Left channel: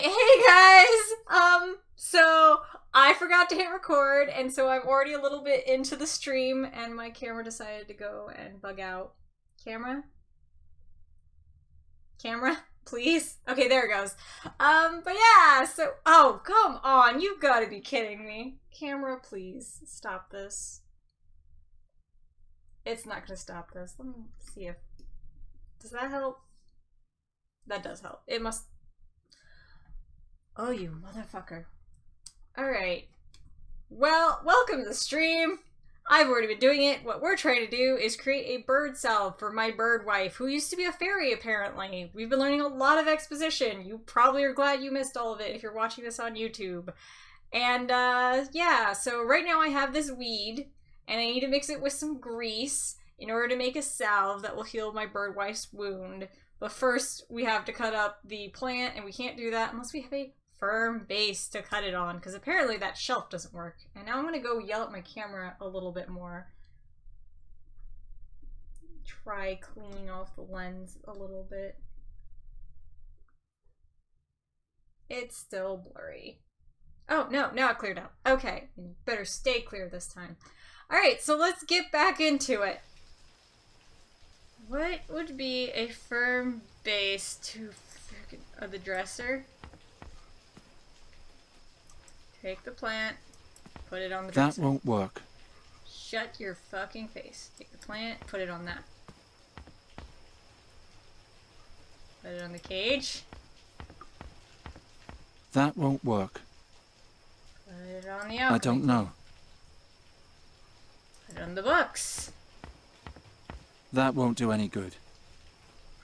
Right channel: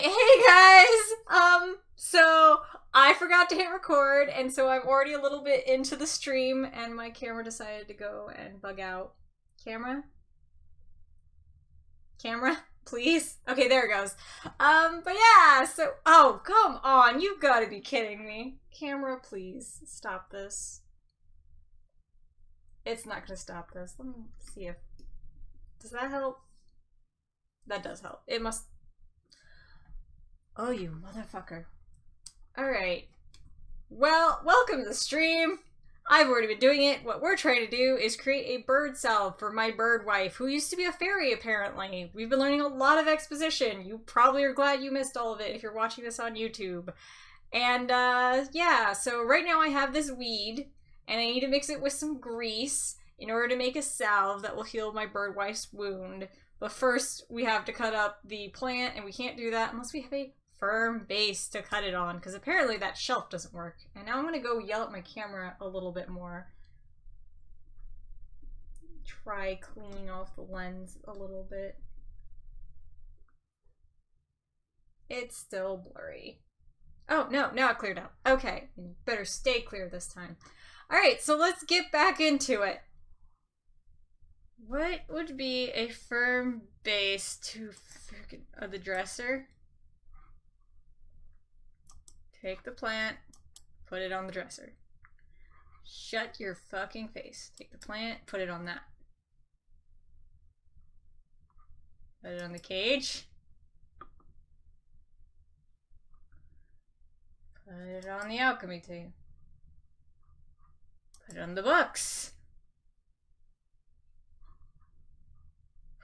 Alright, hey guys! So I forgot to hit record, and so I'm already a little bit into the stream, and my camera decided to go and bug out. Camera? Camera? Please? Okay, there it goes. But yeah, so. Oh, come on, you've gotta be kidding me. Camera, please. Stop this. It's not gonna stop this. Let me see if. Does that help? That does help. It must. Oh, you motherfucker. Alright. Well, welcome to the stream. I've already been doing it. What we're trying to do is create a bird salve for my bird wife, who used to be a fairy, apparently. We've been learning a lot of exposition. You probably are glad you missed all of it if you're watching this on YouTube. And, yeah, so right now I have this weed, and I need to mix it with some grease in order to make a salve that will heal my bird wife's wound. But first, we have to cut up the plant, and we can't do that unless we have a firm base to cut it on, because apparently that shelf doesn't work. And now I'm going to go yell at my camera a little bit more. Try cleaning off the lens a little bit. It's still blurry. Oh, no, now it cleared up. Okay, better stay clear this time. Alright, so let's get back into it. What would be a firm base to the dresser? Take the plant, put it on the dresser. That won't work. Shut your fucking face. Take the plant, put it on that. Put it on the cage. That won't work. Put it on the alchemy I don't know. Put it on the books. That won't do any good.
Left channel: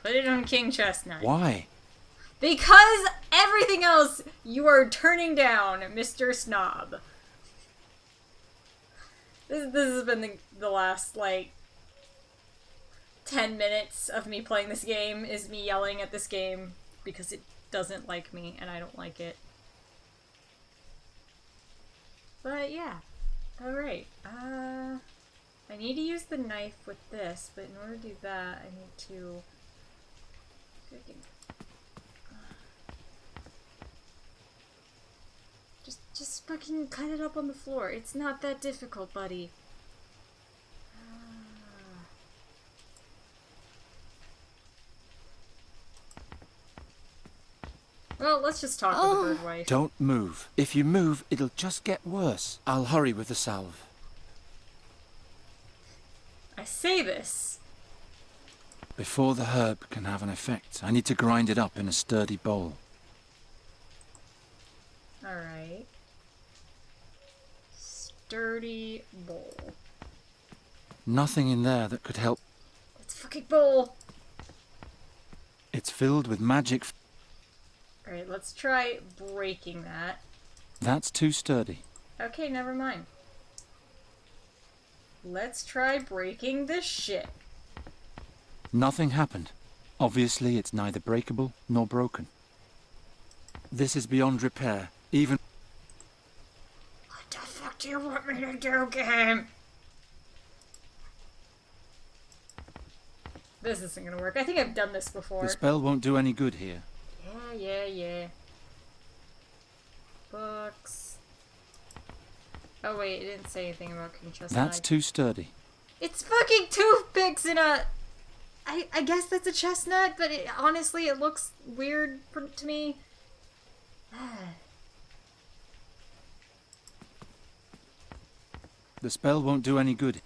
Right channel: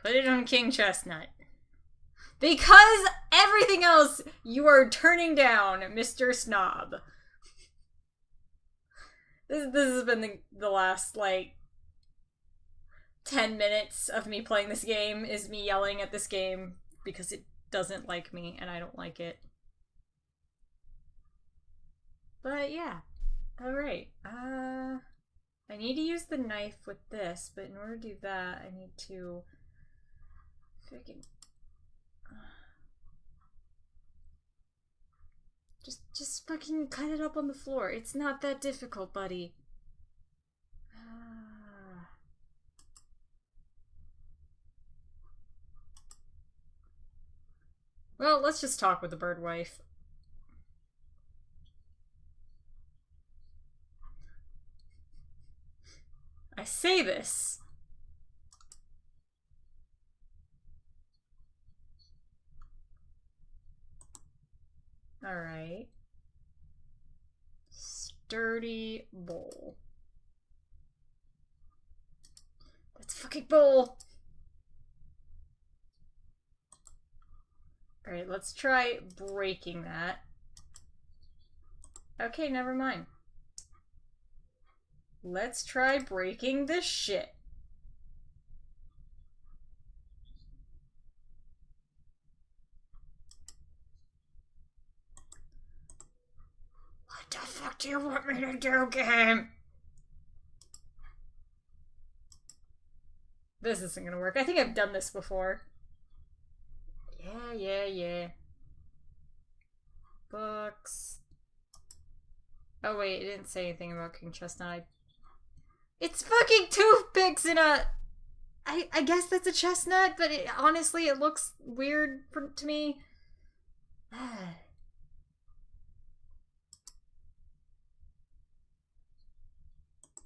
Put it on King Chestnut. Why? Because everything else you are turning down, Mr. Snob. This has been the last, like, 10 minutes of me playing this game, is me yelling at this game because it doesn't like me, and I don't like it. But, yeah. Alright. I need to use the knife with this, but in order to do that, I need to... Just fucking cut it up on the floor. It's not that difficult, buddy. Well, let's just talk with the bird wife. Don't move. If you move, it'll just get worse. I'll hurry with the salve. I say this. Before the herb can have an effect, I need to grind it up in a sturdy bowl. Alright. Sturdy bowl. Nothing in there that could help. Let's fucking bowl! It's filled with magic. Alright, let's try breaking that. That's too sturdy. Okay, never mind. Let's try breaking this shit. Nothing happened. Obviously, it's neither breakable nor broken. This is beyond repair, even... What the fuck do you want me to do, game? This isn't gonna work. I think I've done this before. The spell won't do any good here. Yeah. Books. Oh wait, it didn't say anything about King Chestnut. That's too sturdy. It's fucking toothpicks in a... I guess that's a chestnut, but honestly it looks weird to me. The spell won't do any good.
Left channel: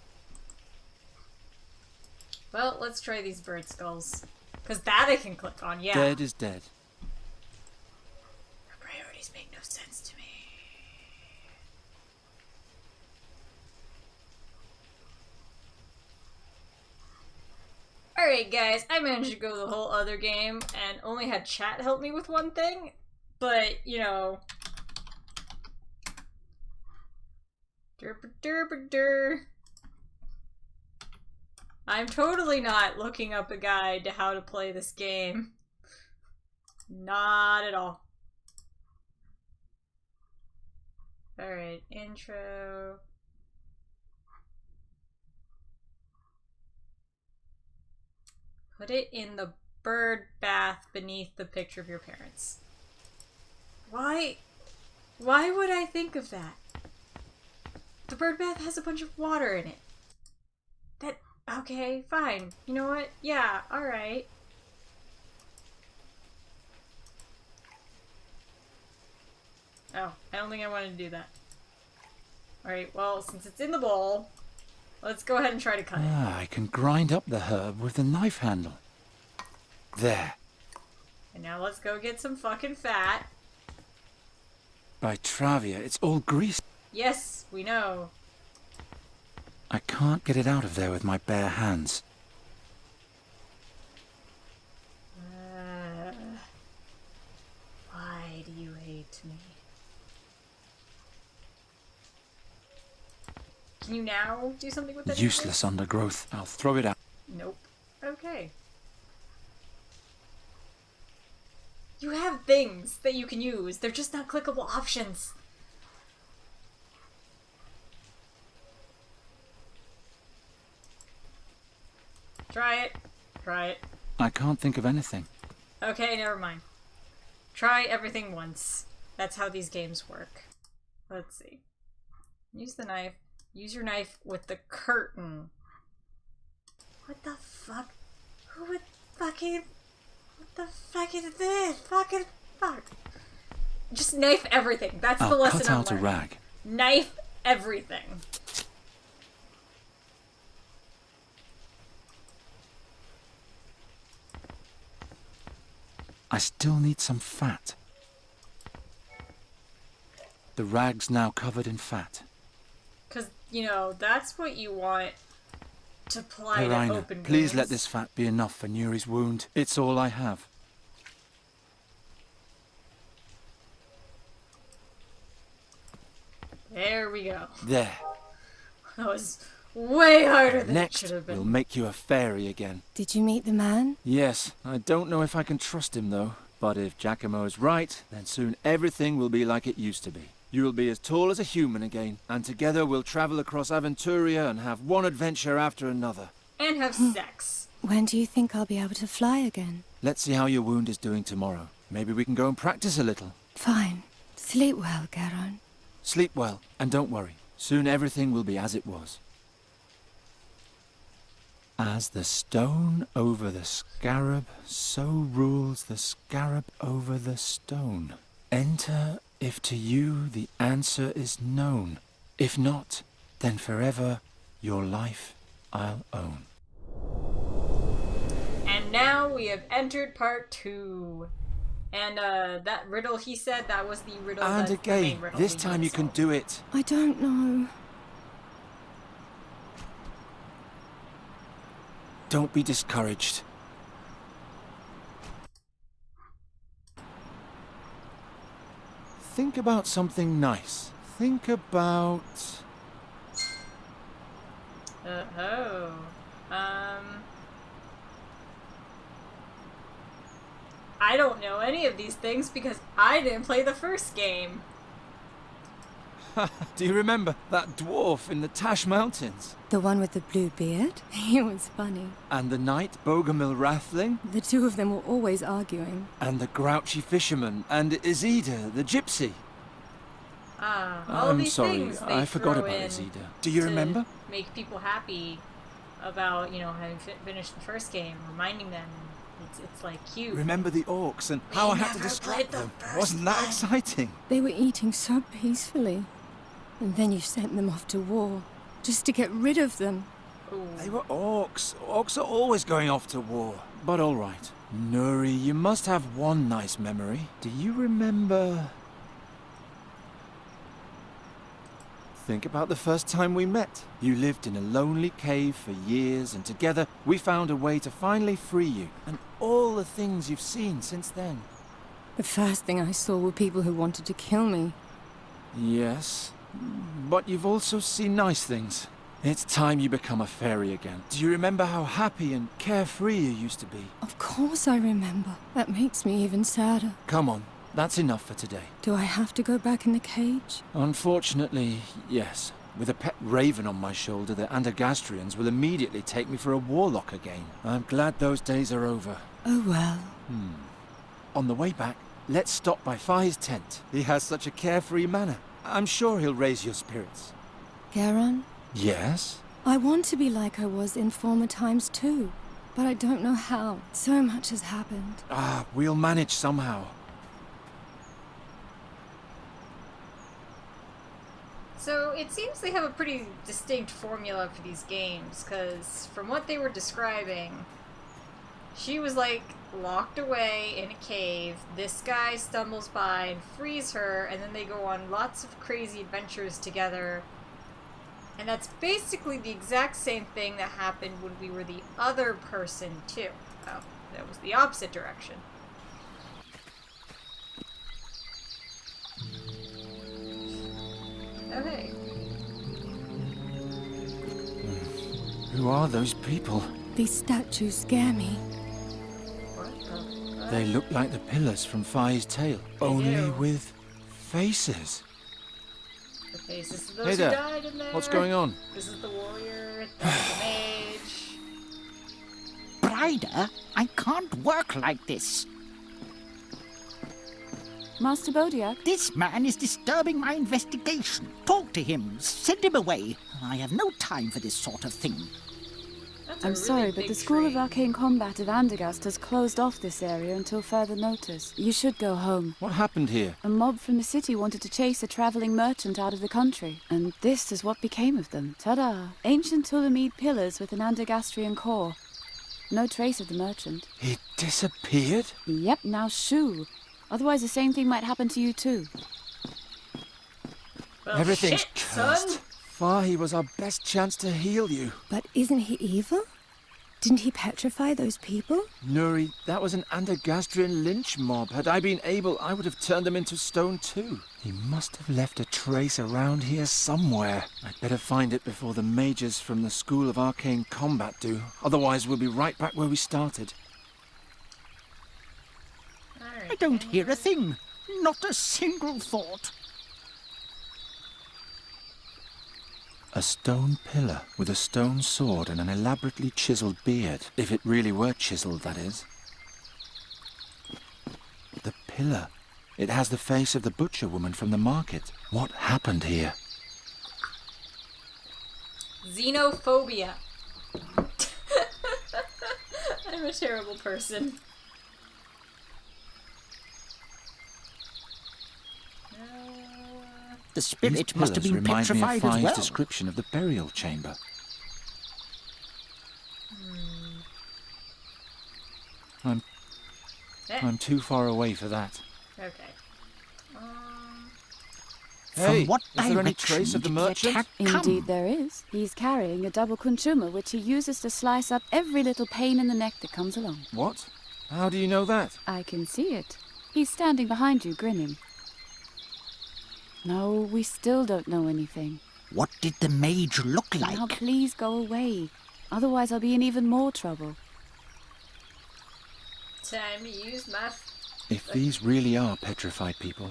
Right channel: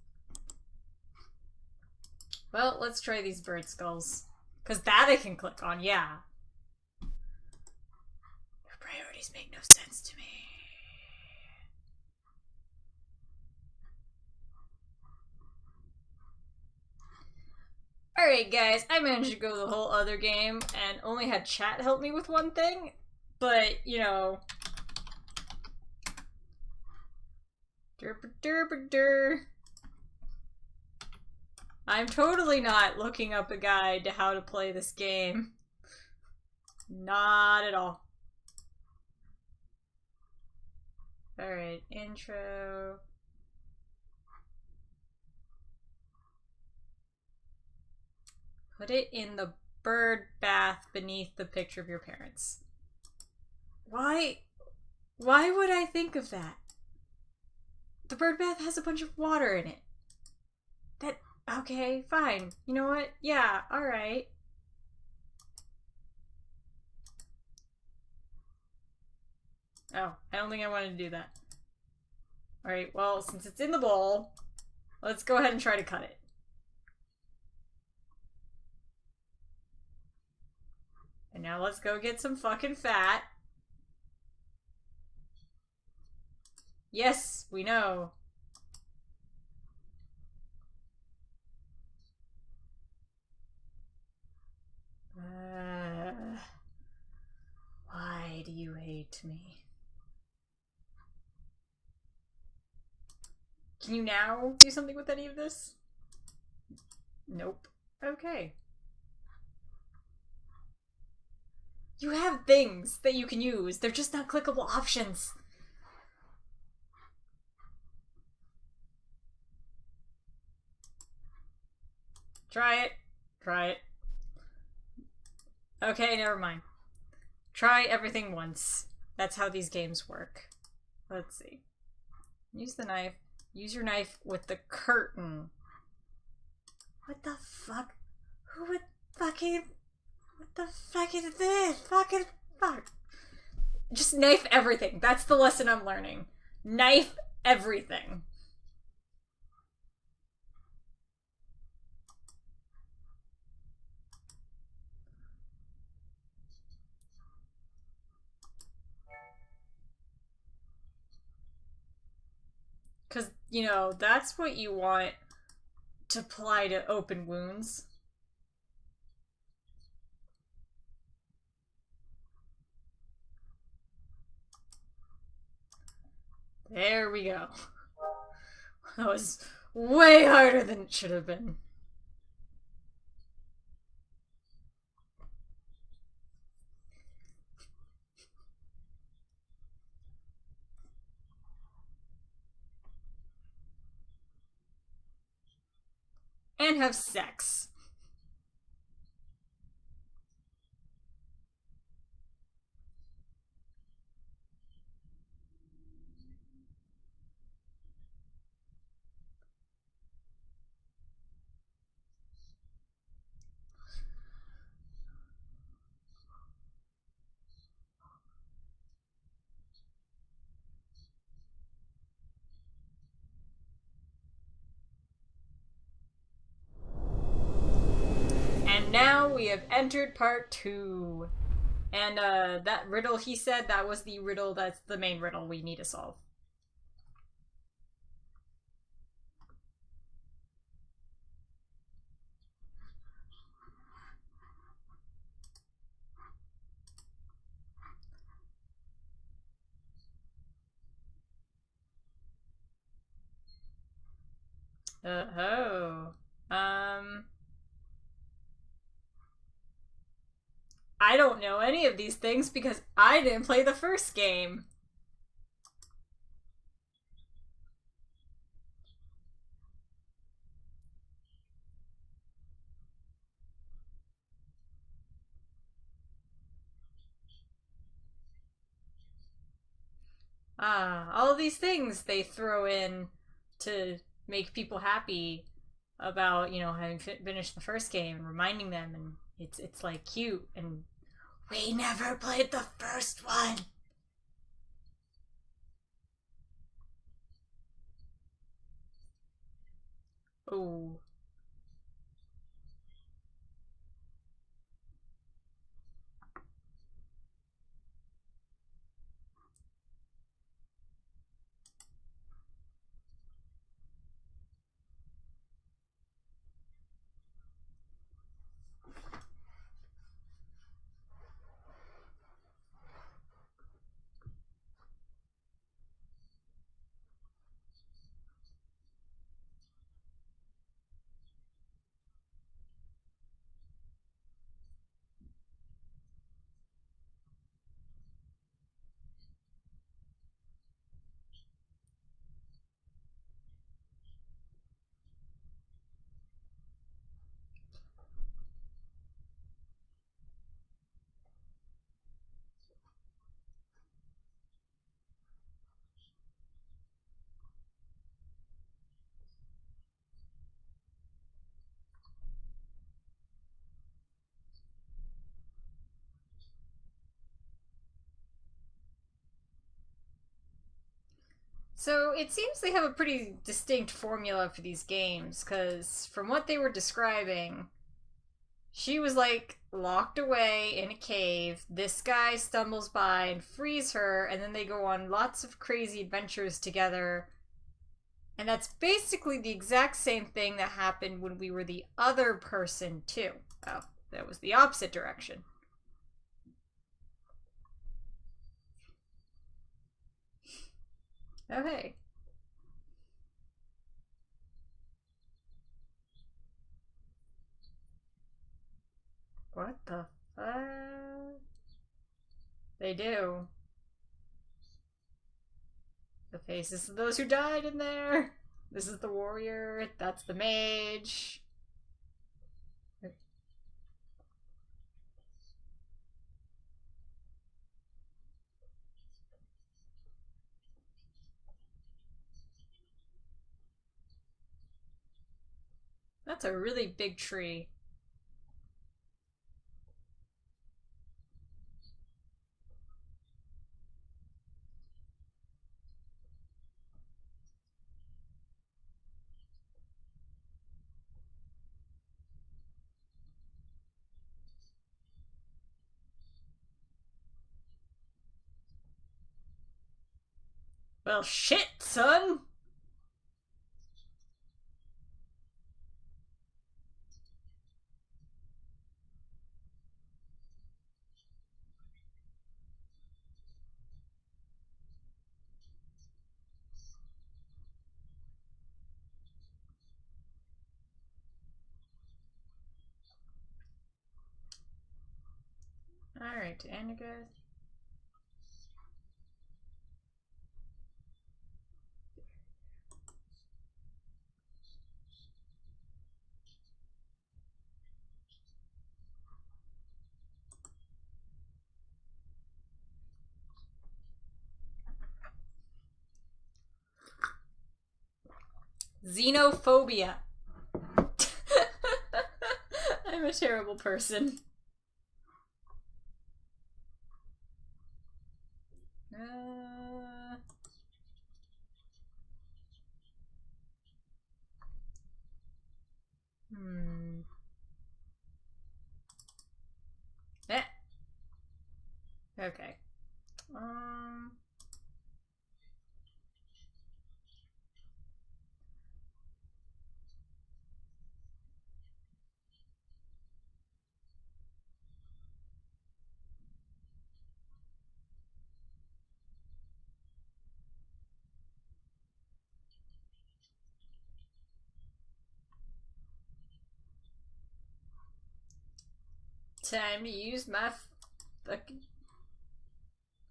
Well, let's try these bird skulls. Because that I can click on, yeah. Dead is dead. Your priorities make no sense to me. Alright guys, I managed to go the whole other game and only had chat help me with one thing, but, you know... Derp-a-derp-a-der. I'm totally not looking up a guide to how to play this game. Not at all. Alright, intro... Put it in the bird bath beneath the picture of your parents. Why? Why would I think of that? The bird bath has a bunch of water in it. Okay, fine. You know what? Yeah, alright. Oh, I don't think I wanted to do that. Alright, well, since it's in the bowl, let's go ahead and try to cut it. I can grind up the herb with the knife handle. There. And now let's go get some fucking fat. By Travia, it's all grease. Yes, we know. I can't get it out of there with my bare hands. Why do you hate me? Can you now do something with that? Useless undergrowth. I'll throw it out. Nope. Okay. You have things that you can use. They're just not clickable options. Try it. Try it. I can't think of anything. Okay, never mind. Try everything once. That's how these games work. Let's see. Use the knife. Use your knife with the curtain. What the fuck? Who would fucking... What the fuck is this? Fucking fuck. Just knife everything. That's the lesson I'm learning. Cut out a rag. Knife everything. I still need some fat. The rag's now covered in fat. Because, you know, that's what you want to apply to open wounds. Please let this fat be enough for Nuri's wound. It's all I have. There we go. There. That was way harder than it Next, should have been. we'll make you a fairy again. Did you meet the man? Yes, I don't know if I can trust him though. But if Giacomo is right, then soon everything will be like it used to be. You'll be as tall as a human again, and together we'll travel across Aventuria and have one adventure after another. And have sex. When do you think I'll be able to fly again? Let's see how your wound is doing tomorrow. Maybe we can go and practice a little. Fine. Sleep well, Garon. Sleep well, and don't worry. Soon everything will be as it was. As the stone over the scarab, so rules the scarab over the stone. Enter if to you the answer is known. If not, then forever your life I'll own. And now we have entered part 2. And that riddle he said, that was the riddle, And that's again, the main riddle. this we time need you to can solve. do it. I don't know. Don't be discouraged. Think about something nice. Think about... I don't know any of these things because I didn't play the first game. Do you remember that dwarf in the Tash Mountains? The one with the blue beard? He was funny. And the knight Bogomil Rathling? The two of them were always arguing. And the grouchy fisherman? And Izida, the gypsy? All I'm these sorry, things they I forgot throw about in Izida. Do you to remember? make people happy about, you know, having finished the first game, reminding them, and it's like cute. Remember the orcs and We how I had to never distract played the them? first Wasn't that one. exciting? They were eating so peacefully. And then you sent them off to war, just to get rid of them. Ooh. They were orcs. Orcs are always going off to war. But all right. Nuri, you must have one nice memory. Do you remember... Think about the first time we met. You lived in a lonely cave for years, and together we found a way to finally free you. And all the things you've seen since then. The first thing I saw were people who wanted to kill me. Yes, but you've also seen nice things. It's time you become a fairy again. Do you remember how happy and carefree you used to be? Of course I remember. That makes me even sadder. Come on, that's enough for today. Do I have to go back in the cage? Unfortunately, yes. With a pet raven on my shoulder, the Andergastrians will immediately take me for a warlock again. I'm glad those days are over. Oh well. On the way back, let's stop by Fi's tent. He has such a carefree manner. I'm sure he'll raise your spirits. Garon, Yes? I want to be like I was in former times too, but I don't know how. So much has happened. We'll manage somehow. So it seems they have a pretty distinct formula for these games, because from what they were describing, she was like locked away in a cave. This guy stumbles by and frees her, and then they go on lots of crazy adventures together. And that's basically the exact same thing that happened when we were the other person too. Oh, that was the opposite direction. Oh, hey. Who are those people? These statues scare me. What the fuck? They look like the pillars from Fi's tale. They only do. with faces. The faces of those Hey who there. died in there. What's going on? This is the warrior, that's the mage. Brider, I can't work like this. Master Bodiak, This man is disturbing my investigation. Talk to him. Send him away. I have no time for this sort of thing. That's a I'm really sorry, big but the School tree. of Arcane Combat of Andergast has closed off this area until further notice. You should go home. What happened here? A mob from the city wanted to chase a traveling merchant out of the country, and this is what became of them. Ta-da! Ancient Tulamide pillars with an Andergastrian core. No trace of the merchant. He disappeared? Yep, now shoo. Otherwise the same thing might happen to you too. Well, Everything's shit, cursed. son! Fi was our best chance to heal you. But isn't he evil? Didn't he petrify those people? Nuri, that was an Andergastrian lynch mob. Had I been able, I would have turned them into stone too. He must have left a trace around here somewhere. I'd better find it before the mages from the School of Arcane Combat do. Otherwise, we'll be right back where we started. Alright, I don't can hear you- a thing. Not a single thought. A stone pillar with a stone sword and an elaborately chiseled beard. If it really were chiseled, that is. The pillar. It has the face of the butcher woman from the market. What happened here? Xenophobia. I'm a terrible person. The spirit These must have pillars been remind me of petrified as Fi's well. description of the burial chamber. I'm too far away for that. Okay. Hey, From what is there any direction trace of the did merchant? attack Indeed come? there is. He's carrying a double consumer which he uses to slice up every little pain in the neck that comes along. What? How do you know that? I can see it. He's standing behind you, grinning. No, we still don't know anything. What did the mage look Now like? please go away. Otherwise I'll be in even more trouble. Time to use my... If these really are petrified people,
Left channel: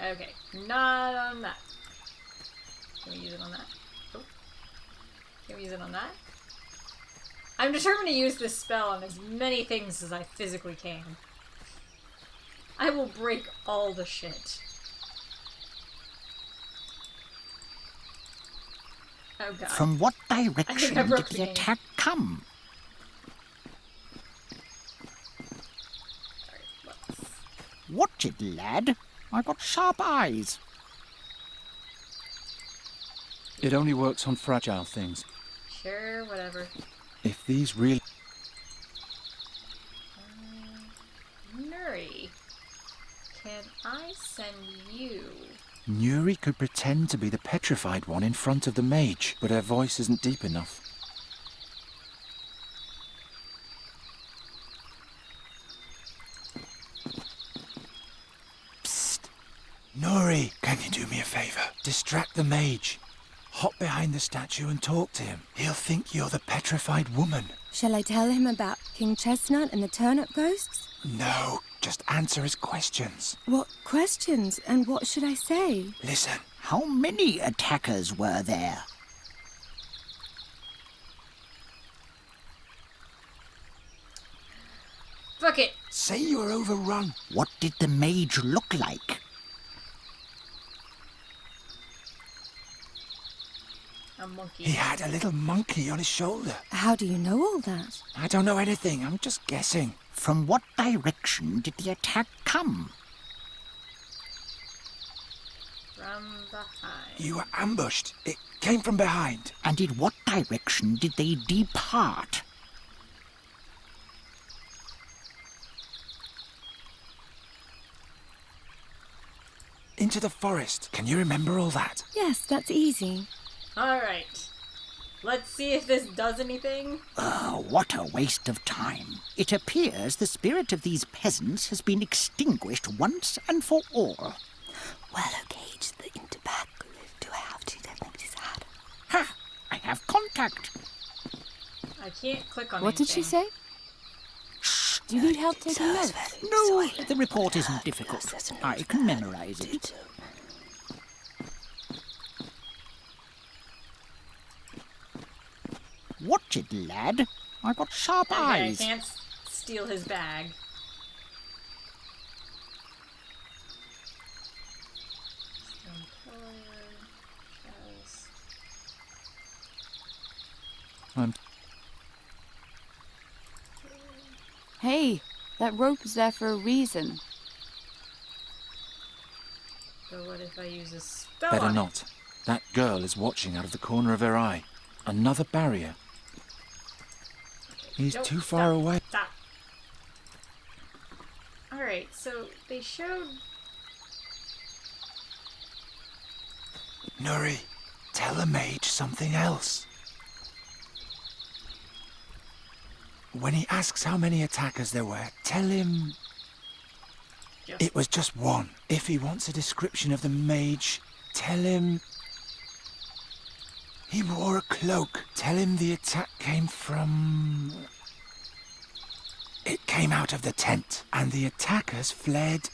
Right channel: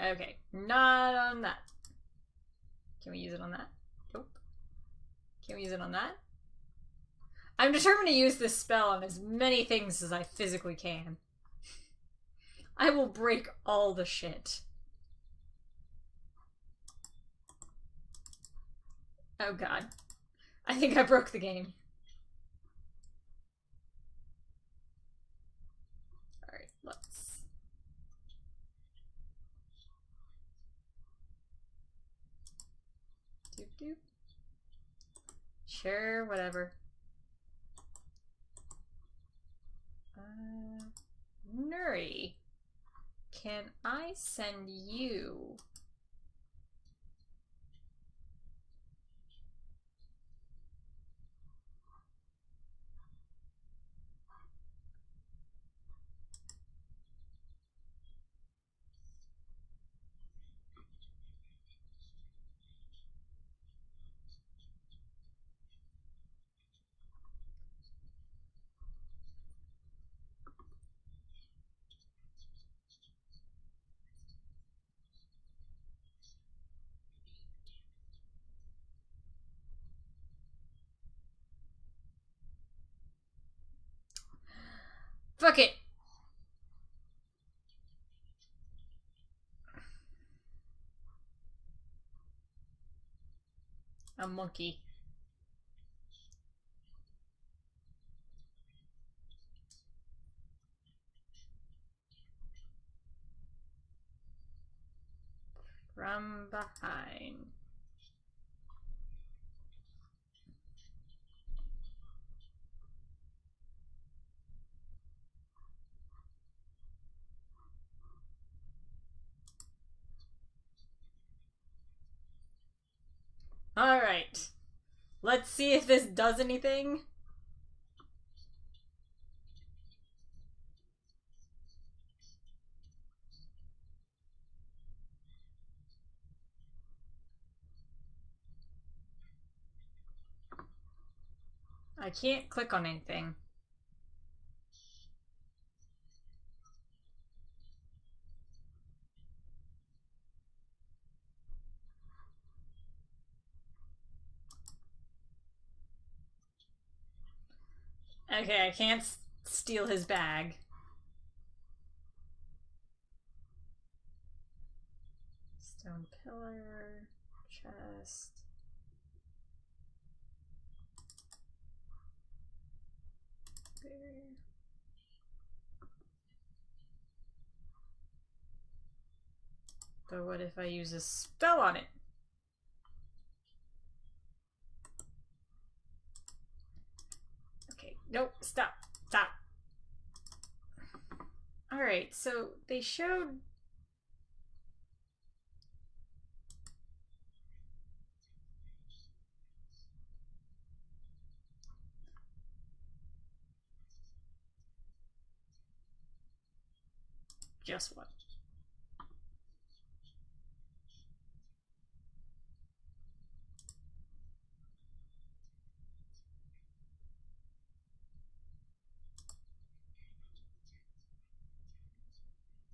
Okay, not on that. Can we use it on that? Oh. Can we use it on that? I'm determined to use this spell on as many things as I physically can. I will break all the shit. Oh god. From what direction I broke did the the game. attack come? Alright, let's... Watch it, lad. I got sharp eyes. it only works on fragile things. Sure, whatever. If these really... Nuri, can I send you? Nuri could pretend to be the petrified one in front of the mage, but her voice isn't deep enough. Psst! Nuri, can you do me a favor? Distract the mage. Hop behind the statue and talk to him. He'll think you're the petrified woman. Shall I tell him about King Chestnut and the turnip ghosts? No, just answer his questions. What questions and what should I say? Listen. How many attackers were there? Fuck it. Say you were overrun. What did the mage look like? A monkey. He had a little monkey on his shoulder. How do you know all that? I don't know anything. I'm just guessing. From what direction did the attack come? From behind. You were ambushed. It came from behind. And in what direction did they depart? Into the forest. Can you remember all that? Yes, that's easy. Alright. Let's see if this does anything. What a waste of time. It appears the spirit of these peasants has been extinguished once and for all. Well, okay, the interback. Do I have to? That makes it sad. Ha! I have contact. I can't click on What anything. did she say? Do you need help taking notes? No, the report isn't difficult. I can memorize it. Watch it, lad. I've got sharp Okay, eyes. I can't steal his bag. Stone pillar, chest. Hey, that rope is there for a reason. But what if I use a spell Better on not. That girl is watching out of the corner of her eye. Another barrier. it? Okay, He's nope, too far stop, away. Stop. Alright, so they showed... Nuri, tell the mage something else. When he asks how many attackers there were, tell him Just... it was just one. If he wants a description of the mage, tell him he wore a cloak. Tell him the attack came from... It came out of the tent, and the attackers fled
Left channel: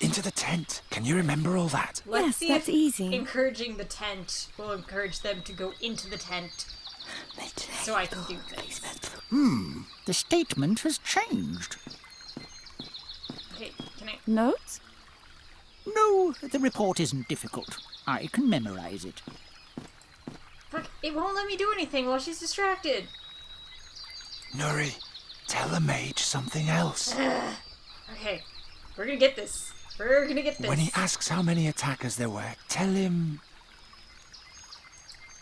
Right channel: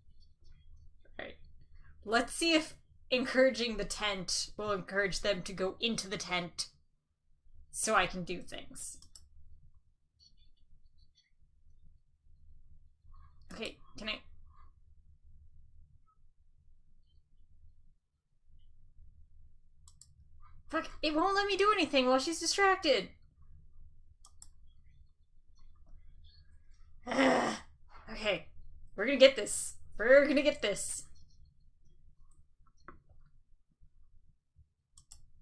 into the tent. Can you remember all that? Let's Yes, see that's if easy. encouraging the tent will encourage them to go into the tent so I can do things. The statement has changed. Okay, can I... Notes? No, the report isn't difficult. I can memorize it. Fuck, it won't let me do anything while she's distracted. Nuri, tell the mage something else. Okay, we're gonna get this. We're gonna get this. When he asks how many attackers there were, tell him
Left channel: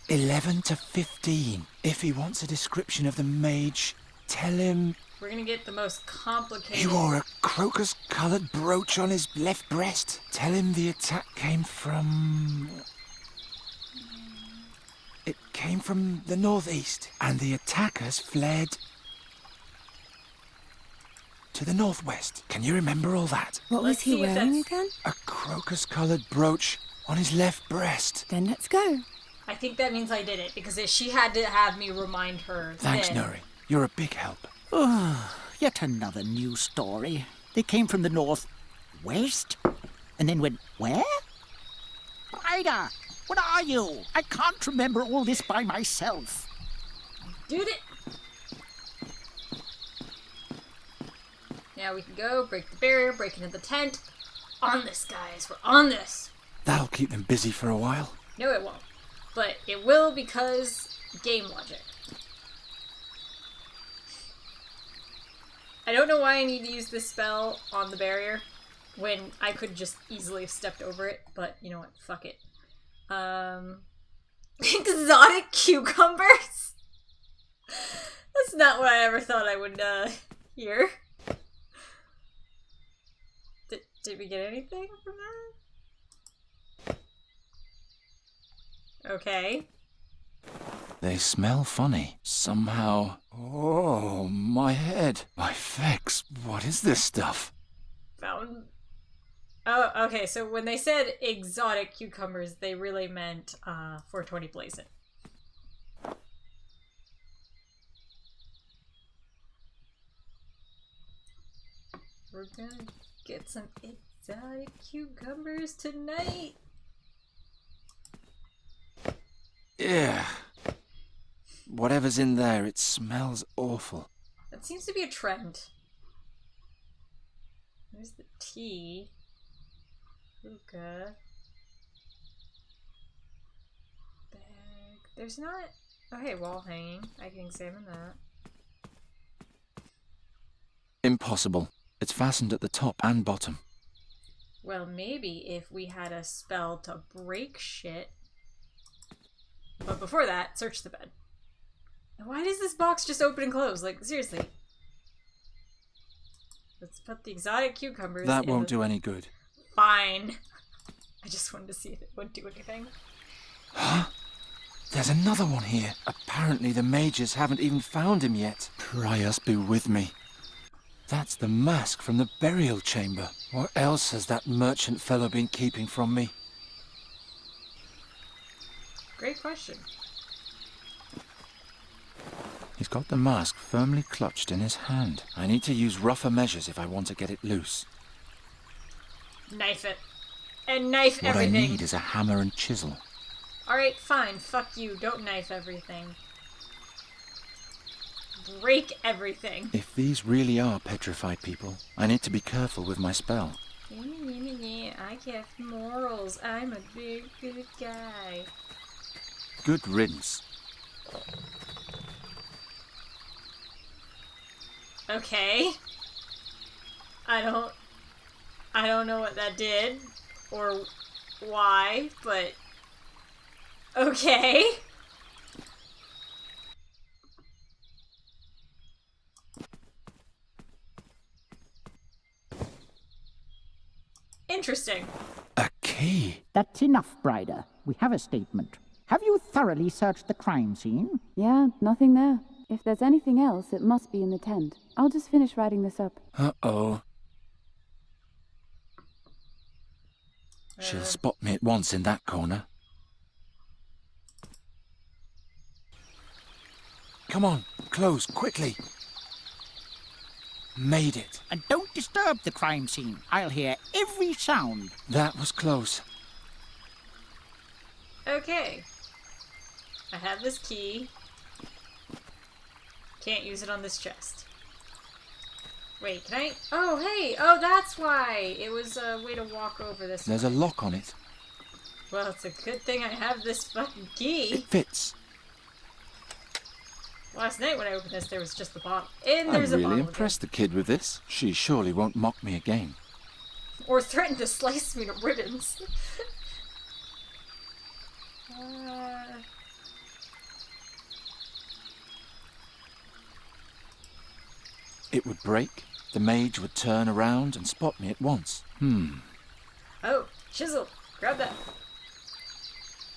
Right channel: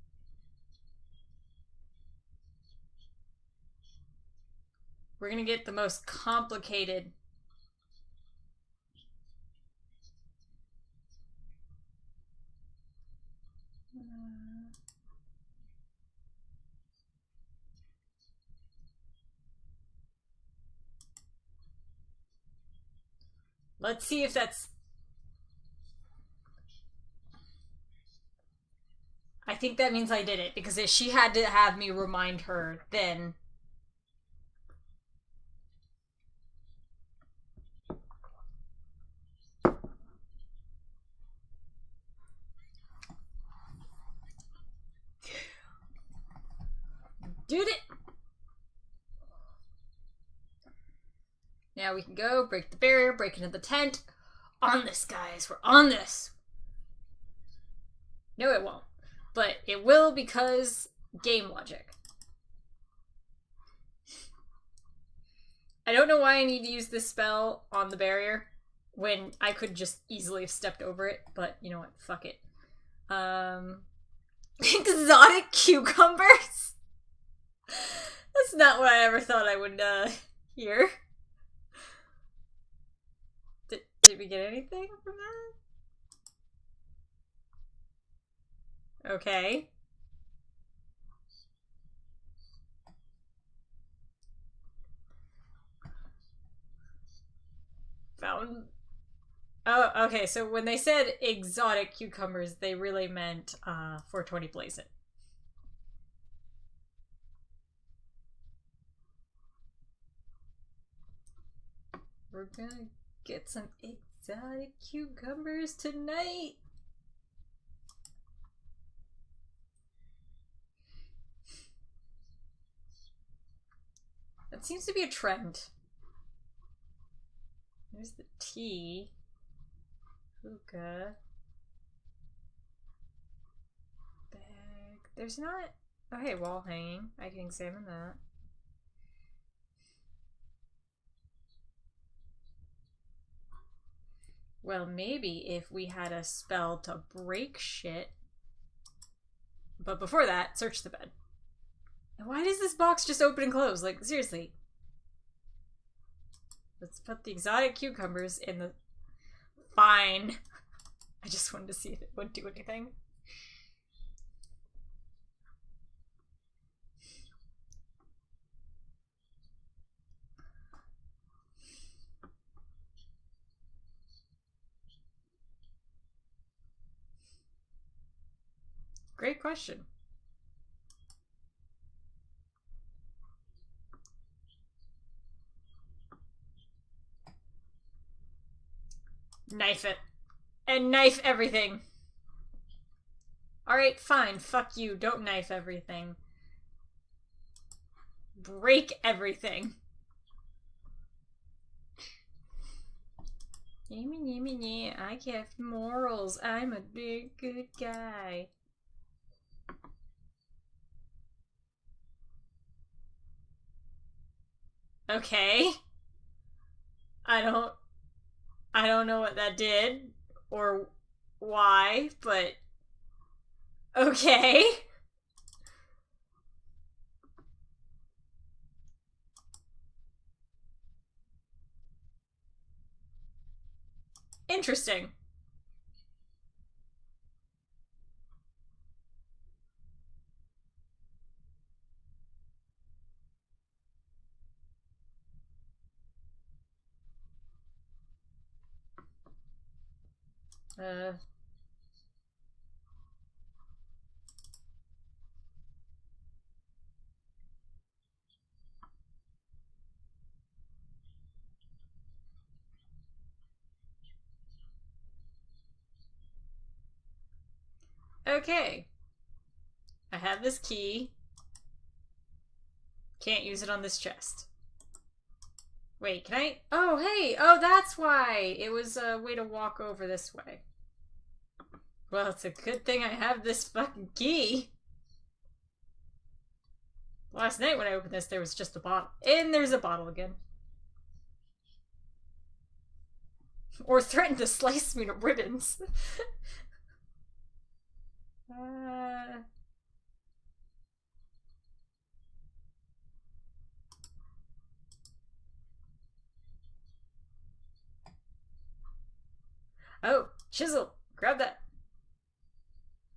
11 to 15. If he wants a description of the mage, tell him We're gonna get the most he complicated... wore a crocus-coloured brooch on his left breast. Tell him the attack came from... It came from the northeast, and the attackers fled to the northwest. Can you remember all that? What Let's was he see if wearing that's- again? A crocus-coloured brooch on his left breast. Then let's go. I think that means I did it, because if she had to have me remind her Thanks, then... Nuri. You're a big help. Yet another new story. They came from the northwest and then went where? Ida, what are you? I can't remember all this by myself. Dude it! Now we can go, break the barrier, break into the tent. On this, guys. We're on this. That'll keep them busy for a while. No, it won't. But it will because game logic. I don't know why I need to use this spell on the barrier when I could just easily have stepped over it, but you know what? Fuck it. Exotic cucumbers? That's not what I ever thought I would, hear. Did we get anything from that? Okay. They smell funny. Somehow... Oh, my head. My fex. What is this stuff? Found... Oh, okay, so when they said exotic cucumbers, they really meant, 420 Blazin'. We're gonna get some exotic cucumbers tonight. Yeah. Whatever's in there, it smells awful. That seems to be a trend. There's the tea. Hookah. Bag. There's not... Oh, hey, wall hanging. I can examine that. Impossible. It's fastened at the top and bottom. Well, maybe if we had a spell to break shit. But before that, search the bed. Why does this box just open and close? Like, seriously. Let's put the exotic cucumbers That in won't do any good. Fine. I just wanted to see if it would do anything. Huh? There's another one here. Apparently the mages haven't even found him yet. Prius be with me. That's the mask from the burial chamber. What else has that merchant fellow been keeping from me? Great question. He's got the mask firmly clutched in his hand. I need to use rougher measures if I want to get it loose. Knife it. And knife What everything. I need is a hammer and chisel. Alright, fine. Fuck you. Don't knife everything. Break everything. If these really are petrified people, I need to be careful with my spell. I have morals. I'm a big good guy. Good riddance. Okay. I don't know what that did or why, but okay. Interesting. A key? That's enough, Brider. We have a statement. Have you thoroughly searched the crime scene? Yeah, nothing there. If there's anything else, it must be in the tent. I'll just finish writing this up. Uh-oh. She'll spot me at once in that corner. Come on, close, quickly. Made it. And don't disturb the crime scene. I'll hear every sound. That was close. Okay. I have this key. Can't use it on this chest. Wait, can I? Oh, hey! Oh, that's why! It was a way to walk over this There's way. a lock on it. Well, it's a good thing I have this fucking key. It fits. Last night when I opened this, there was just the bottle. And there's I'm a really bottle impressed the kid with this. She surely won't mock me again. again. Or threaten to slice me to ribbons. It would break, the mage would turn around and spot me at once. Oh, chisel! Grab that!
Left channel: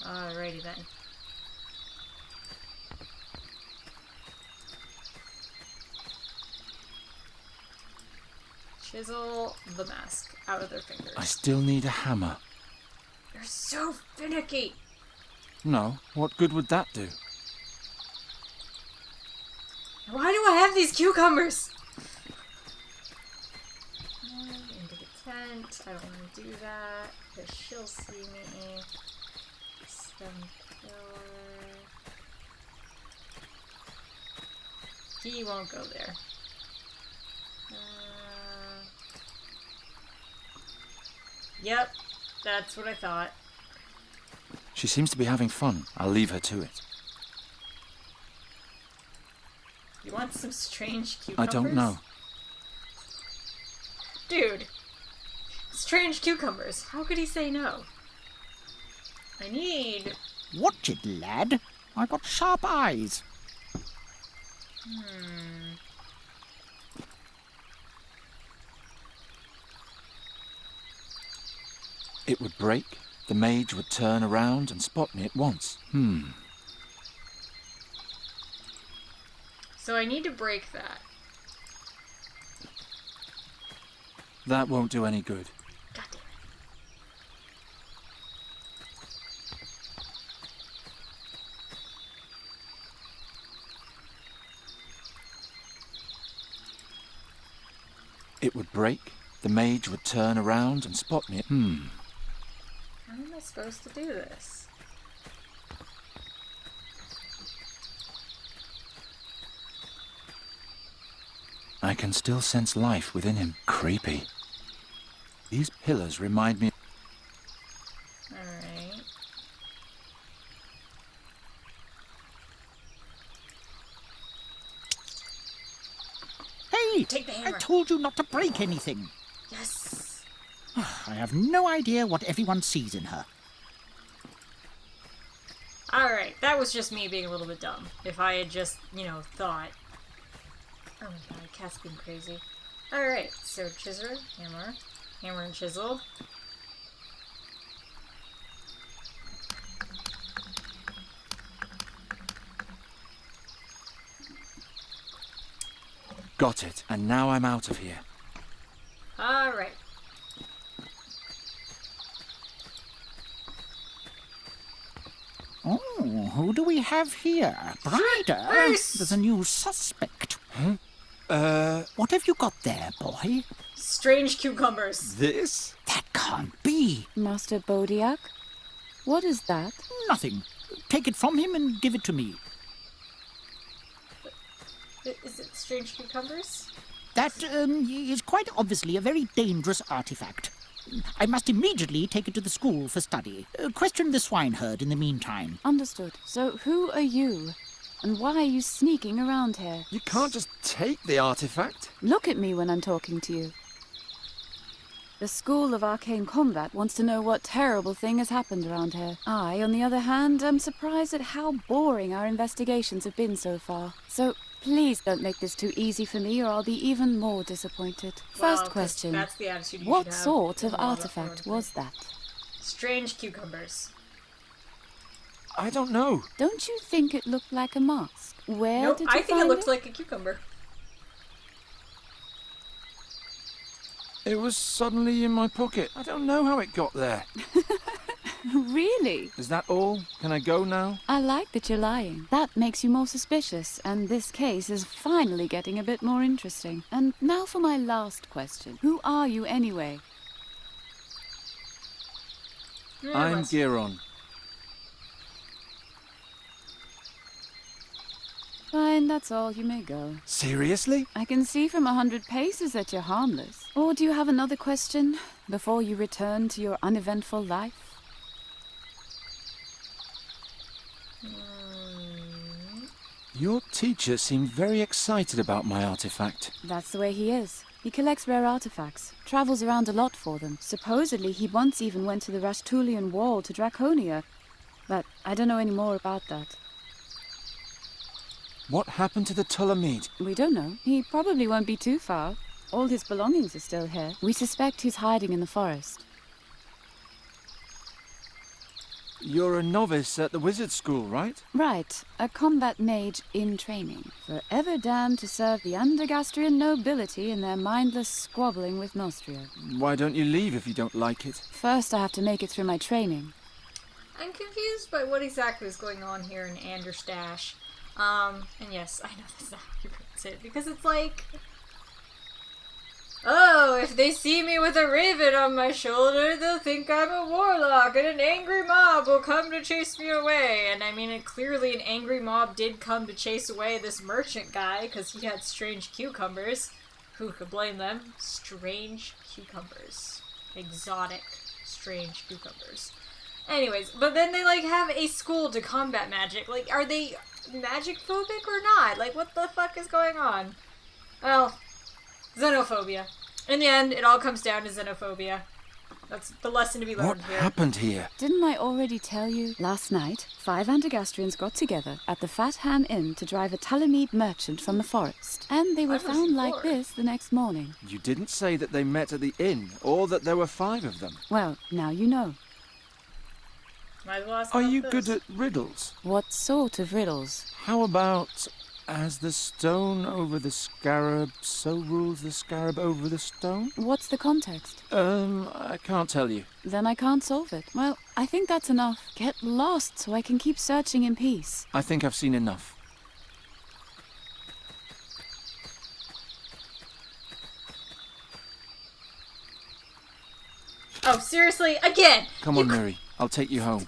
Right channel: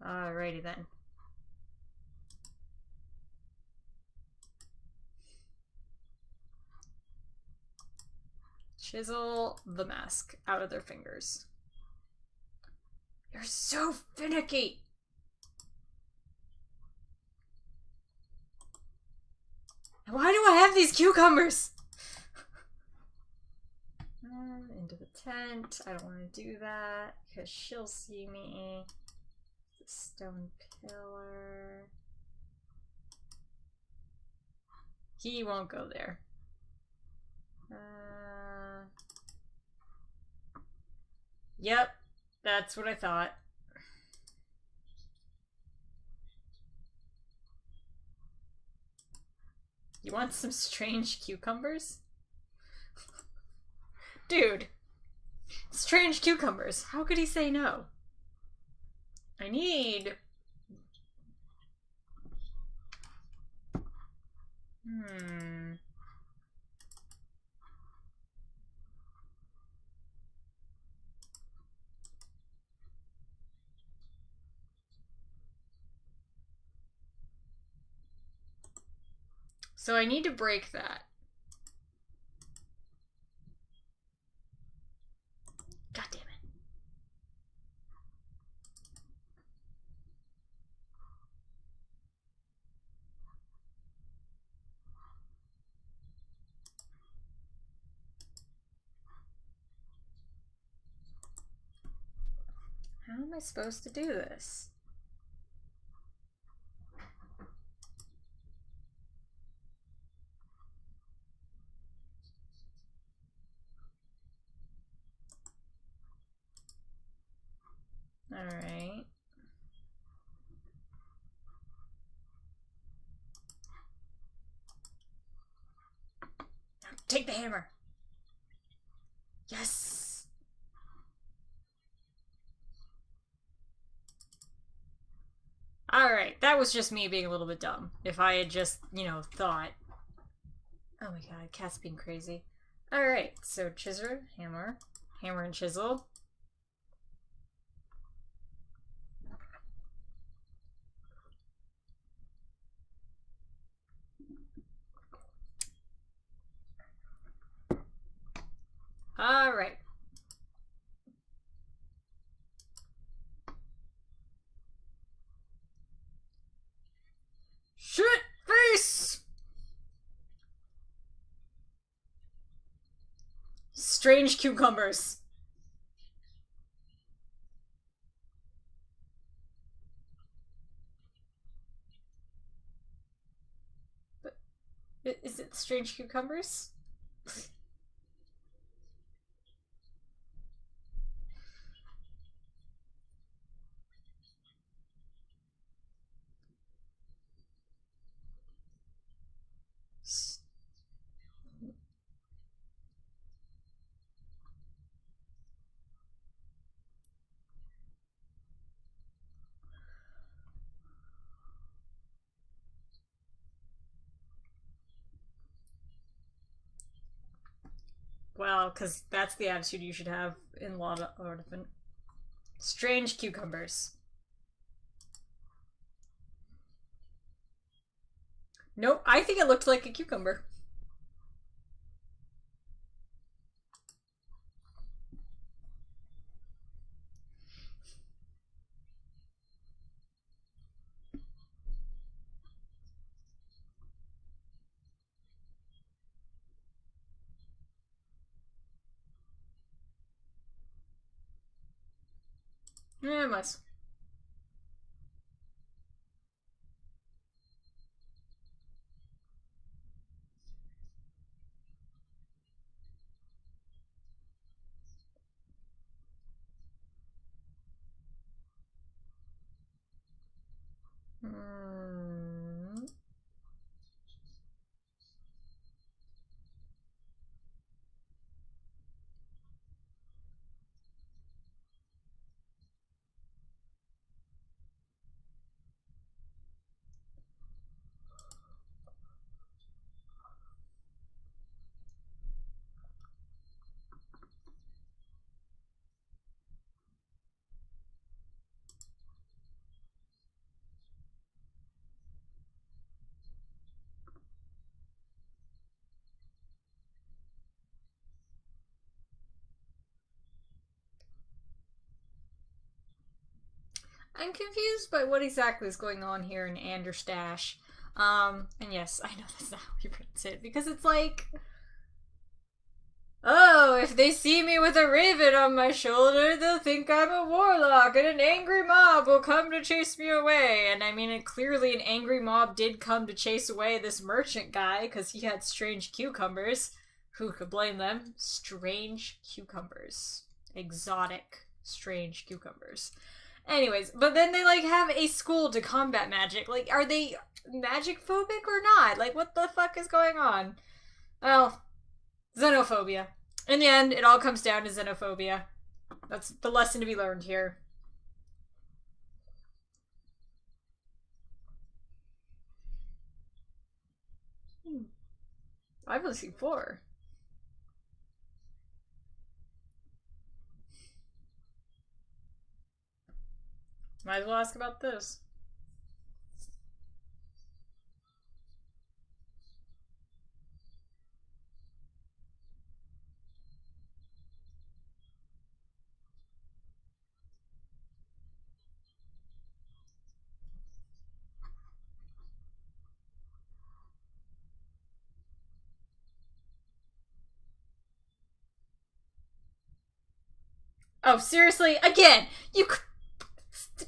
Alrighty then. Chisel the mask out of their fingers. I still need a hammer. You're so finicky! No, what good would that do? Why do I have these cucumbers? Into the tent. I don't want to do that because she'll see me. Stone pillar. He won't go there. Yep, that's what I thought. She seems to be having fun. I'll leave her to it. You want some strange I cucumbers? don't know. Dude, strange cucumbers. How could he say no? I need... Watch it, lad. I got sharp eyes. It would break, the mage would turn around and spot me at once. So I need to break that. That won't do any good. God damn it. It would break, the mage would turn around and spot me. How am I supposed to do this? I can still sense life within him. Creepy. These pillars remind me... Alright. Hey! Take the hammer. I told you not to break anything. Yes! I have no idea what everyone sees in her. Alright, that was just me being a little bit dumb. If I had just, thought. Oh my god, cat's being crazy. Alright, so chisel, hammer, hammer and chisel. Got it, and now I'm out of here. Alright. Oh, who do we have here? Shit, Ryder, face! there's a new suspect. Huh? What have you got there, boy? Strange cucumbers. This? That can't be. Master Bodiak? What is that? Nothing. Take it from him and give it to me. Is it strange cucumbers? That is quite obviously a very dangerous artifact. I must immediately take it to the school for study. Question the swineherd in the meantime. Understood. So who are you? And why are you sneaking around here? You can't just take the artifact. Look at me when I'm talking to you. The School of Arcane Combat wants to know what terrible thing has happened around here. I, on the other hand, am surprised at how boring our investigations have been so far. So please don't make this too easy for me or I'll be even more disappointed. Well, First 'cause question. that's the attitude you What should have. sort in of a lot artifact was that? Strange cucumbers. I don't know. Don't you think it looked like a mask? Where Nope, did you I think it find looked like a cucumber. It was suddenly in my pocket. I don't know how it got there. Really? Is that all? Can I go now? I like that you're lying. That makes you more suspicious, and this case is finally getting a bit more interesting. And now for my last question. Who are you anyway? I'm Giron. Fine, that's all. You may go. Seriously? I can see from 100 paces that you're harmless. Or do you have another question before you return to your uneventful life? Your teacher seemed very excited about my artifact. That's the way he is. He collects rare artifacts, travels around a lot for them. Supposedly, he once even went to the Rashtulian Wall to Draconia. But I don't know any more about that. What happened to the Ptolemede? We don't know. He probably won't be too far. All his belongings are still here. We suspect he's hiding in the forest. You're a novice at the wizard school, right? Right. A combat mage in training. Forever damned to serve the Undergastrian nobility in their mindless squabbling with Nostria. Why don't you leave if you don't like it? First, I have to make it through my training. I'm confused by what exactly is going on here in Anderstash. And yes, I know that's not how you pronounce it, because it's like, oh, if they see me with a raven on my shoulder, they'll think I'm a warlock, and an angry mob will come to chase me away. And I mean, clearly an angry mob did come to chase away this merchant guy, because he had strange cucumbers. Who could blame them? Strange cucumbers. Exotic, strange cucumbers. Anyways, but then they, have a school to combat magic. Are they magic phobic or not? What the fuck is going on? Well, xenophobia. In the end, it all comes down to xenophobia. That's the lesson to be learned What here. happened here? Didn't I already tell you? Last night, 5 Undergastrians got together at the Fat Han Inn to drive a Ptolemede merchant from the forest. And they were I've found listened like before. this the next morning. You didn't say that they met at the inn, or that there were 5 of them. Well, now you know. Might as well ask Are about you this. good at riddles? What sort of riddles? How about, as the stone over the scarab, so rules the scarab over the stone? What's the context? I can't tell you. Then I can't solve it. Well, I think that's enough. Get lost so I can keep searching in peace. I think I've seen enough. Oh, seriously? Again! Come You on, Mary. I'll take you home.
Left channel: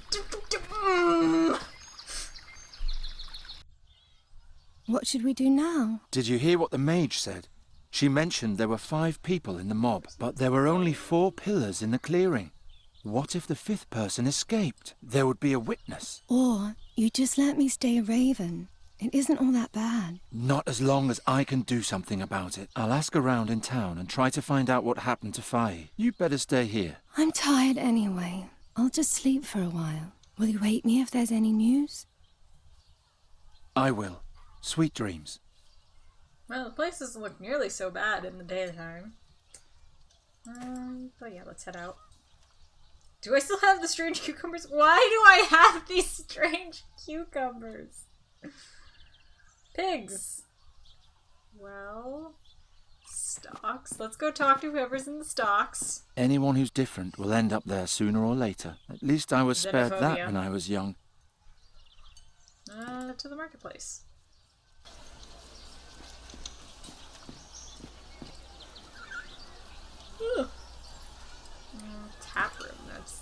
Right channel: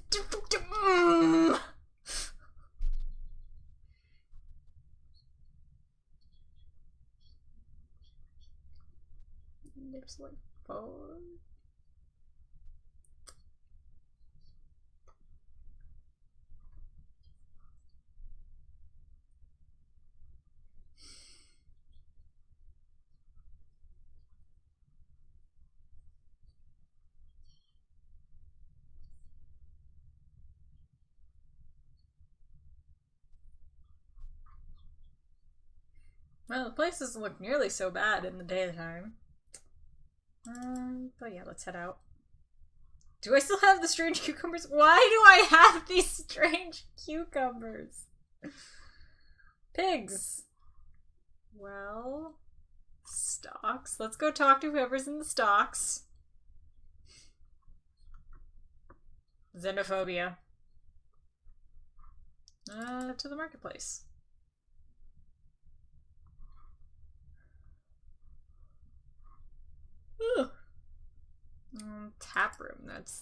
What should we do now? Did you hear what the mage said? She mentioned there were 5 people in the mob, but there were only 4 pillars in the clearing. What if the 5th person escaped? There would be a witness. Or you just let me stay a raven. It isn't all that bad. Not as long as I can do something about it. I'll ask around in town and try to find out what happened to Faye. You better stay here. I'm tired anyway. I'll just sleep for a while. Will you wake me if there's any news? I will. Sweet dreams. Well, the place doesn't look nearly so bad in the daytime. But yeah, let's head out. Do I still have the strange cucumbers? Why do I have these strange cucumbers? Pigs. Well, stocks. Let's go talk to whoever's in the stocks. Anyone who's different will end up there sooner or later. At least I was spared that Xenophobia. when I was young. To the marketplace. Ugh. Tap room, that's...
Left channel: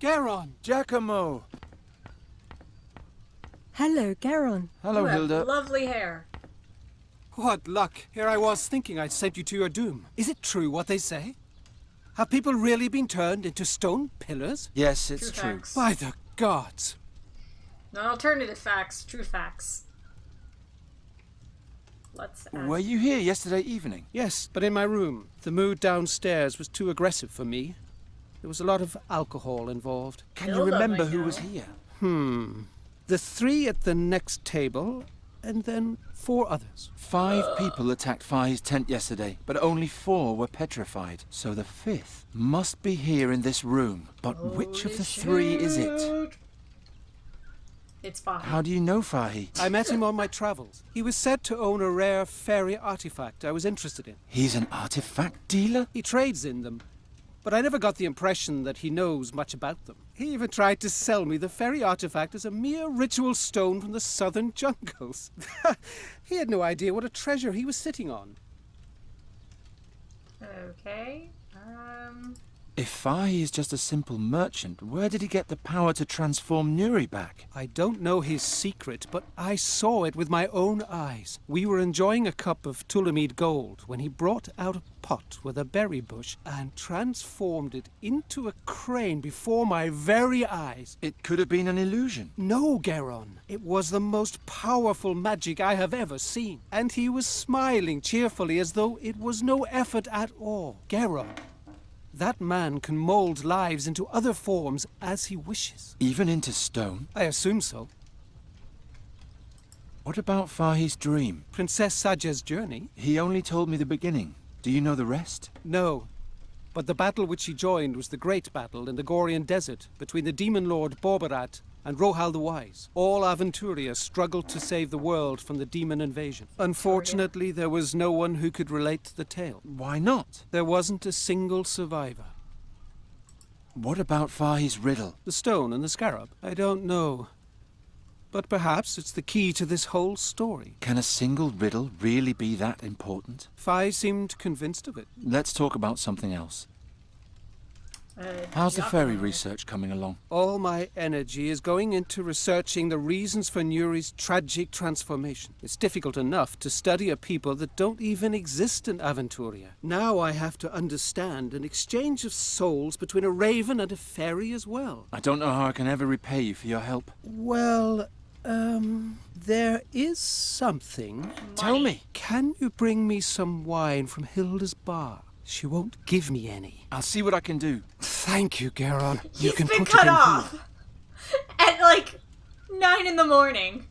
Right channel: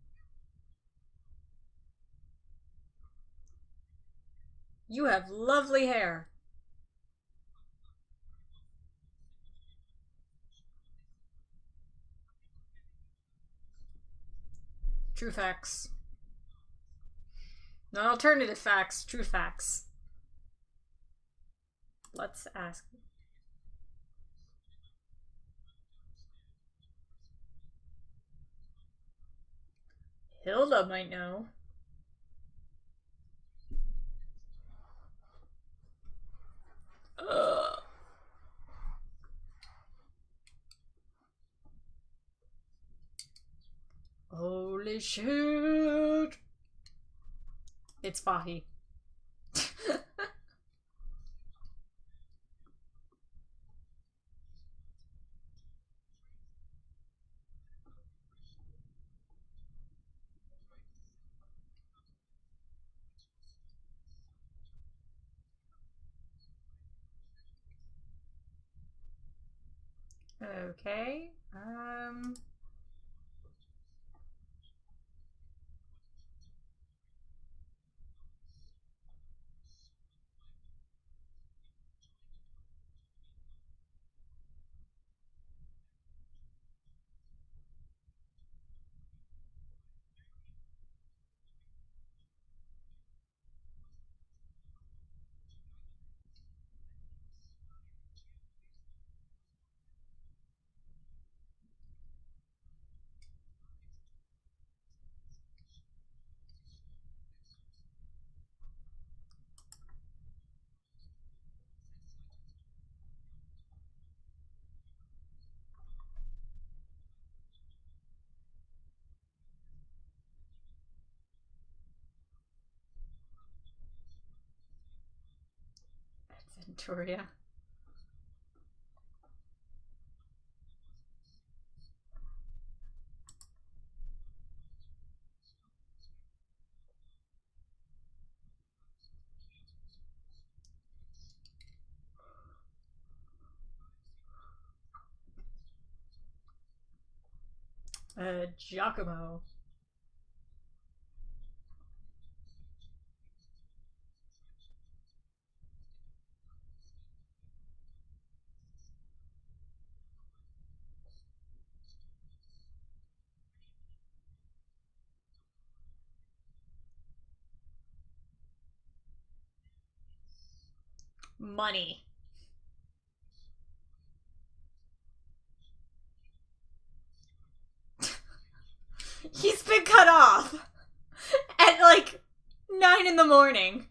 Garon! Giacomo! Hello, Garon. Hello, You have Hilda. lovely hair. What luck. Here I was thinking I'd sent you to your doom. Is it true what they say? Have people really been turned into stone pillars? Yes, it's True true. facts. By the gods. Not alternative facts, true facts. Let's ask. Were you here yesterday evening? Yes, but in my room. The mood downstairs was too aggressive for me. There was a lot of alcohol involved. Can you Hilda remember might who was know. here? The 3 at the next table, and then 4 others. 5 people attacked Faye's tent yesterday, but only 4 were petrified. So the 5th must be here in this room. But which of Holy the 3 is it? shit. It's Fahi. How do you know Faye? I met him on my travels. He was said to own a rare fairy artifact I was interested in. He's an artifact dealer? He trades in them, but I never got the impression that he knows much about them. He even tried to sell me the fairy artifact as a mere ritual stone from the southern jungles. He had no idea what a treasure he was sitting on. Okay. If Faye is just a simple merchant, where did he get the power to transform Nuri back? I don't know his secret, but I saw it with my own eyes. We were enjoying a cup of Tulamid gold when he brought out a pot with a berry bush and transformed it into a crane before my very eyes. It could have been an illusion. No, Garon. It was the most powerful magic I have ever seen. And he was smiling cheerfully as though it was no effort at all. Garon, that man can mold lives into other forms as he wishes. Even into stone? I assume so. What about Faye's dream? Princess Saja's journey? He only told me the beginning. Do you know the rest? No. But the battle which he joined was the great battle in the Gorian desert between the demon lord Borbarat and Rohal the Wise. All Aventuria struggled to save the world from the demon invasion. Unfortunately, there was no one who could relate the tale. Why not? There wasn't a single survivor. What about Faye's riddle? The stone and the scarab? I don't know. But perhaps it's the key to this whole story. Can a single riddle really be that important? Fi seemed convinced of it. Let's talk about something else. How's the Giacomo. fairy research coming along? All my energy is going into researching the reasons for Nuri's tragic transformation. It's difficult enough to study a people that don't even exist in Aventuria. Now I have to understand an exchange of souls between a raven and a fairy as well. I don't know how I can ever repay you for your help. Well, there is something. Tell me. Can you bring me some wine from Hilda's bar? She won't give me any. I'll see what I can do. Thank you, Garon. He's can been put it cut in off here. at like 9 in the morning.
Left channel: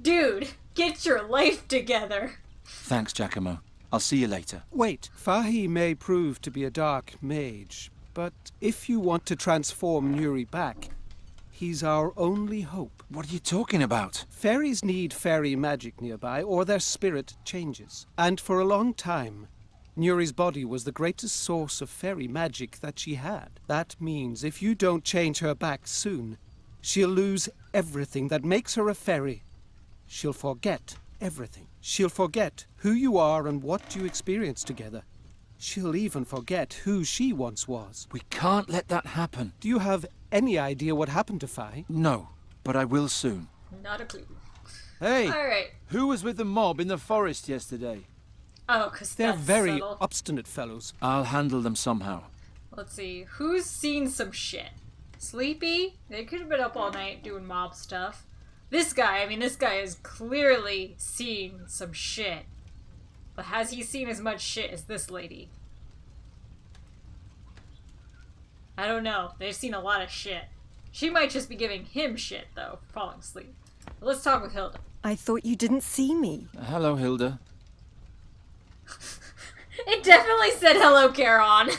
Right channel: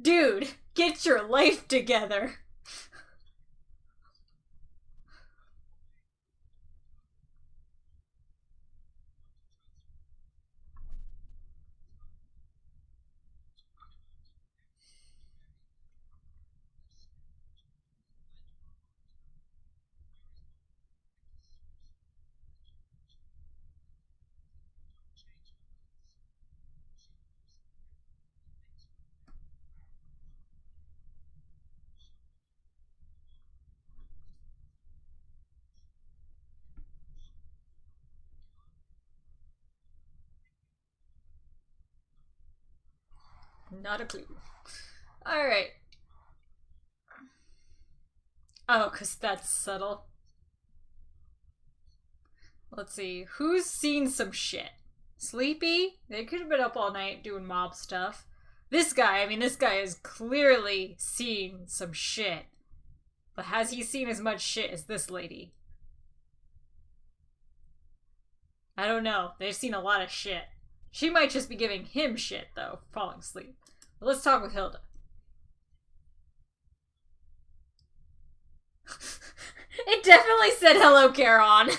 Dude, get your life together. Thanks, Giacomo. I'll see you later. Wait, Fahi may prove to be a dark mage, but if you want to transform Nuri back, he's our only hope. What are you talking about? Fairies need fairy magic nearby, or their spirit changes. And for a long time, Nuri's body was the greatest source of fairy magic that she had. That means if you don't change her back soon, she'll lose everything that makes her a fairy. She'll forget everything. She'll forget who you are and what you experienced together. She'll even forget who she once was. We can't let that happen. Do you have any idea what happened to Fi? No, but I will soon. Not a clue. Hey, Alright. who was with the mob in the forest yesterday? Oh, because They're that's very subtle. obstinate fellows. I'll handle them somehow. Let's see. Who's seen some shit? Sleepy? They could have been up all night doing mob stuff. This guy has clearly seen some shit. But has he seen as much shit as this lady? I don't know. They've seen a lot of shit. She might just be giving him shit, though, for falling asleep. But let's talk with Hilda. I thought you didn't see me. Hello, Hilda. It definitely said hello, Charon.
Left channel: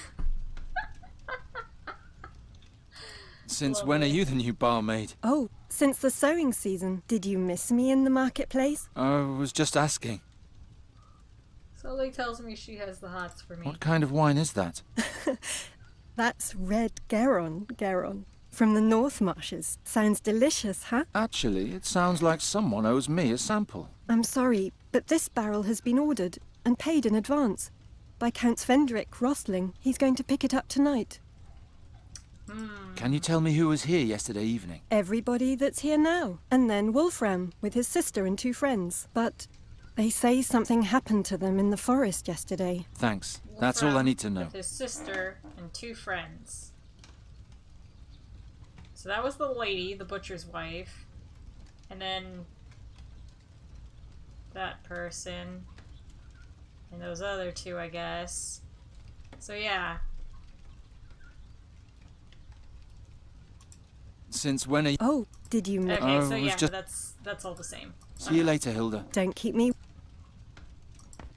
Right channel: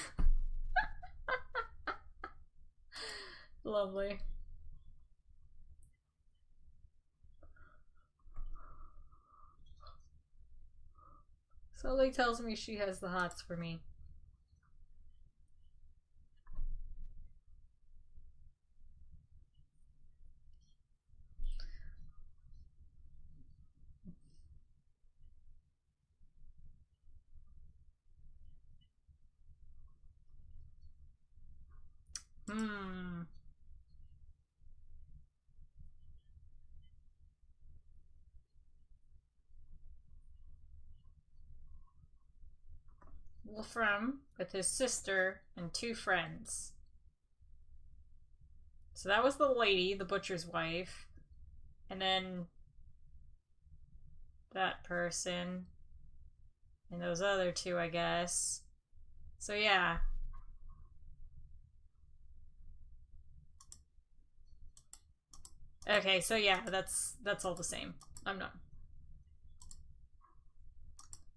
Since when are Lovely. you the new barmaid? Oh, since the sewing season. Did you miss me in the marketplace? I was just asking. Sully tells me she has the hots for me. What kind of wine is that? That's red Garon. From the North Marshes. Sounds delicious, huh? Actually, it sounds like someone owes me a sample. I'm sorry, but this barrel has been ordered and paid in advance by Count Svendrik Rosling. He's going to pick it up tonight. Can you tell me who was here yesterday evening? Everybody that's here now. And then Wolfram with his sister and 2 friends. But they say something happened to them in the forest yesterday. Thanks. That's all I Wolfram need to know. With his sister and 2 friends. So that was the lady, the butcher's wife. And then that person. And those other 2, I guess. So yeah. Since when are you... Oh, did you know? Okay, Oh, so it was yeah, just- that's all the same. See you later, Hilda. Don't keep me...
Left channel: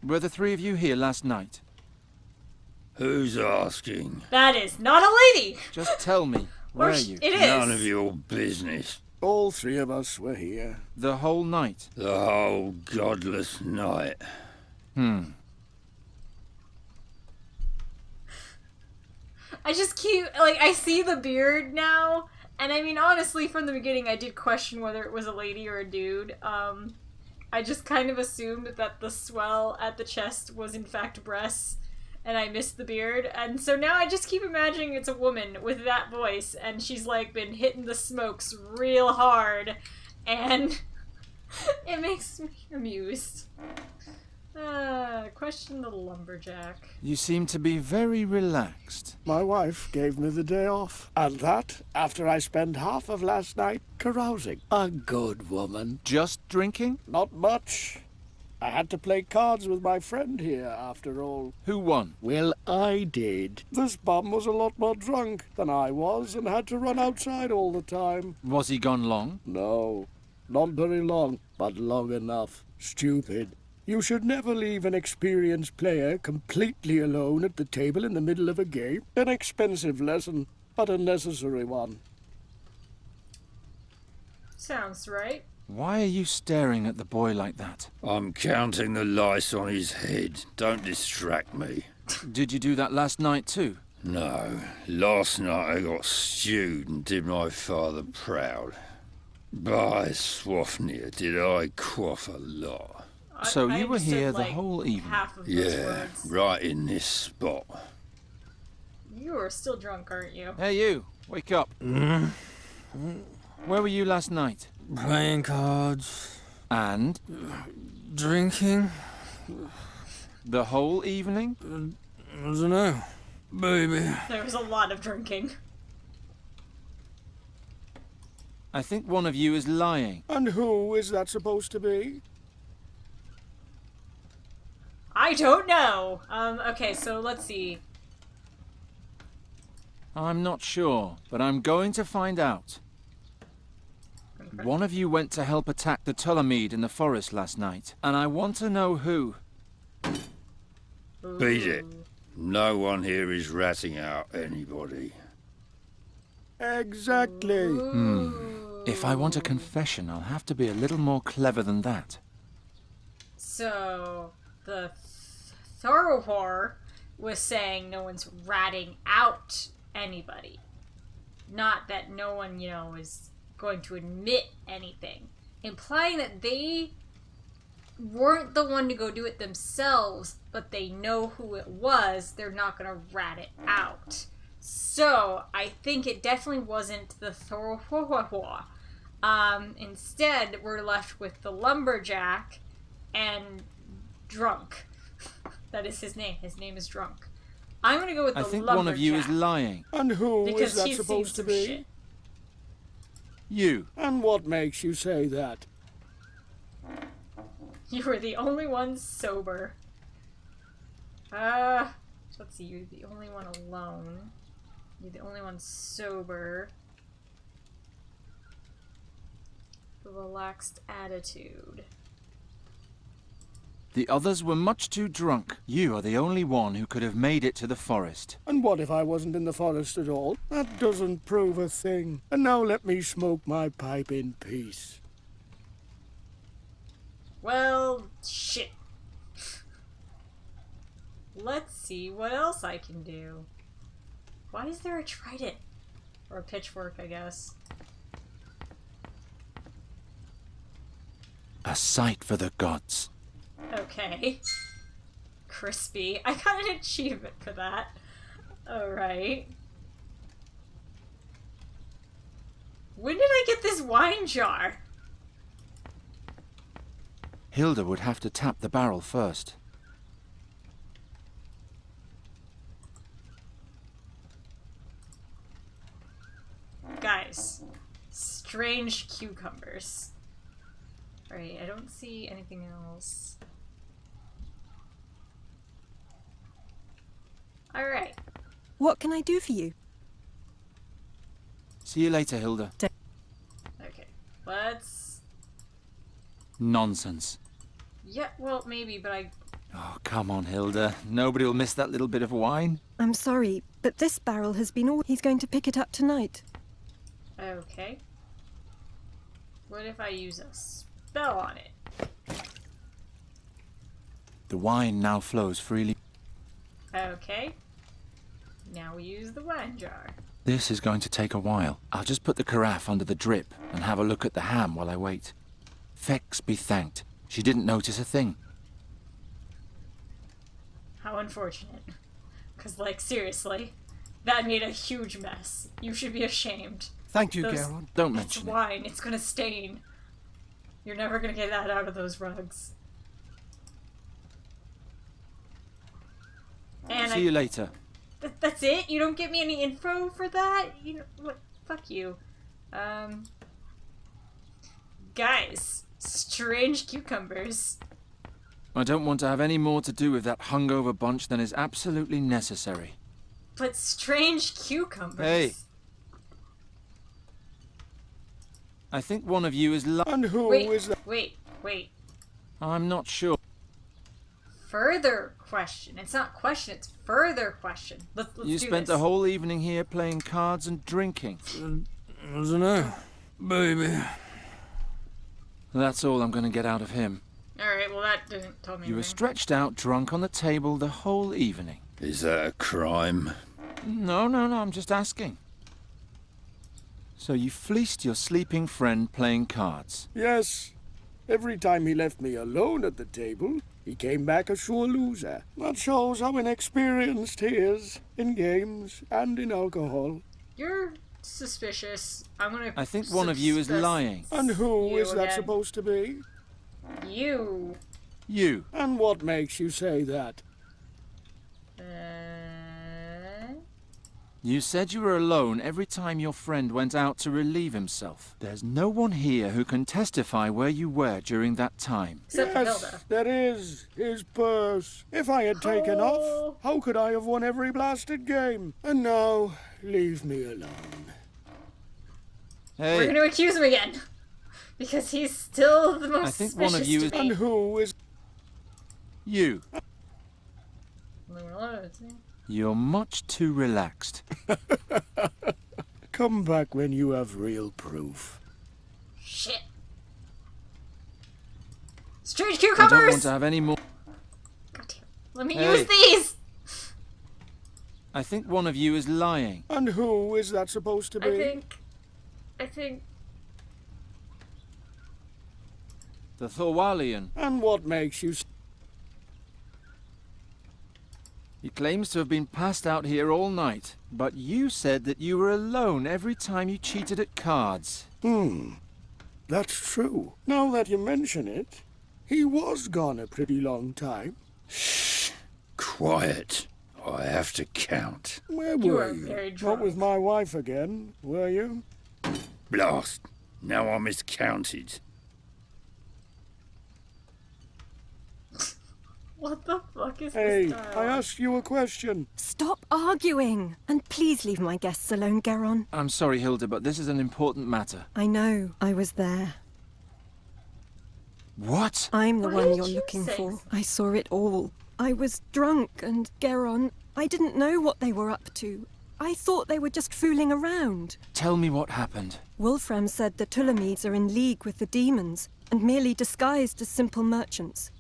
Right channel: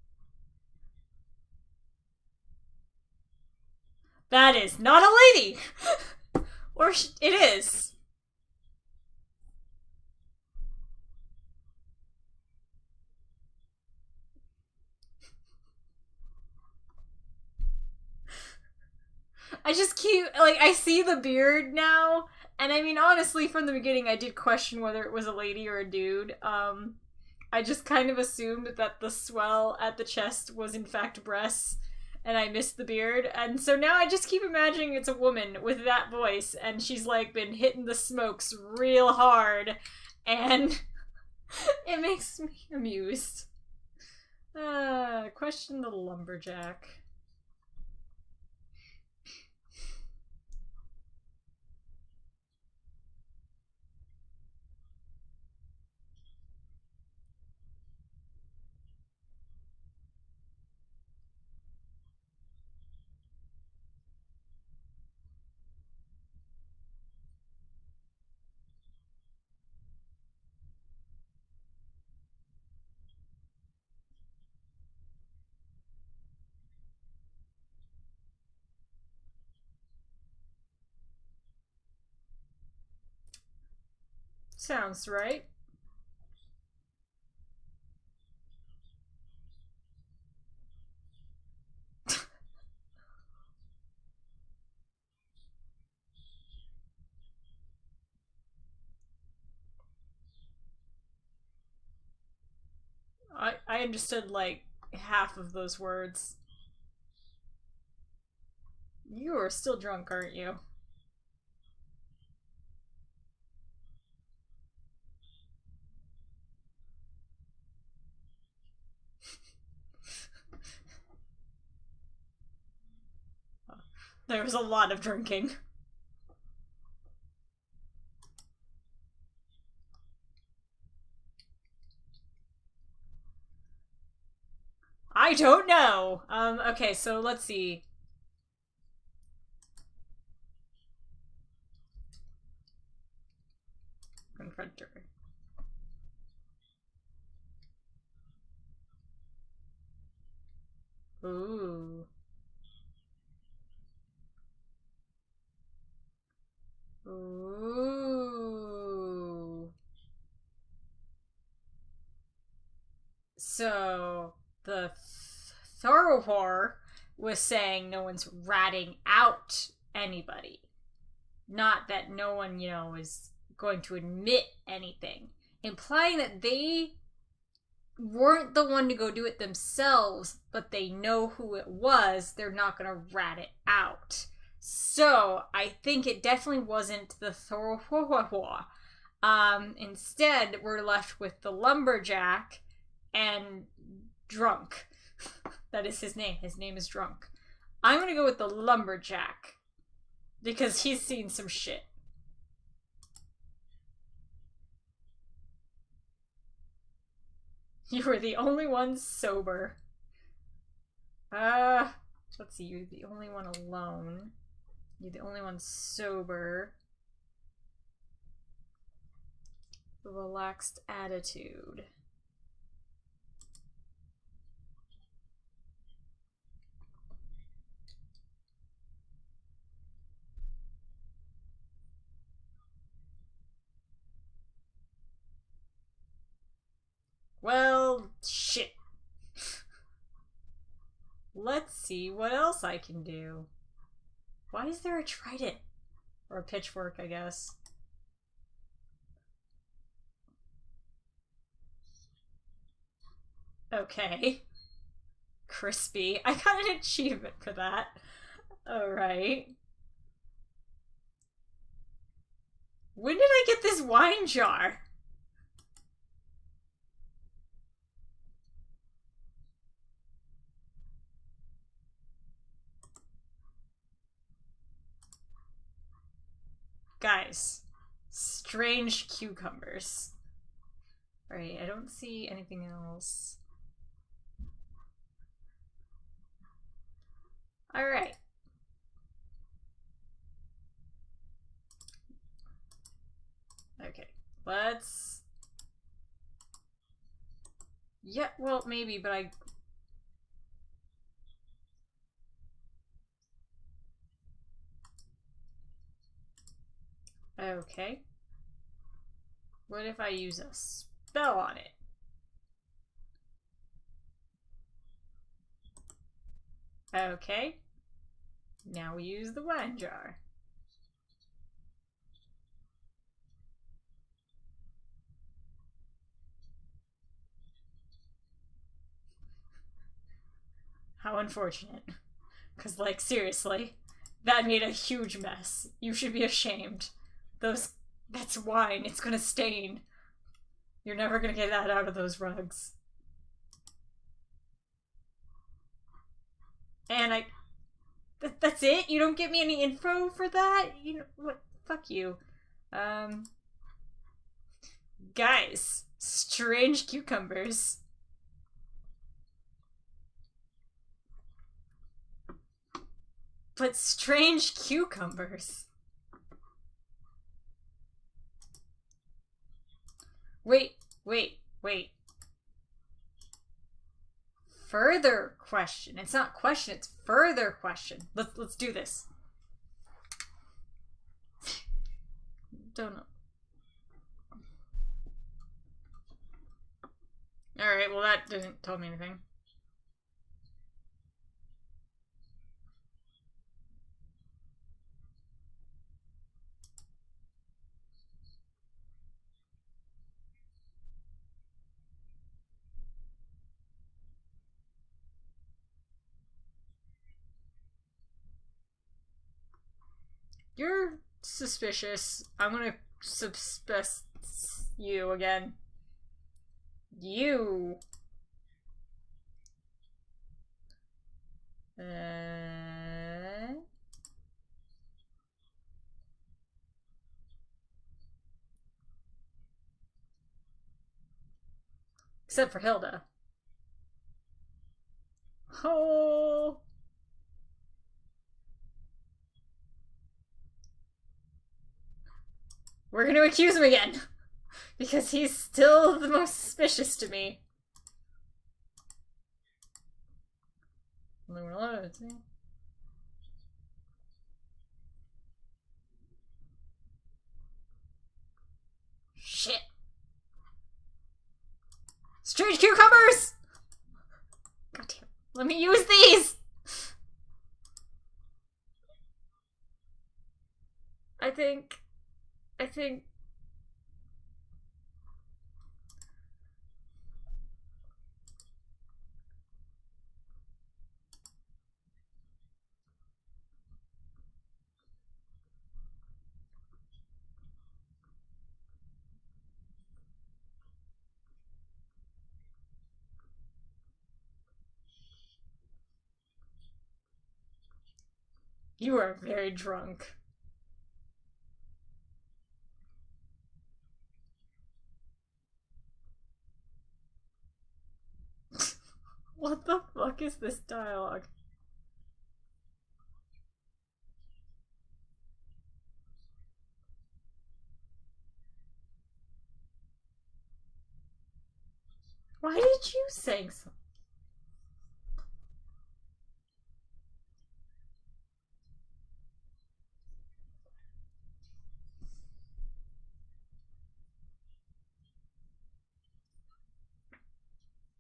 Were the 3 of you here last night? Who's asking? That is not a lady! Just tell me. Or Were you? it is. None of your business. All 3 of us were here. The whole night? The whole godless night. I just keep, like, I see the beard now, and I mean, honestly, from the beginning, I did question whether it was a lady or a dude. I just kind of assumed that the swell at the chest was in fact breasts, and I missed the beard, and so now I just keep imagining it's a woman with that voice, and she's, like, been hitting the smokes real hard, and it makes me amused. Question the lumberjack. You seem to be very relaxed. My wife gave me the day off. And that after I spent half of last night carousing. A good woman. Just drinking? Not much. I had to play cards with my friend here, after all. Who won? Well, I did. This bum was a lot more drunk than I was and had to run outside all the time. Was he gone long? No, not very long, but long enough. Stupid. You should never leave an experienced player completely alone at the table in the middle of a game. An expensive lesson, but a necessary one. Sounds right. Why are you staring at the boy like that? I'm counting the lice on his head. Don't distract me. Did you do that last night too? No, last night I got stewed and did my father proud. By Swafnir, did I quaff a lot. So I you were understood, here the like, whole evening? half of those Yeah, words. right in this spot. You are still drunk, aren't you? Hey you, wake up. Where were you last night? Playing cards, And? drinking. The whole evening? I don't know, baby. There was a lot of drinking. I think one of you is lying. And who is that supposed to be? I don't know. Okay, so let's see. I'm not sure, but I'm going to find out. One of you went to help attack the Tulamede in the forest last night, and I want to know who. Beat it. Ooh. No one here is ratting out anybody. Exactly. Ooh. If I want a confession, I'll have to be a little more clever than that. So, the Thoroughwhore was saying no one's ratting out anybody. Not that no one, is going to admit anything. Implying that they weren't the one to go do it themselves, but they know who it was, they're not going to rat it out. So, I think it definitely wasn't the Thoroughwhore. Instead, we're left with the lumberjack and Drunk. That is his name. His name is Drunk. I'm gonna go with the I think lumberjack. one of you is lying. And who is Because that he's seen supposed to some be? shit. You. And what makes you say that? You were the only one sober. Let's see, you're the only one alone. You're the only one sober. The relaxed attitude. The others were much too drunk. You are the only one who could have made it to the forest. And what if I wasn't in the forest at all? That doesn't prove a thing. And now let me smoke my pipe in peace. Well, shit. Let's see what else I can do. Why is there a trident? Or a pitchfork, I guess. A sight for the gods. Okay. Crispy. I got an achievement for that. Alright. When did I get this wine jar? Hilda would have to tap the barrel first. Guys. Strange cucumbers. Alright, I don't see anything else. Alright. What can I do for you? See you later, Hilda. Okay. Let's... Nonsense. Yeah, well, maybe, but I... Oh, come on, Hilda. Nobody will miss that little bit of wine. I'm sorry, but this barrel has been all. He's going to pick it up tonight. Okay. What if I use a spell on it? The wine now flows freely. Okay. Now we use the wine jar. This is going to take a while. I'll just put the carafe under the drip and have a look at the ham while I wait. Fex be thanked. She didn't notice a thing. How unfortunate. Because, like, seriously, that made a huge mess. You should be ashamed. Thank you, Those- Garon. Don't It's mention it. wine. It's gonna stain. You're never gonna get that out of those rugs. And See you later. That's it? You don't get me any info for that? You know what? Fuck you. Guys, strange cucumbers. I don't want to have any more to do with that hungover bunch than is absolutely necessary. But strange cucumbers. Hey. I think one of you is And who Wait, is that? wait. I'm not sure. Further question. It's not question, it's further question. Let's You do spent this. the whole evening here playing cards and drinking. I don't know. Baby. That's all I'm going to get out of him. Alright, well that didn't tell me You were anything. stretched out drunk on the table the whole evening. Is that a crime? No, I'm just asking. So you fleeced your sleeping friend playing cards. Yes. Every time he left me alone at the table, he came back a sure loser. That shows how inexperienced he is in games and in alcohol. You're suspicious. I'm gonna I think one of you is suspect lying. And who you is that again. supposed to be? You. You. And what makes you say that? You said you were alone every time your friend went out to relieve himself. There's no one here who can testify where you were during that time. Except for Yes, Hilda. there is. His purse. If I had taken off, how could I have won every blasted game? And now, leave me alone. Hey, We're gonna accuse him again. Because he's still the most I think one of suspicious you to is- me. And who is... you. You're much too relaxed. Come back when you have real proof. Shit. Strange I don't cucumbers! want to have any more. God damn. Let me Hey. use these! I think one of you is lying. And who is that supposed to be? I think... The Thorwalian. And what makes you... He claims to have been passed out here all night, but you said that you were alone every time you cheated at cards. That's true. Now that you mention it, he was gone a pretty long time. Shh. Quiet. I have to count. Where You were are very Not drunk. with my wife again, were you? Blast. Now I miscounted. What the fuck is Hey, this I dialogue? asked you a question. Stop arguing! And please leave my guests alone, Geron. I'm sorry, Hilda, but this is an important matter. I know, I was there. What? I'm the Why one did you're you looking say for. so? I saw it all. I was drunk, and Geron, I didn't know what they were up to. I thought they were just fooling around. Tell me what happened. Wolfram said the Tulamides are in league with the demons, and merely disguised as simple merchants.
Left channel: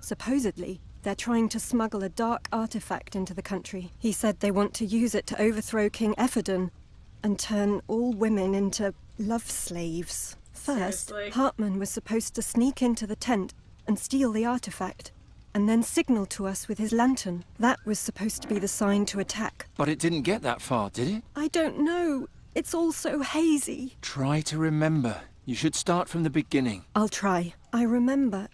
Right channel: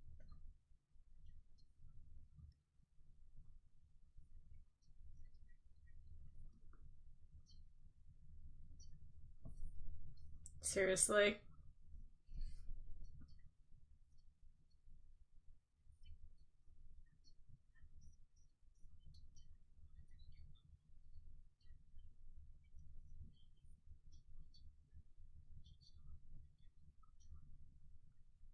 Supposedly, they're trying to smuggle a dark artifact into the country. He said they want to use it to overthrow King Ephedon and turn all women into love slaves. First, Seriously? Hartman was supposed to sneak into the tent and steal the artifact, and then signal to us with his lantern. That was supposed to be the sign to attack. But it didn't get that far, did it? I don't know. It's all so hazy. Try to remember. You should start from the beginning. I'll try. I remember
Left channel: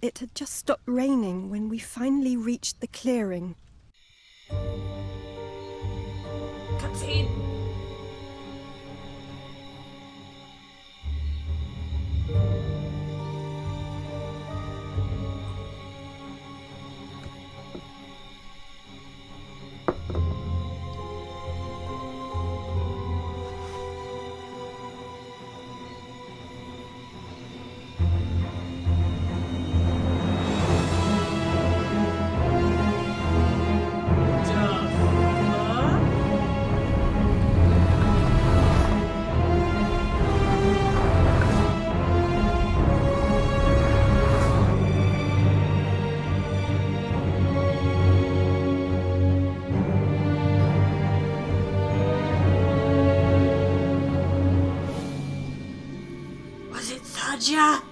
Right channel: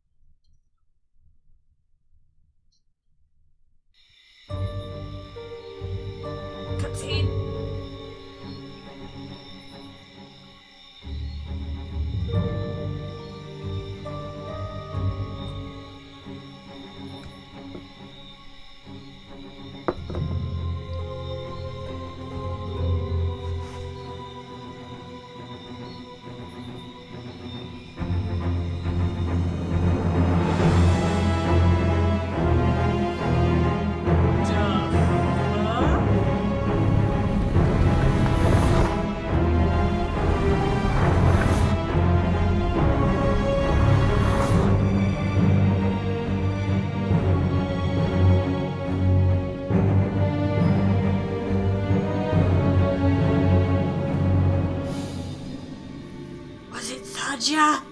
it had just stopped raining when we finally reached the clearing. Cutscene. Was it Saja?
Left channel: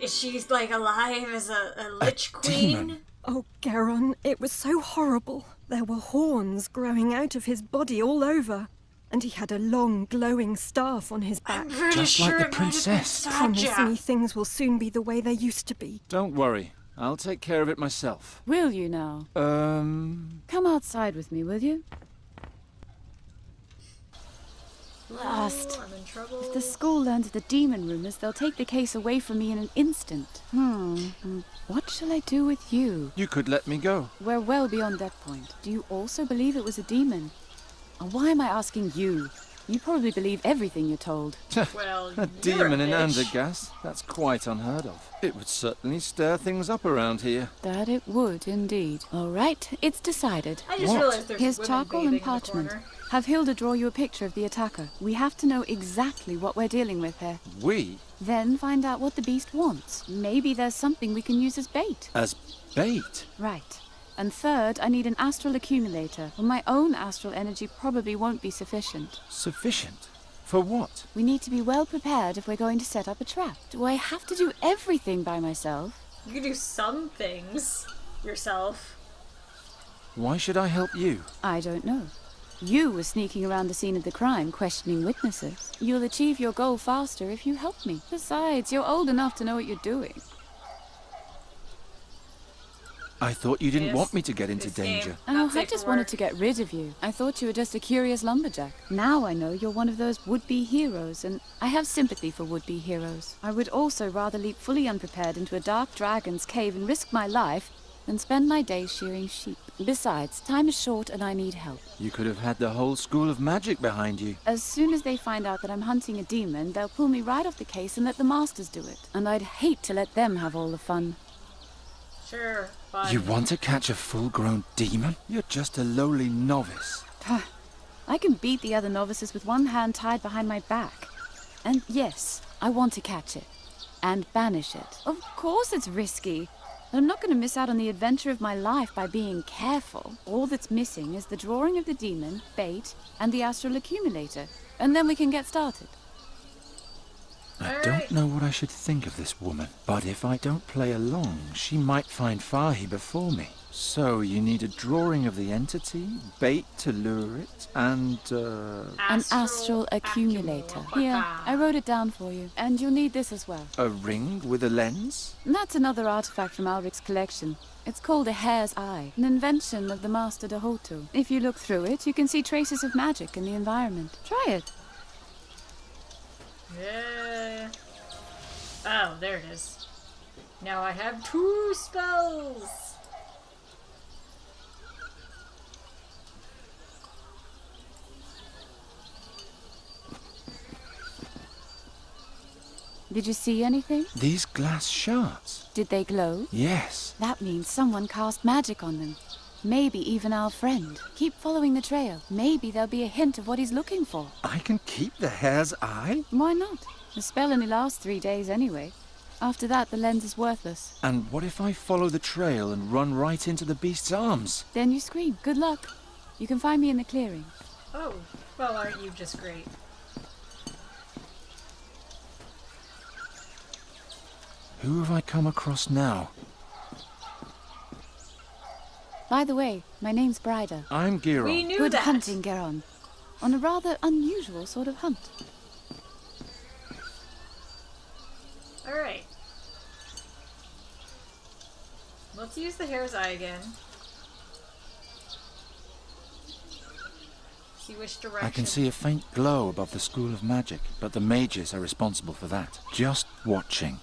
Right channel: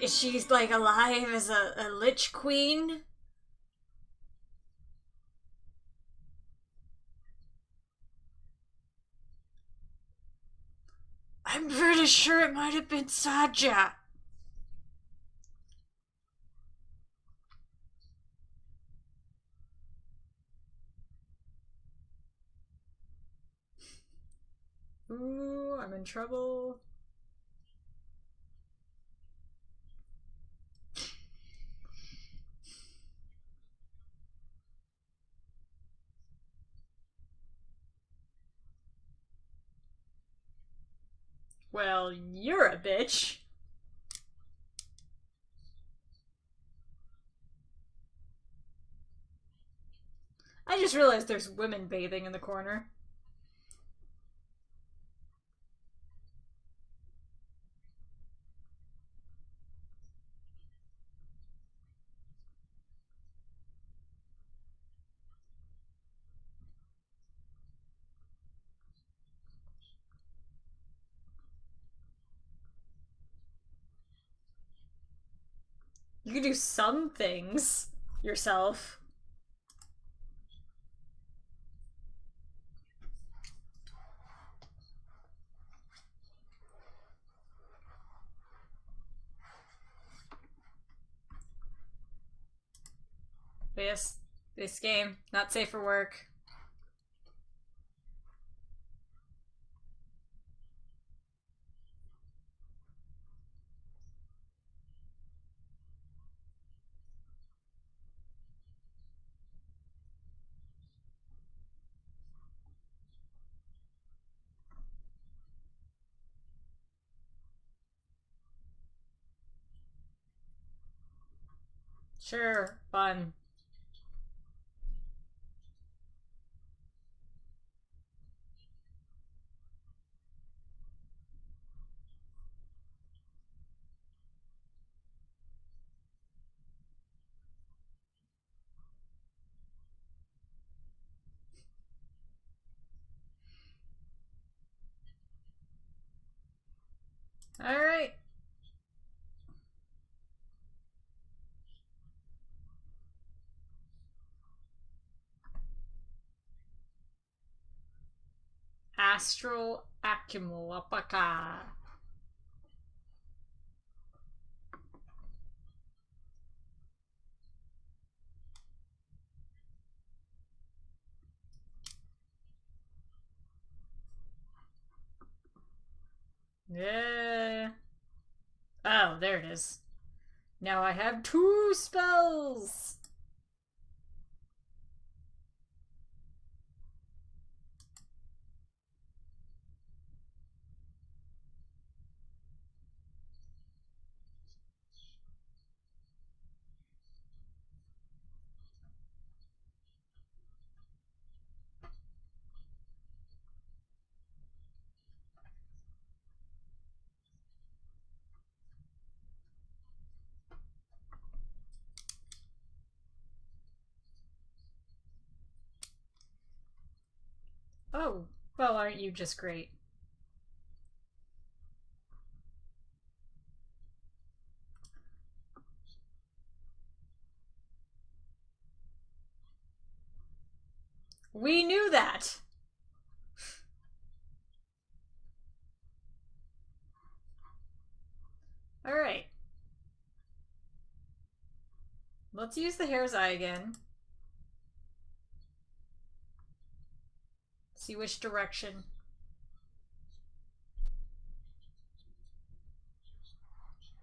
Is she like alive as a lich queen? demon. Oh, Geron, it was so horrible. There were horns growing out of his body all over, and he had a long, glowing staff on his back. I'm pretty Just like sure the it might have been princess. Promise Saja. me things will soon be the way they used to be. Don't worry. I'll take care of it myself. Will you now? Come outside with me, will you? Blast. Ooh, I'm in trouble. If the school learns of the demon rumors, they'll take the case away from me in an instant. What shall I do with you? You could let me go. We're well beyond that point. Do you also believe it was a demon? And why am I asking you? You probably believe everything you're told. Well, A you're demon in a bitch. Andergast? That's quite unheard of. It would certainly stir things up around here. That it would, indeed. All right, it's decided. I just What? realized there's Here's women charcoal bathing and in the parchment. corner. Have Hilda draw you a picture of the attacker. We have to know exactly what we're dealing with here. We? Then find out what the beast wants. Maybe there's something we can use as bait. As bait? Right. And third, I need an astral accumulator. Well, my own astral energy probably won't be sufficient. Sufficient? For what? We need to be well prepared if we're going to set up a trap. Do I have to do everything by myself? You can do some things yourself. Why should I help you? I don't know. You were sneaking around the scene of the crime, questioning witnesses. You'll achieve your goal faster if you help me. Besides, you're old enough to know what you're doing. I thought you didn't Yes, want me to get into this danger. game. Oh, Not I safe just for wanted work. to get rid of you. I thought you were just a curious lumberjack. Now I know you're one of those would-be heroes, and I have sympathy for would-be heroes. I would also rather leap fully unprepared into a dark dragon's cave and risk my life than spend my days shearing sheep. Besides, time is short and I need help. You could have had the whole school of magic behind you. As soon as they find out that I'm hunting a demon, they'll pull me right off the case and let the masters do it. And I'd hate to let them have all the fun. Sure, fine. You want to catch a full-grown demon? You're just a lowly novice. I can beat the other novices with one hand tied behind my back. And yes, I want to catch it. And banish it. Of course it's risky. But I'm not going to miss out on the adventure of my life by being careful. All that's missing is the drawing of the demon, bait, and the astral accumulator. And then we can get started. I Alright. don't know what I should think of this woman, but if I don't play along, she might find Fahi before me. So you need a drawing of the entity, bait to lure it, and An astral accumulator. Yeah, I wrote it down for you. And you'll need this as well. a ring with a lens? That's another artifact from Alric's collection. It's called a hare's eye, an invention of the Master Dahoto. If you look through it, you can see traces of magic in the environment. Try it. Yeah. Oh, there it is. Now I have 2 spells! Did you see anything? These glass shards? Did they glow? Yes. That means someone cast magic on them. Maybe even our friend. Keep following the trail. Maybe there'll be a hint of what he's looking for. I can keep the hare's eye? Why not? The spell only lasts 3 days anyway. After that, the lens is worthless. And what if I follow the trail and run right into the beast's arms? Then you scream. Good luck. You can find me in the clearing. Oh, well, aren't you just great? Who have I come across now? By the way, my name's Bryda. I'm Giron. We knew Good that! hunting, Geron. On a rather unusual sort of hunt. Alright. Let's use the hare's eye again. See which direction. I can see a faint glow above the School of Magic, but the mages are responsible for that. Just watching.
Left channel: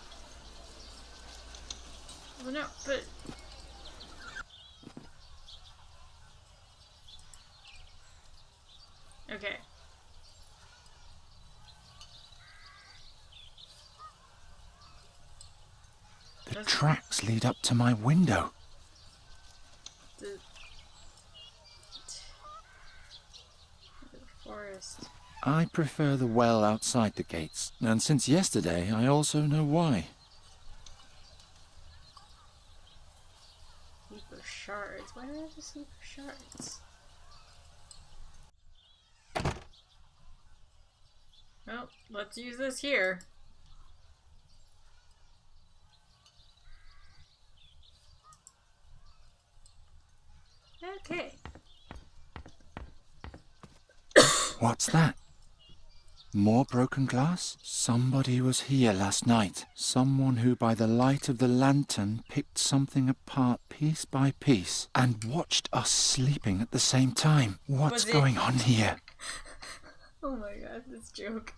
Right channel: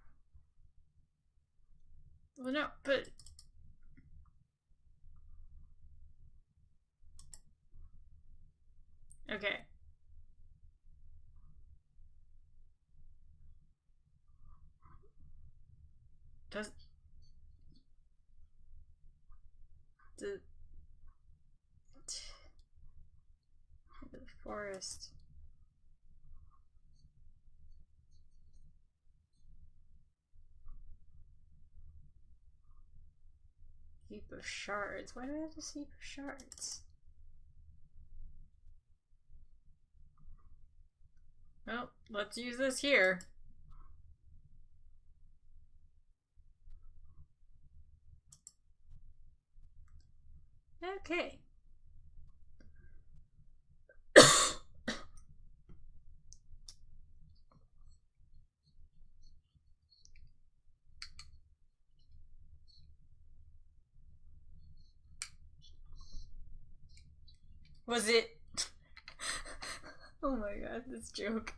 Well, no, but... Okay. The tracks lead up to my window. The forest. I prefer the well outside the gates, and since yesterday I also know why. Sleeper shards. Why do I have to sleeper shards? Well, let's use this here. Okay. What's that? More broken glass? Somebody was here last night. Someone who by the light of the lantern picked something apart piece by piece and watched us sleeping at the same time. What's going on here? Oh my god, this joke.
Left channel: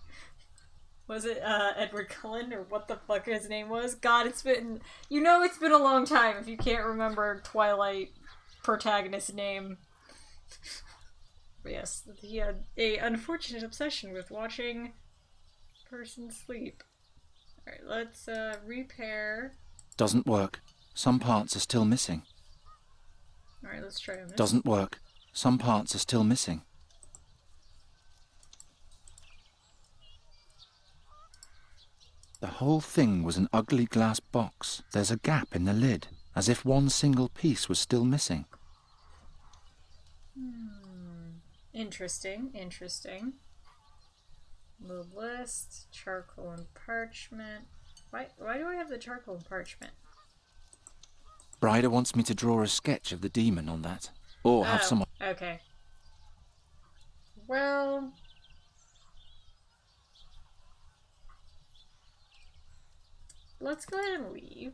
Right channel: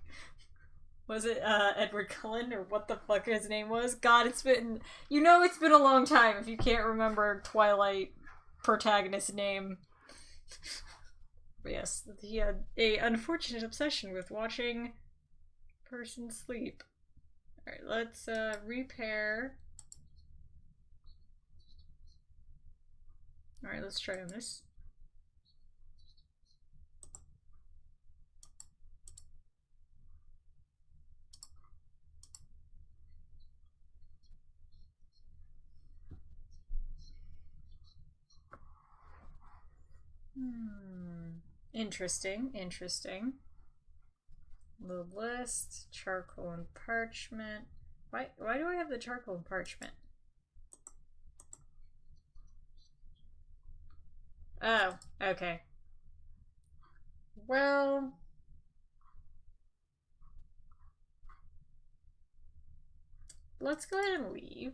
Was it Edward Cullen or what the fuck his name was? God, it's been... You know it's been a long time if you can't remember Twilight protagonist's name. But yes, he had a unfortunate obsession with watching person sleep. Alright, let's repair. Doesn't work. Some parts are still missing. Alright, let's try this. Doesn't work. Some parts are still missing. The whole thing was an ugly glass box. There's a gap in the lid, as if one single piece was still missing. Interesting, interesting. The list, charcoal and parchment. Why do I have the charcoal and parchment? Bryda wants me to draw a sketch of the demon on that. Or have someone... Okay. Well... Let's go ahead and leave.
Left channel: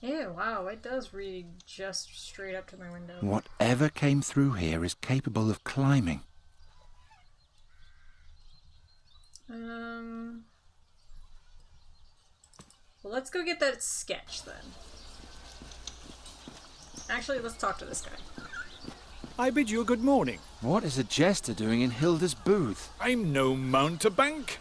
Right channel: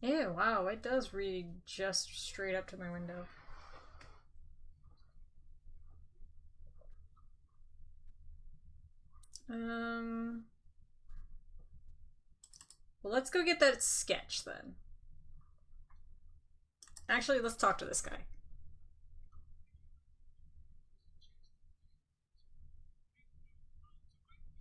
Ew, wow, it does read just straight up to my window. Whatever came through here is capable of climbing. Well, let's go get that sketch then. Actually, let's talk to this guy. I bid you a good morning. What is a jester doing in Hilda's booth? I'm no mountebank.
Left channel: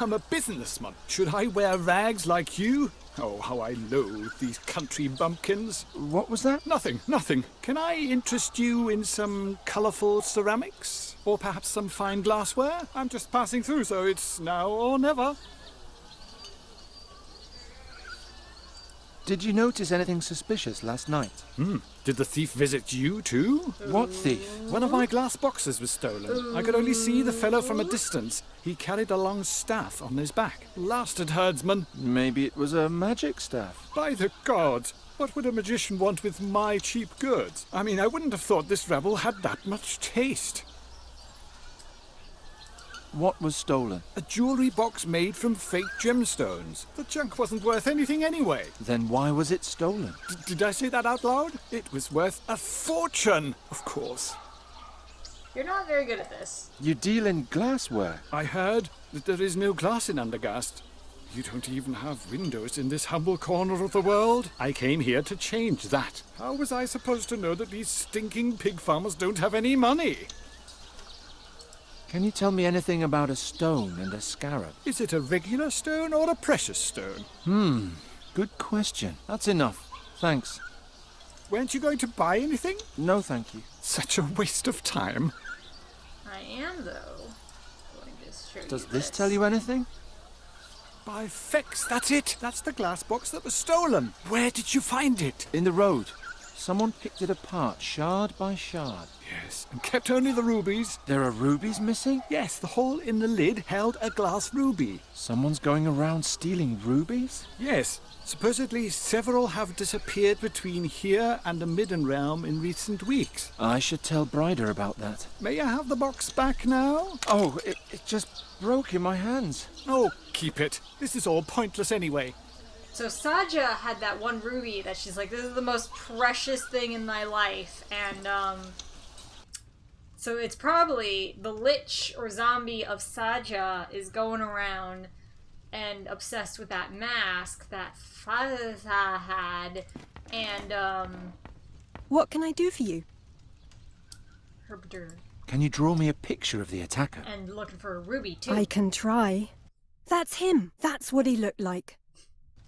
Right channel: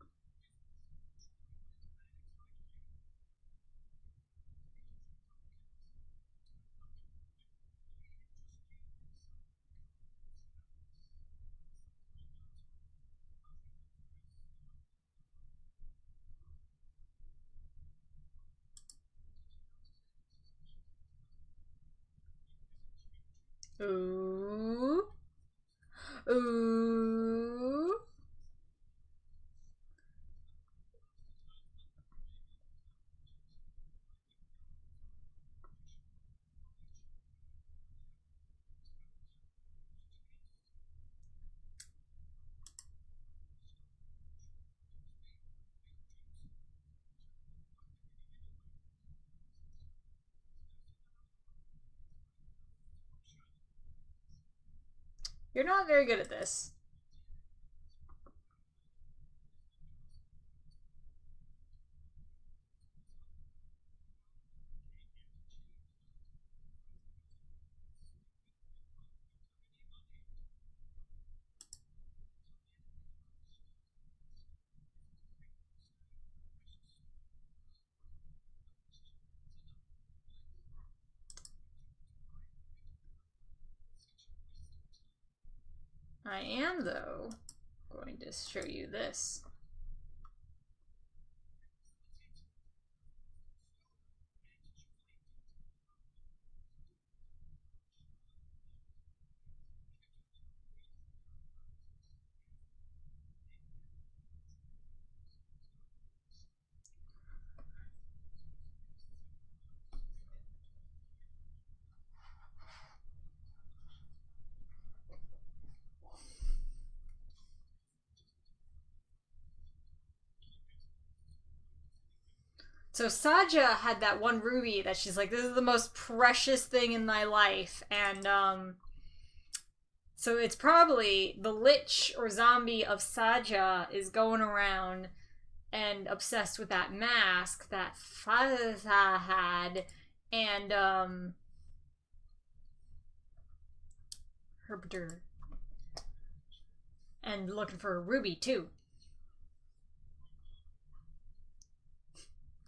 I'm a businessman. Should I wear rags like you? Oh, how I loathe these country bumpkins. What was that? Nothing, nothing. Can I interest you in some colourful ceramics? Or perhaps some fine glassware? I'm just passing through, so it's now or never. Did you notice anything suspicious last night? Did the thief visit you too? What thief? One of my glass boxes was stolen. I could only see the fellow from a distance. He carried a long staff on his back. Blasted herdsman. Maybe it was a magic staff. By the gods, what would a magician want with my cheap goods? I mean, I wouldn't have thought this rebel had that much taste. What was stolen? A jewelry box made from fake gemstones. The junk wasn't worth anything anyway. Then why was it stolen? Did I say that out loud? It was worth a fortune, of course. You're not very good at this. You deal in glassware. I heard that there is no glass in Undergast. You don't even have windows in this humble corner of the world. I came here to change that. How was I supposed to know that these stinking pig farmers don't have any money? Can you tell me anything about a stone and a scarab? Is it a regular stone or a precious stone? Good question. That's enough. Thanks. Weren't you going to buy anything? No, thank you. Such a waste of time. I am, though, going to show you Does this tell you anything? By fex, that's it. That's the glass box that was stolen. Where did you find it? In the road. Someone picked it apart, shard by shard. Yes, and kept only the rubies. There are rubies missing? Yes, the hole in the lid held a glass ruby. Someone's going around stealing rubies? Yes, supposedly several have disappeared between here and the Midden Realm in recent weeks. I should tell Bryder about that. May I have the box back now? Oh, it just broke in my hands. Oh, keep it. This is all pointless anyway. So Saja had that one ruby that she's like, this is the most precious thing in my life. And, so it's probably the lich or zombie of Saja is going around and obsessed with that mask that Faza had. And, What can I do for you? Herbiter. Can you draw me a picture of the attacker? And looking for a ruby, too. I can try. That's him. That's what he looked like.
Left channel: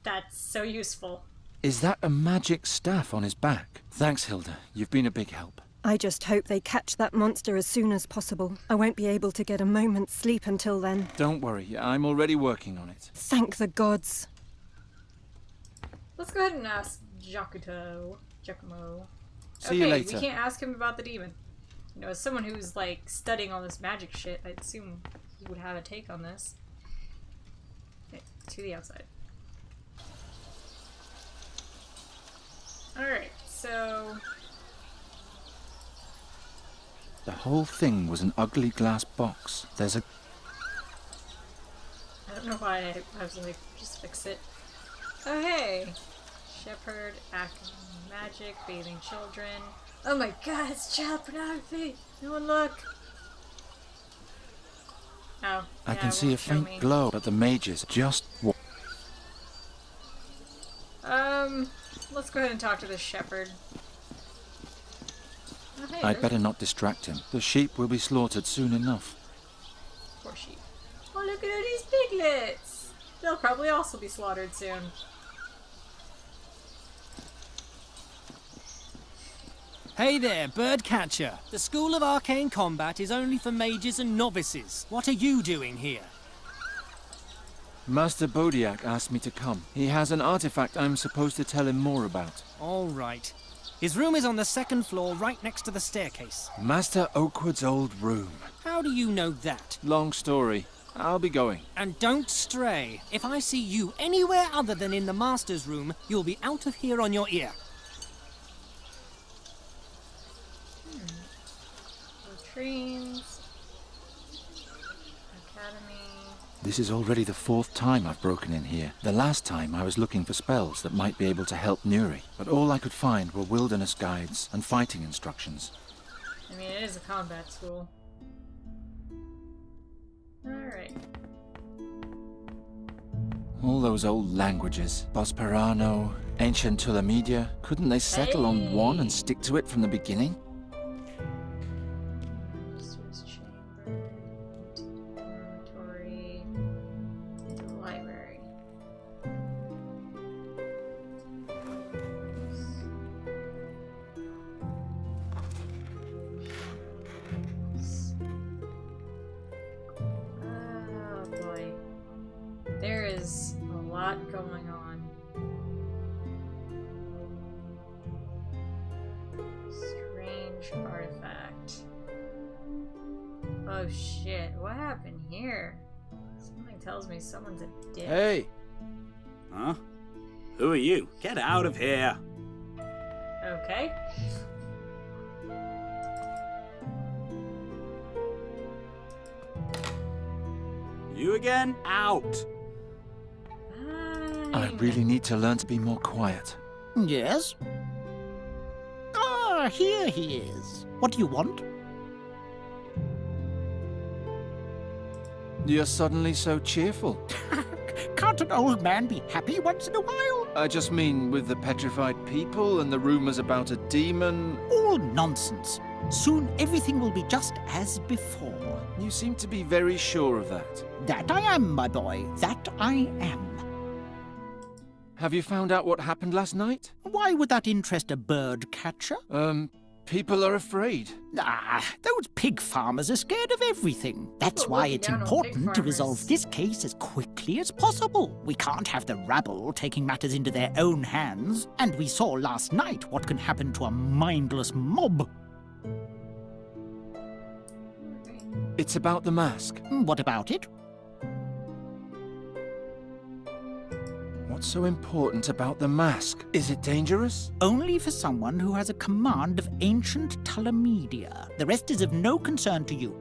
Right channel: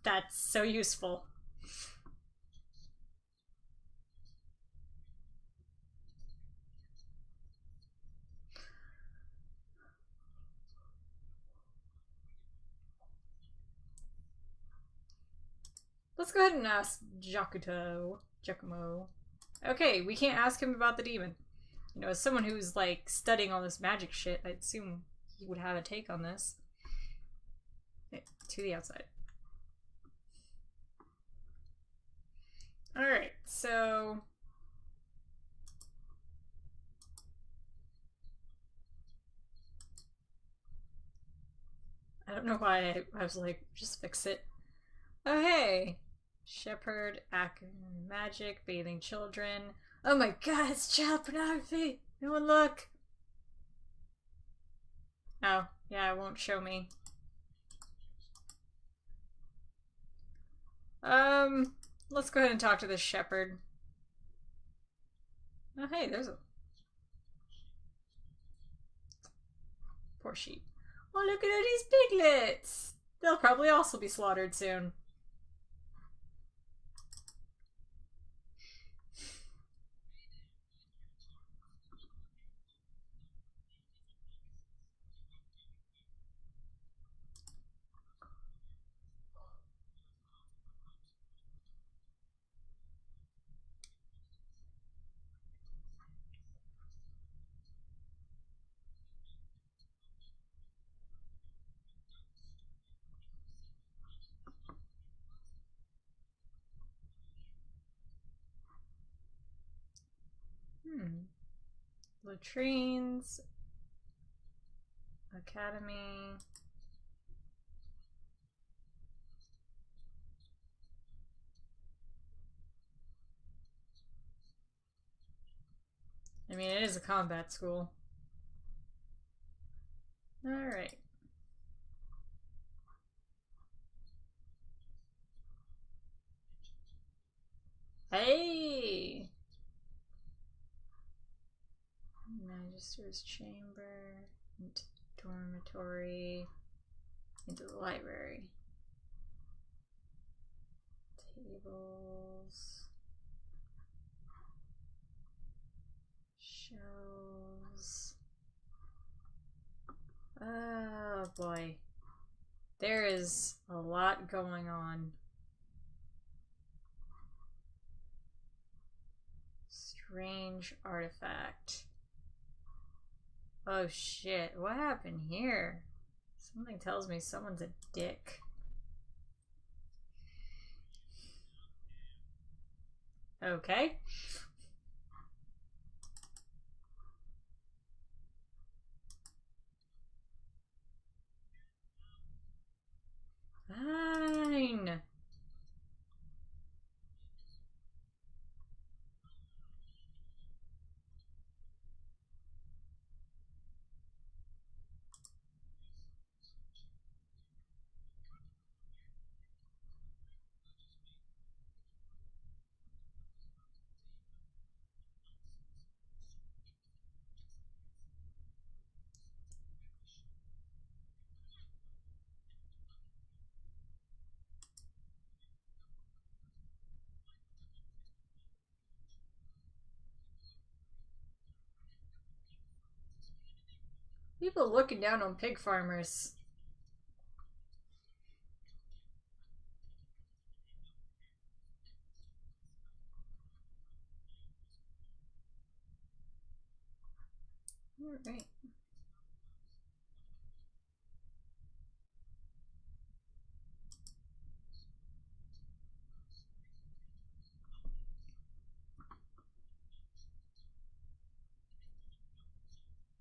That's so useful. Is that a magic staff on his back? Thanks, Hilda. You've been a big help. I just hope they catch that monster as soon as possible. I won't be able to get a moment's sleep until then. Don't worry, I'm already working on it. Thank the gods. Let's go ahead and ask Giacomo. See you Okay, later. we can't ask him about the demon. You know, as someone who's, like, studying all this magic shit, I'd assume he would have a take on this. Okay, to the outside. Alright, so... The whole thing was an ugly glass box. There's a... I don't know why I was like, just fix it. Oh, hey! Shepherd, acting magic, bathing children. Oh my god, it's child pornography! No one look! Oh, I yeah, can it see a won't show faint me. glow, but the mages just... Let's go ahead and talk to this shepherd. Oh, hey, I'd there's better not distract him. The sheep will be slaughtered soon enough. poor sheep. Oh, look at all these piglets! They'll probably also be slaughtered soon. Hey there, birdcatcher. The School of Arcane Combat is only for mages and novices. What are you doing here? Master Bodiak asked me to come. He has an artifact I'm supposed to tell him more about. All right. His room is on the second floor, right next to the staircase. Master Oakwood's old room. How do you know that? Long story. I'll be going. And don't stray. If I see you anywhere other than in the master's room, you'll be out of here on your ear. Latrines. Academy. This is already the 4th time I've broken in here. The last time I was looking for spells that might be able to help Nuri, but all I could find were wilderness guides and fighting instructions. I mean, it is a combat school. Alright. All those old languages. Bosperano, ancient Tulamedia. Couldn't they settle on one and stick to it from the beginning? Magister's chamber. Dormitory. Into the library. Oh boy. There is a lot going on. Strange artifact. Oh shit, what happened here? Something tells me someone's a dick. Hey! Huh? Who are you? Get out of here! Okay. You again? Out! I Fine. really need to learn to be more quiet. Yes? Ah, here he is. What do you want? You're suddenly so cheerful. Can't an old man be happy once in a while? I just mean with the petrified people and the rumors about a demon. All nonsense. Soon everything will be just as before. You seem to be very sure of that. That I am, my boy. That I am. Have you found out what happened last night? Why would that interest a bird catcher? People are afraid. Ah, those pig farmers are scared of everything. That's People why looking it's down on pig important to resolve farmers. this case as quickly as possible. We can't have the rabble taking matters into their own hands. And we saw last night what can happen to a mindless mob. Alright. It's about the mask. What about it? What's so important about the mask? Is it dangerous? Only for someone who has a command of ancient Talamedia. The rest is of no concern to you.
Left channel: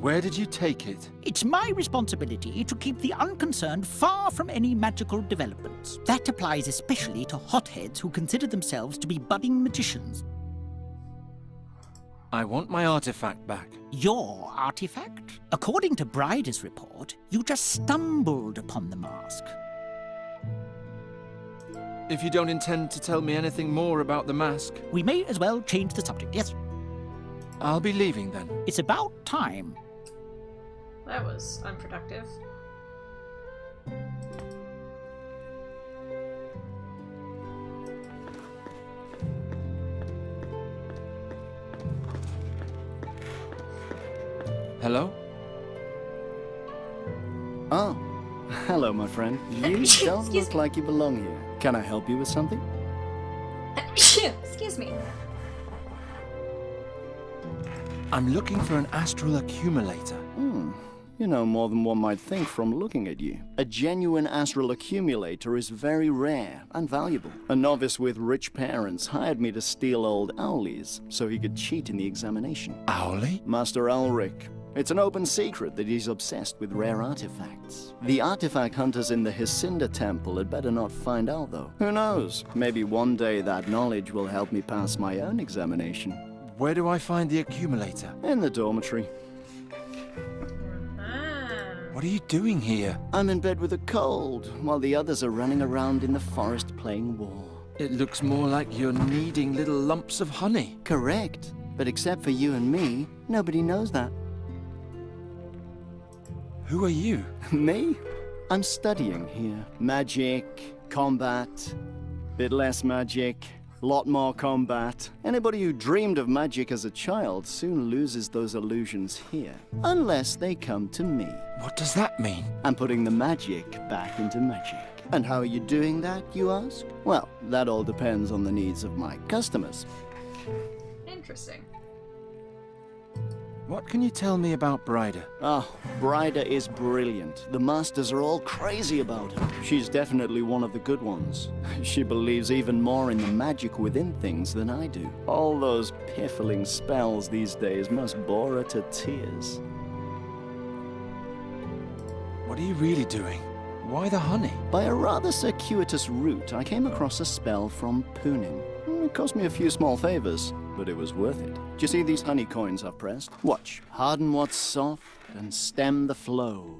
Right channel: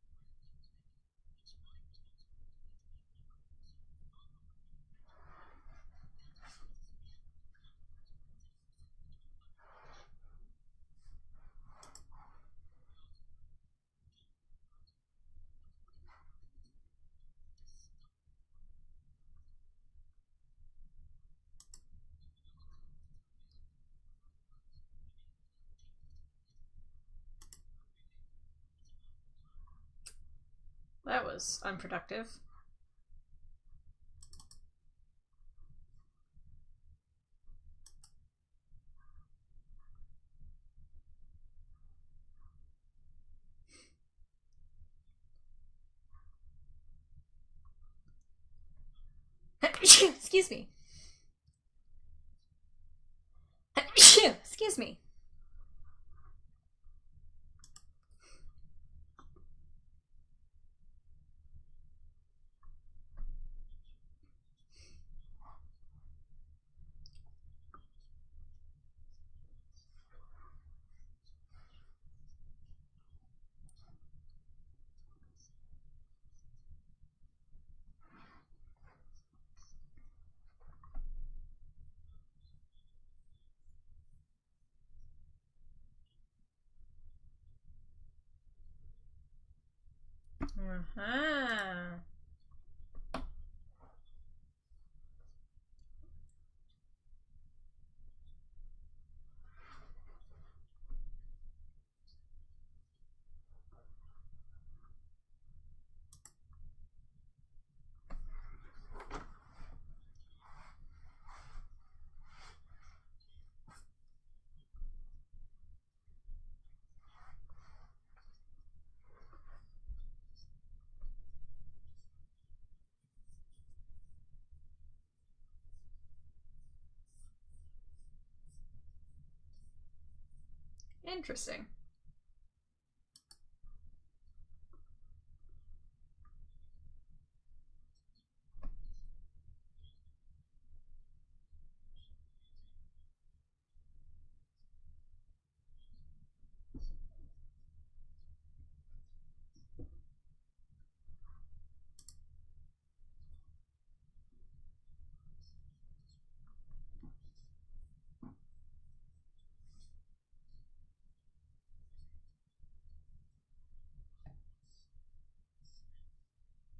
Where did you take it? It's my responsibility to keep the unconcerned far from any magical developments. That applies especially to hotheads who consider themselves to be budding magicians. I want my artifact back. Your artifact? According to Bryder's report, you just stumbled upon the mask. If you don't intend to tell me anything more about the mask, We may as well change the subject, yes? I'll be leaving then. It's about time. That was unproductive. Hello? Oh, hello, my friend. You don't Excuse look me. like you belong here. Can I help you with something? Excuse me. I'm looking for an astral accumulator. You know more than one might think from looking at you. A genuine astral accumulator is very rare and valuable. A novice with rich parents hired me to steal old Owley's so he could cheat in the examination. Owley? Master Ulrich. It's an open secret that he's obsessed with rare artifacts. The artifact hunters in the Hisinda Temple had better not find out, though. Who knows? Maybe one day that knowledge will help me pass my own examination. Where do I find the accumulator? In the dormitory. What are you doing here? I'm in bed with a cold, while the others are running around in the forest playing war. It looks more like you're kneading little lumps of honey. Correct. But except for you and me, nobody knows that. Who are you? Me? I'm studying here. Magic, combat, bit less magic, lot more combat. Anybody who dreamed of magic as a child soon loses those illusions here. Unless they come to me. What does that mean? I'm putting the magic back into magic. And how are you doing that, you ask? Well, that all depends on the needs of my customers. Interesting. What can you tell me about Bryder? Oh, Bryder is brilliant. The masters are all crazy about her. She's definitely one of the good ones. She believes even more in the magic within things than I do. All those piffling spells these days must bore her to tears. What are you really doing? Why the honey? By a rather circuitous route, I came across a spell from Poonin. It cost me a few small favors, but it was worth it. Do you see these honey coins I've pressed? Watch. Harden what's soft and stem the flow.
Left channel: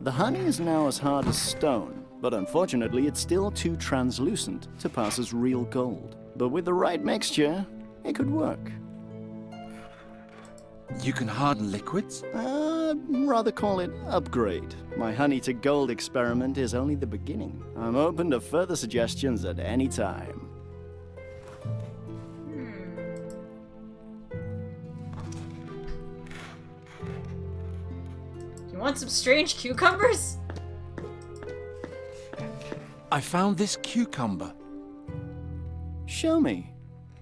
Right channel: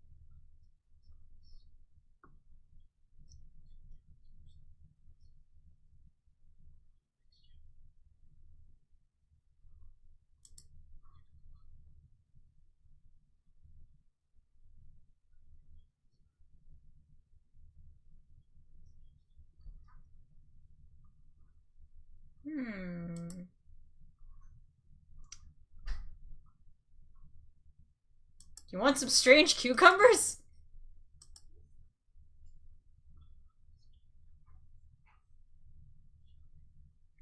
The honey is now as hard as stone, but unfortunately it's still too translucent to pass as real gold. But with the right mixture, it could work. You can harden liquids? Rather call it upgrade. My honey to gold experiment is only the beginning. I'm open to further suggestions at any time. You want some strange cucumbers? I found this cucumber. Show me.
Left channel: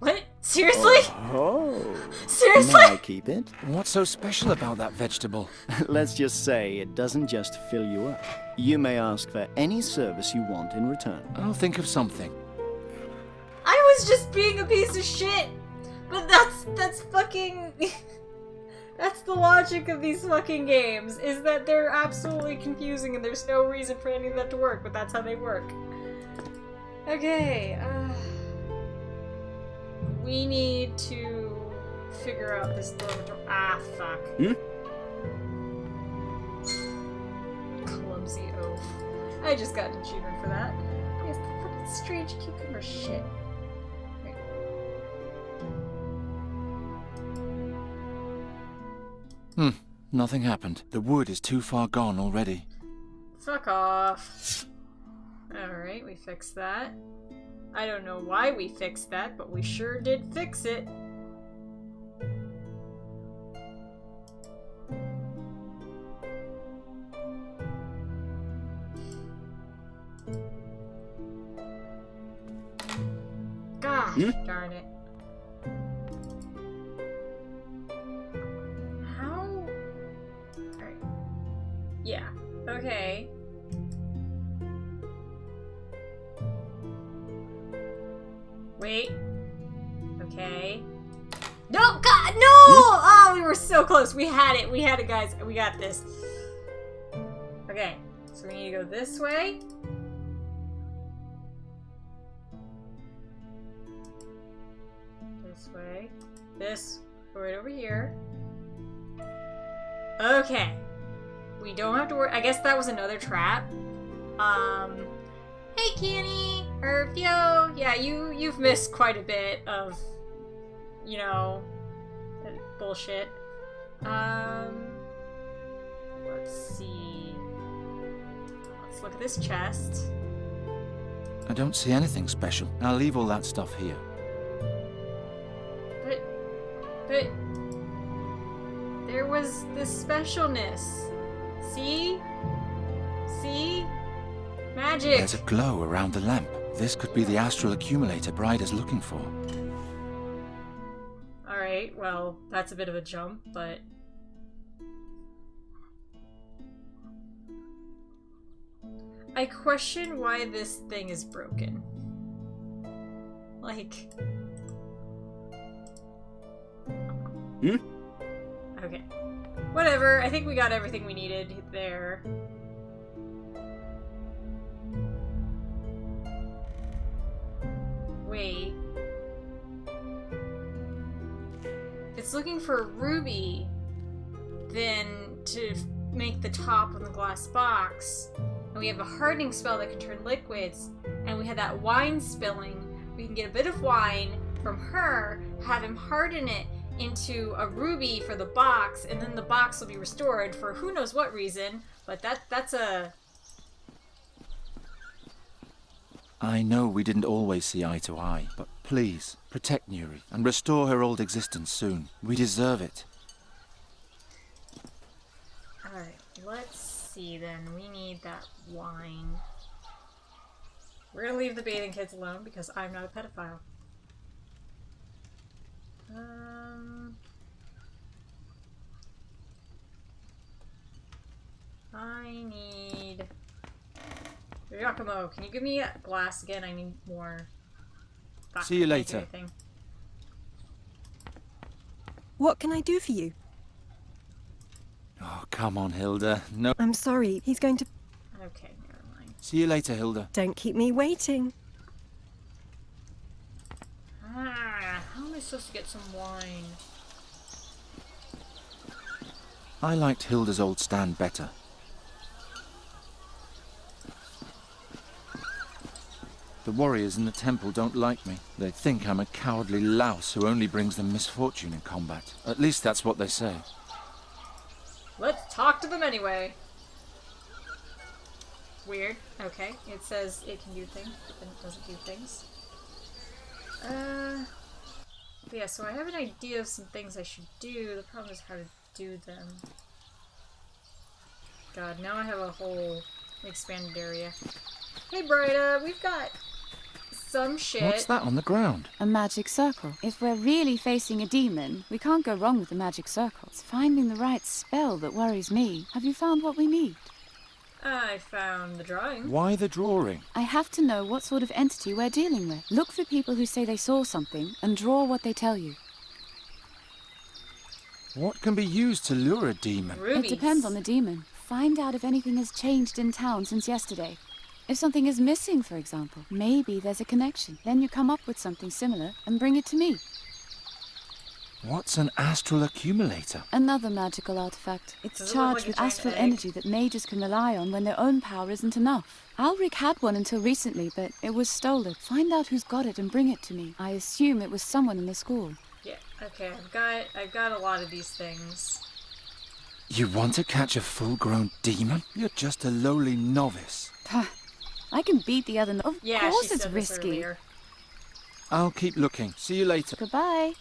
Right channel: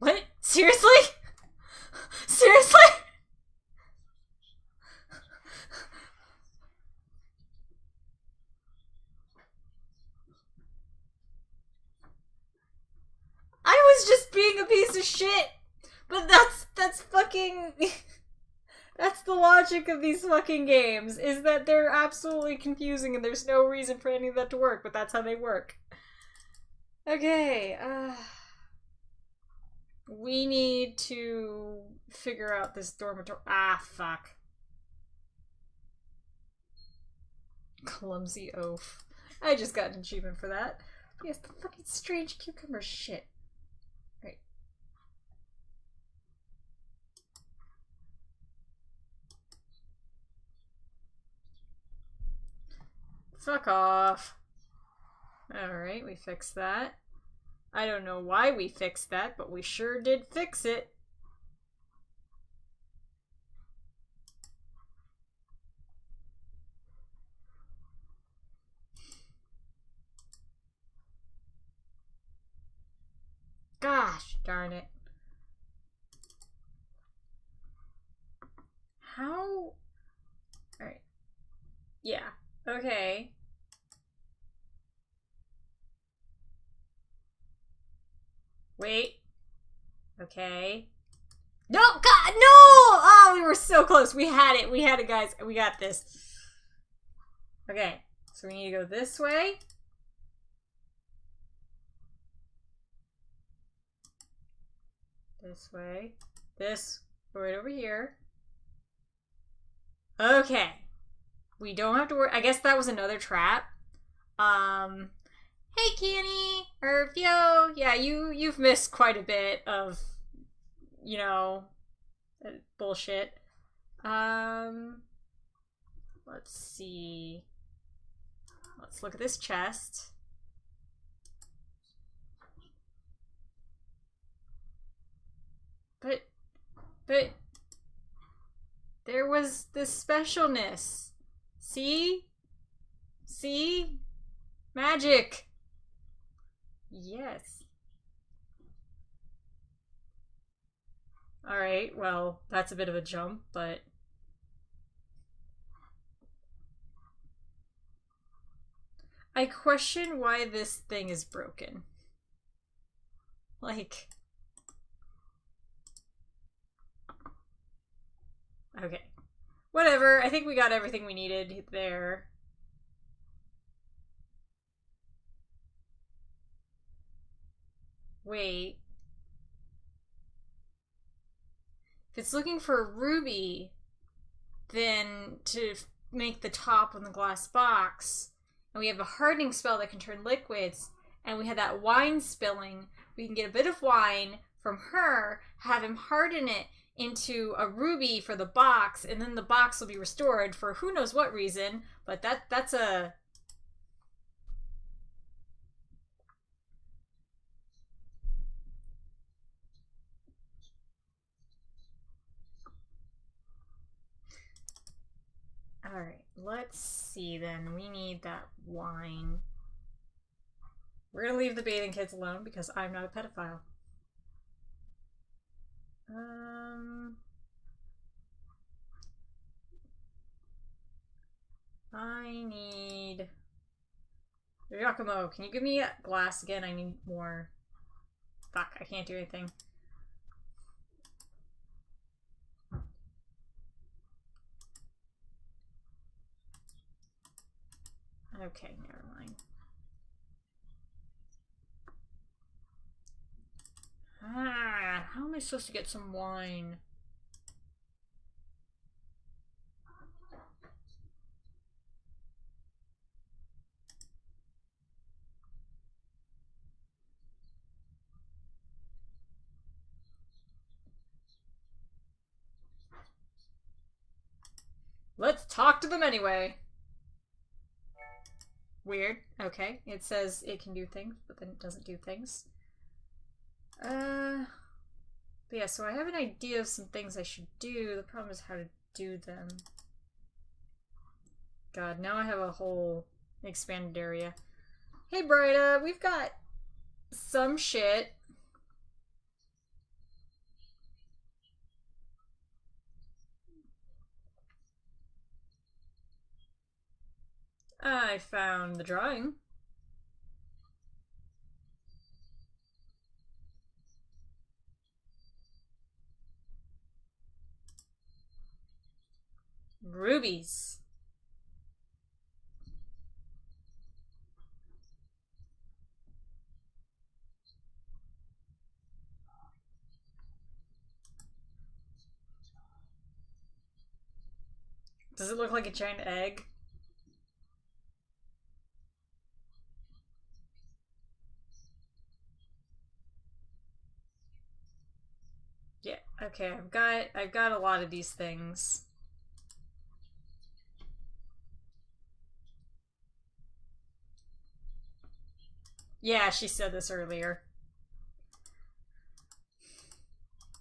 What? Seriously? Oh. Seriously? May I keep it? What's so special about that vegetable? Let's just say it doesn't just fill you up. You may ask for any service you want in return. I'll think of something. I was just being a piece of shit! But that's fucking... That's the logic of these fucking games, is that they're absolutely confusing and there's no reason for any of that to work, but that's how they work. Okay, we need to figure out this dormitory. Ah, fuck. Clumsy oaf. I just got an achievement for that. Yes, the fucking strange cucumber shit. Right. Nothing happened. The wood is too far gone already. Fuck off. Alright, we fixed that. I don't know why we fixed that, but we sure did fix it. Gosh darn it. How? Alright. Yeah. Okay. Wait. Okay. No! God! No! Oh, we were so close. We had it. We had it, guys. We got this. Okay. So we need to go this way. This way. This. Right over here. Okay. We don't have to worry. I guess that was another trap. Hey, Kenny! Yo! Yeah, you've missed quite a bit of, you know, bullshit. Let's see. Let's look at this chest. I don't see anything special. I'll leave all that stuff here. But there was this specialness. See? See? Magic! There's a glow around the lamp. This could be the astral accumulator Bride is looking for. Alright, well, that's a bit of a jump, but... I question why this thing is broken. Like... Okay. Whatever, I think we got everything we needed there. Wait. If it's looking for a ruby, then to make the top on the glass box, and we have a hardening spell that can turn liquids, and we had that wine spilling, we can get a bit of wine from her, have him harden it into a ruby for the box, and then the box will be restored for who knows what reason, but that's a... I know we didn't always see eye to eye, but please, protect Nuri and restore her old existence soon. We deserve it. Alright, let's see then. We need that wine. We're gonna leave the bathing kids alone because I'm not a pedophile. I need... Giacomo, can you give me a glass again? I need more. Fuck, See you I can't do later. anything. What can I do for you? Oh, come on, Hilda. No. I'm sorry, he's going to... Okay, never mind. See you later, Hilda. Don't keep me waiting. How am I supposed to get some wine? I liked Hilda's old stand better. The warriors in the temple don't like me. They think I'm a cowardly louse who only brings them misfortune in combat. At least that's what they say. Let's talk to them anyway. Weird. Okay. It says it can do things, but then it doesn't do things. But yeah, so I have an idea of some things I should do. The problem is how to do them. God, now I have a whole expanded area. Hey, Brida, we've got some shit. What's that on the ground? A magic circle. If we're really facing a demon, we can't go wrong with the magic circle. It's finding the right spell that worries me. Have you found what we need? I found the drawing. Why the drawing? I have to know what sort of entity we're dealing with. Look for people who say they saw something and draw what they tell you. What can be used to lure a demon? Rubies. It depends on the demon. Find out if anything has changed in town since yesterday. If something is missing, for example, maybe there's a connection. Then you come up with something similar and bring it to me. What's an astral accumulator? Another magical artifact. It's Does it look charged like a with giant astral egg? energy that mages can rely on when their own power isn't enough. Alric had one until recently, but it was stolen. Find out who's got it and bring it to me. I assume it was someone in the school. Yeah, okay, I've got a lot of these things. You want to catch a full-grown demon? You're just a lowly novice. I can beat the other. Of Yeah, course she it's said this risky. earlier. I'll keep looking. See you later. Goodbye.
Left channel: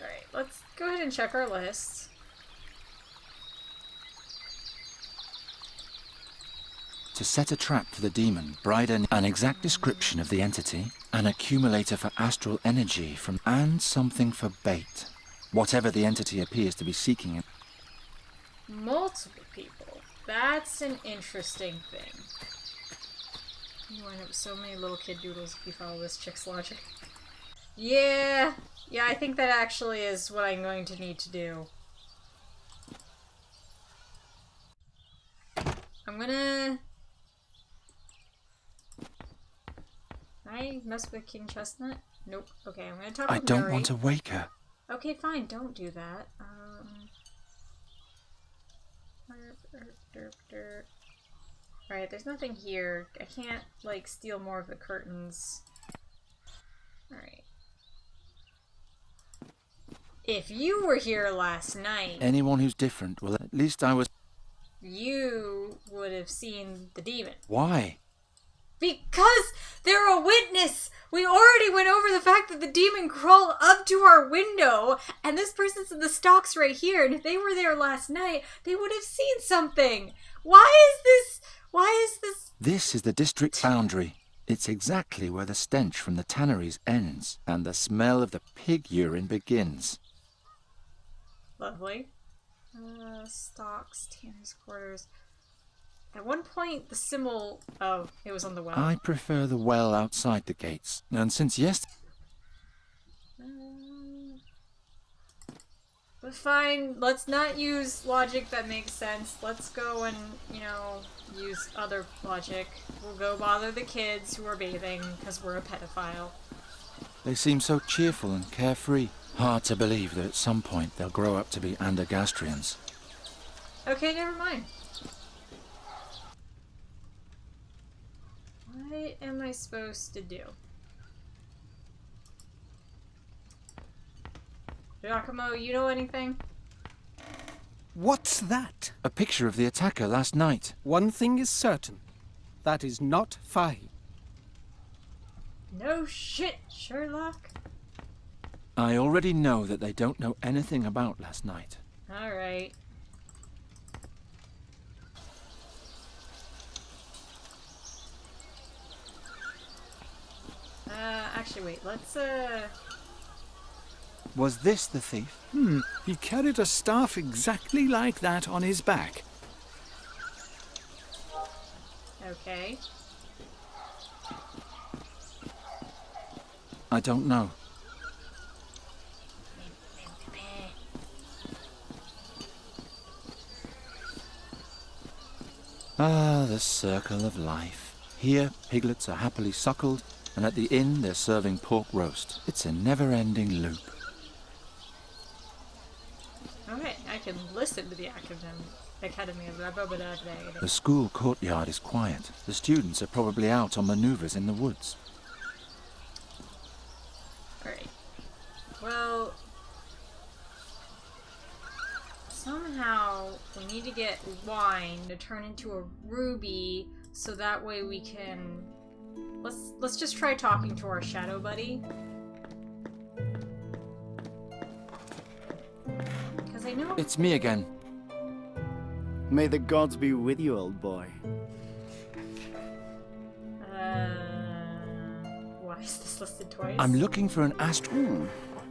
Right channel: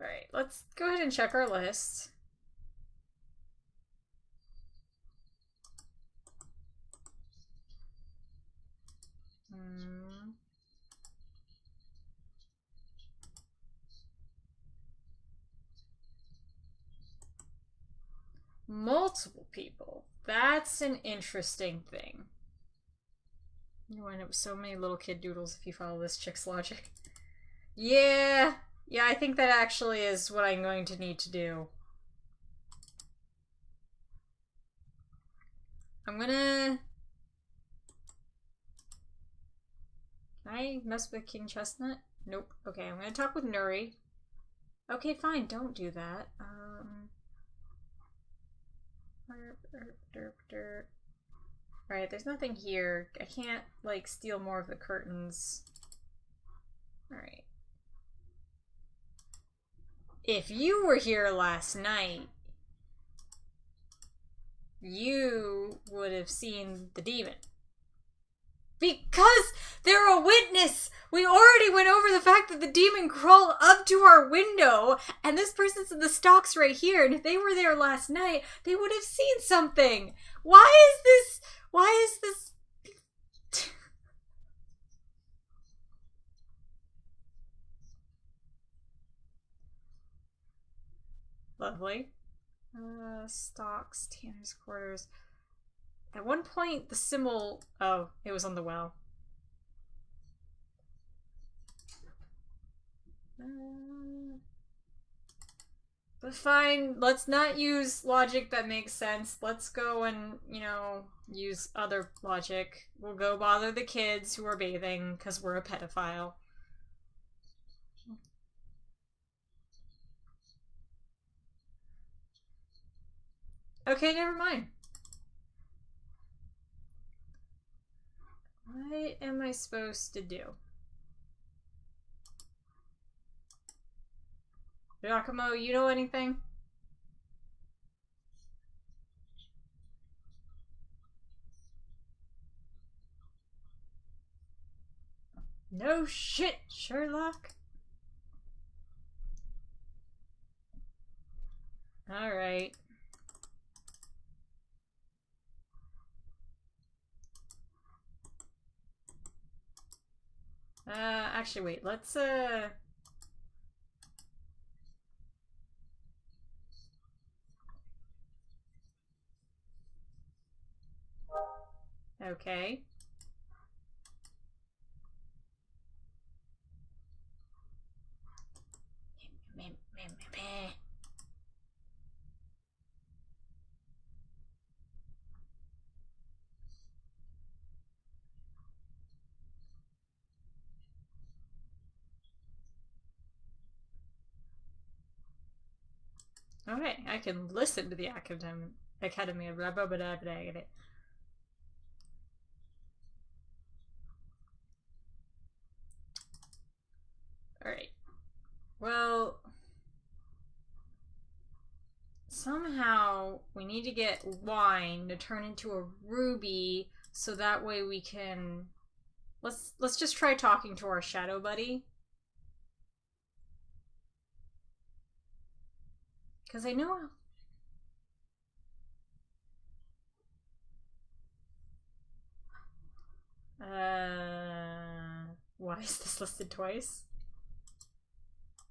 Alright, let's go ahead and check our list. To set a trap for the demon, Brida an exact description of the entity, an accumulator for astral energy from, and something for bait. Whatever the entity appears to be seeking. Multiple people. That's an interesting thing. You wind up with so many little kid doodles if you follow this chick's logic. Yeah, I think that actually is what I'm going to need to do. I'm gonna... Can I mess with King Chestnut? Nope. Okay, I'm gonna talk I with don't Nuri. want to wake her. Okay, fine, don't do that. Alright, there's nothing here. I can't, like, steal more of the curtains. Alright. If you were here last night, Anyone who's different, well, at least I was... you would have seen the demon. Why? Because they're a witness! We already went over the fact that the demon crawled up to our window, and this person's in the stocks right here, and if they were there last night, they would have seen something! Why is this... This is the district boundary. It's exactly where the stench from the tanneries ends, and the smell of the pig urine begins. Lovely. Stocks, Tanner's quarters... At one point, the symbol... Oh, it was on the well. I prefer the well outside the gates, and since But fine, let's not use logic that makes sense. Let's go and, use other logic. We'll go bother the kids who are bathing, because we're a pedophile. they seem so cheerful and carefree. Hard to believe that at some point they'll grow up to be Andergastrians. Okay, never mind. What am I supposed to do? Giacomo, you know anything? What's that? A picture of the attacker last night. One thing is certain. That is not Fahi. No shit, Sherlock. I already know that they don't know anything about last night. Alright. Actually, wait, let's, Was this the thief? He carried a staff exactly like that on his back. Okay. I don't know. Ah, the circle of life. Here, piglets are happily suckled, and at the inn they're serving pork roast. It's a never-ending loop. Okay, I can listen to the Academy of Rabobada. The school courtyard is quiet. The students are probably out on maneuvers in the woods. Alright. Well... Somehow, we need to get wine to turn into a ruby, so that way we can... Let's just try talking to our shadow buddy. Because I know... It's me again. May the gods be with you, old boy. Why is this listed twice? I'm looking for an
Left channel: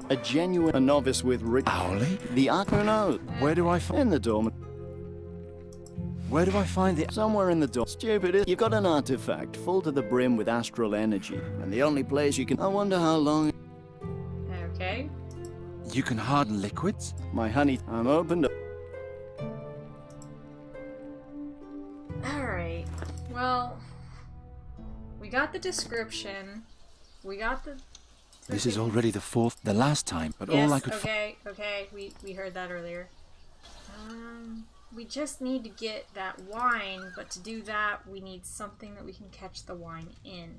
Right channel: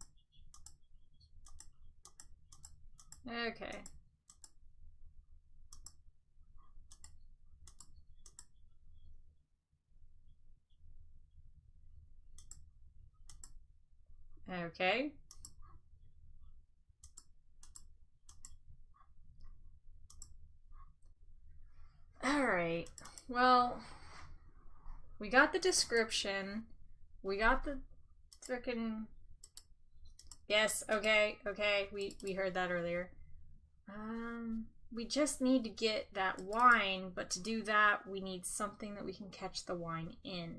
A genuine novice with Owly? The who knows? Where do I find... In the dorm. Where do I find the... Somewhere in the dorm. Stupid. You've got an artifact full to the brim with astral energy. And the only place you can... I wonder how long... Okay. You can harden liquids? My honey, I'm open to... Alright. Well, we got the description. We got the... This is already the last time, but yes, all I could... okay. We heard that earlier. We just need to get that wine, but to do that, we need something that we can catch the wine in.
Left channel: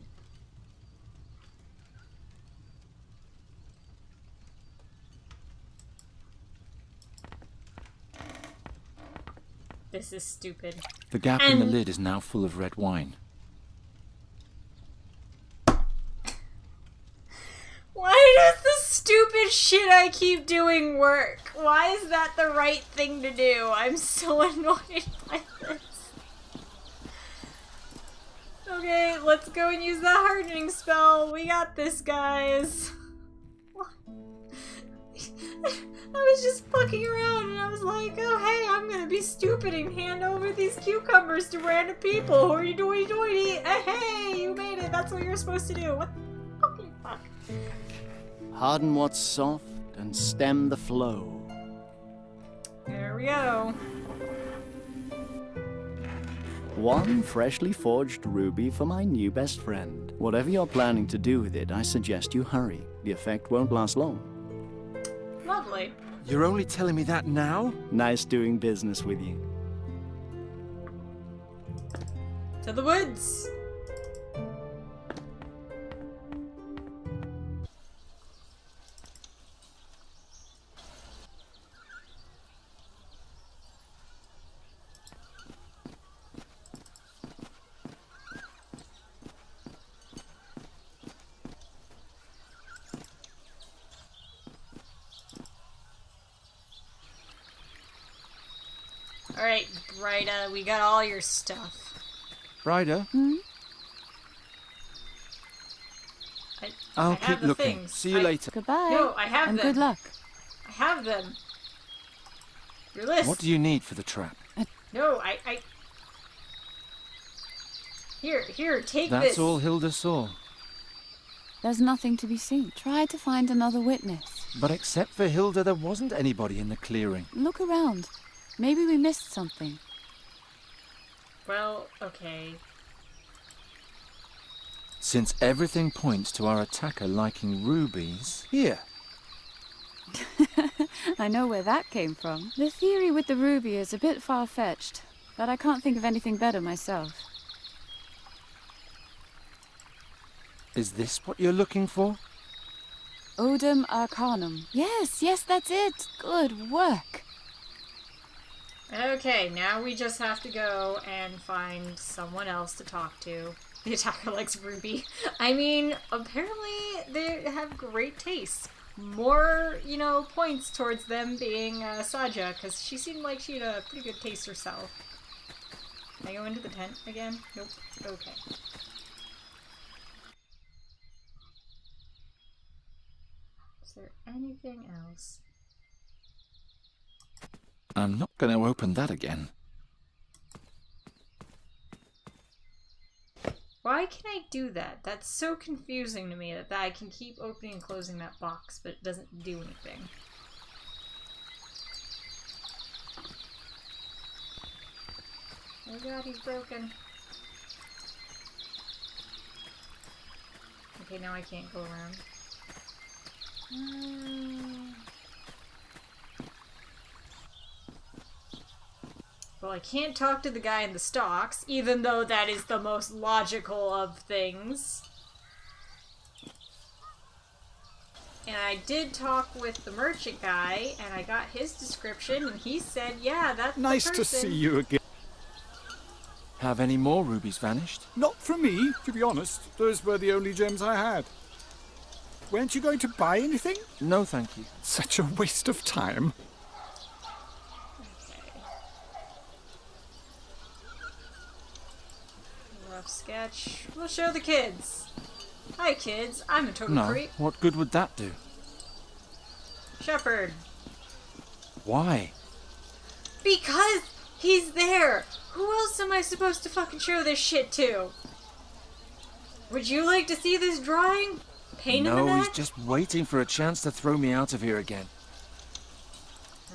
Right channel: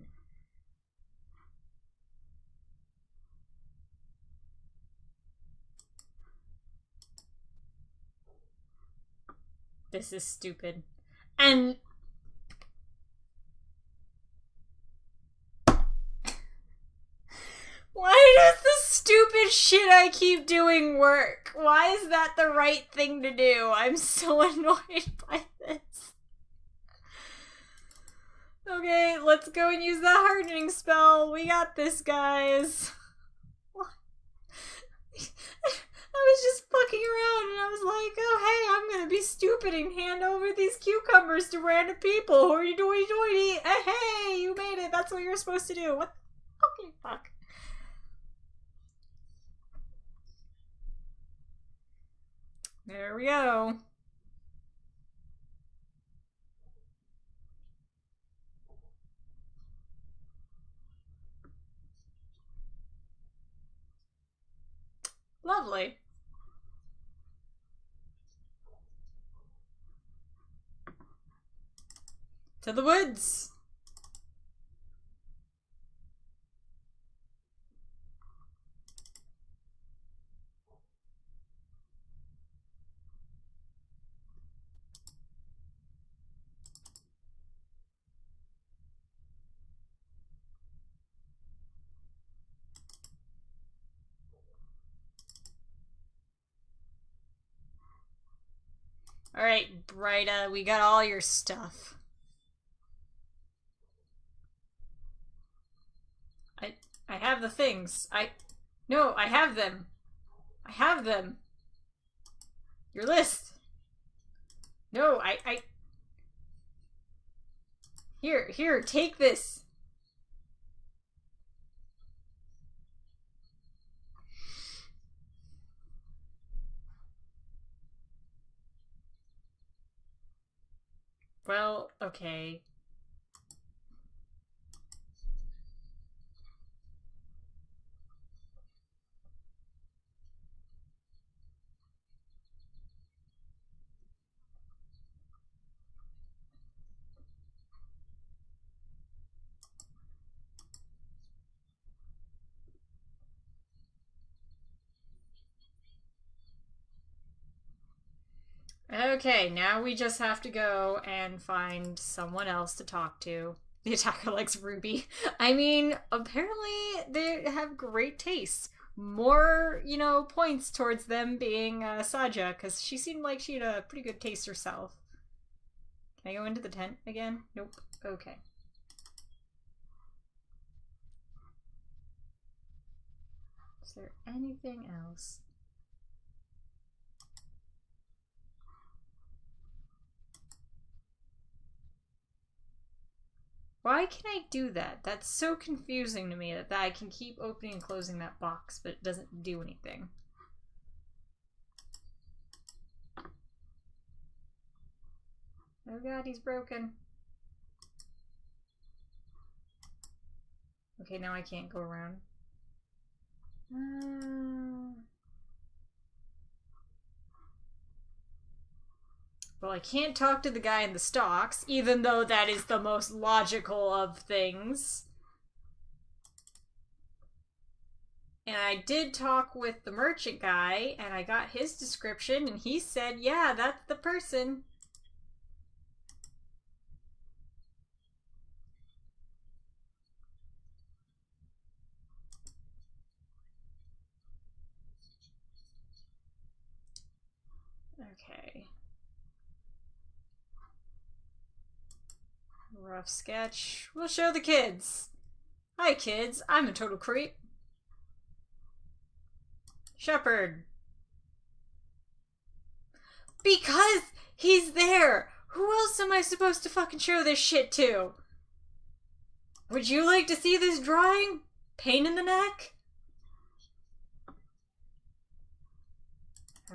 This is stupid. The gap in the lid is now full of red wine. Why does the stupid shit I keep doing work? Why is that the right thing to do? I'm so annoyed by this. Okay, let's go and use that hardening spell. We got this, guys. I was just fucking around and I was like, oh hey, I'm gonna be stupid and hand over these cucumbers to random people. Hoity doity doity. Hey, you made it. That's what you're supposed to do. What the fucking fuck? Harden what's soft and stem the flow. There we go. One freshly forged ruby for my new best friend. Whatever you're planning to do with it, I suggest you hurry. The effect won't last long. Lovely. You're only telling me that now? Nice doing business with you. To the woods. Alright, Bryda, we got all your stuff. Bryda? I have the looking. things. See you later. Goodbye. No, I have and them. Good luck. I have them. Your list. What do you need for the trap? No, I... Here, take this. That's all Hilda saw. There's nothing to be seen. Try to find another witness. But except for Hilda, there wasn't anybody in the clearing. Look around. Maybe we missed something. Well, okay. Since everything points to our attacker liking rubies, here. I know where that came from. The theory with the ruby is a bit far-fetched, but I can't think of anything better myself. Is this what you're looking for? Odum Arcanum. Yes, that's it. Good work. Okay, now we just have to go and find someone else to talk to. The attacker likes ruby. I mean, apparently they have great taste. More, points towards them being Saja, because she seemed like she had a pretty good taste herself. Can I go into the tent again? Nope. Okay. Is there anything else? I'm not going to open that again. Why can I do that? That's so confusing to me that I can keep opening and closing that box, but it doesn't do anything. Oh god, he's broken. Okay, now I can't go around. Well, I can't talk to the guy in the stocks, even though that is the most logical of things. And I did talk with the merchant guy, and I got his description, and he said, yeah, that's nice the person. Nice to see you again. Have any more rubies vanished? Not from me, to be honest. Those were the only gems I had. Weren't you going to buy anything? No, thank you. Such a waste of time. Okay. rough sketch. We'll show the kids. Hi, kids. I'm a total No, creep. what good would that do? Shepherd. Why? Because he's there. Who else am I supposed to fucking show this shit to? Would you like to see this drawing? Pain in the No, neck? he's just waiting for a chance to throw me out of here again.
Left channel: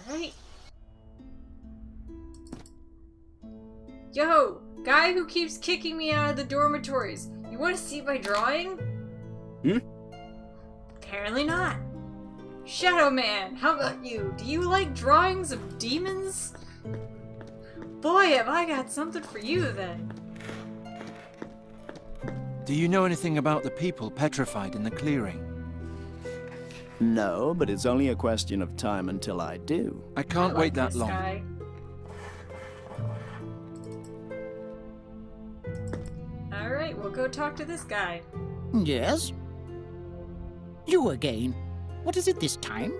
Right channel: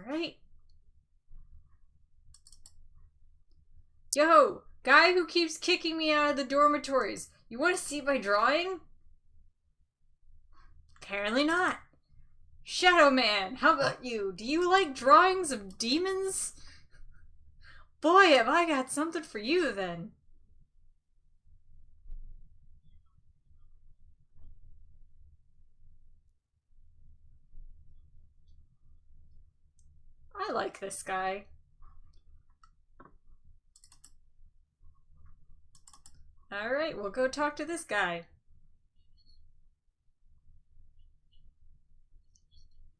Alright. Yo, guy who keeps kicking me out of the dormitories. You want to see my drawing? Apparently not. Shadow Man, how about you? Do you like drawings of demons? Boy, have I got something for you then. Do you know anything about the people petrified in the clearing? No, but it's only a question of time until I do. I can't I wait like that this long. guy. Alright, we'll go talk to this guy. Yes? You again. What is it this time?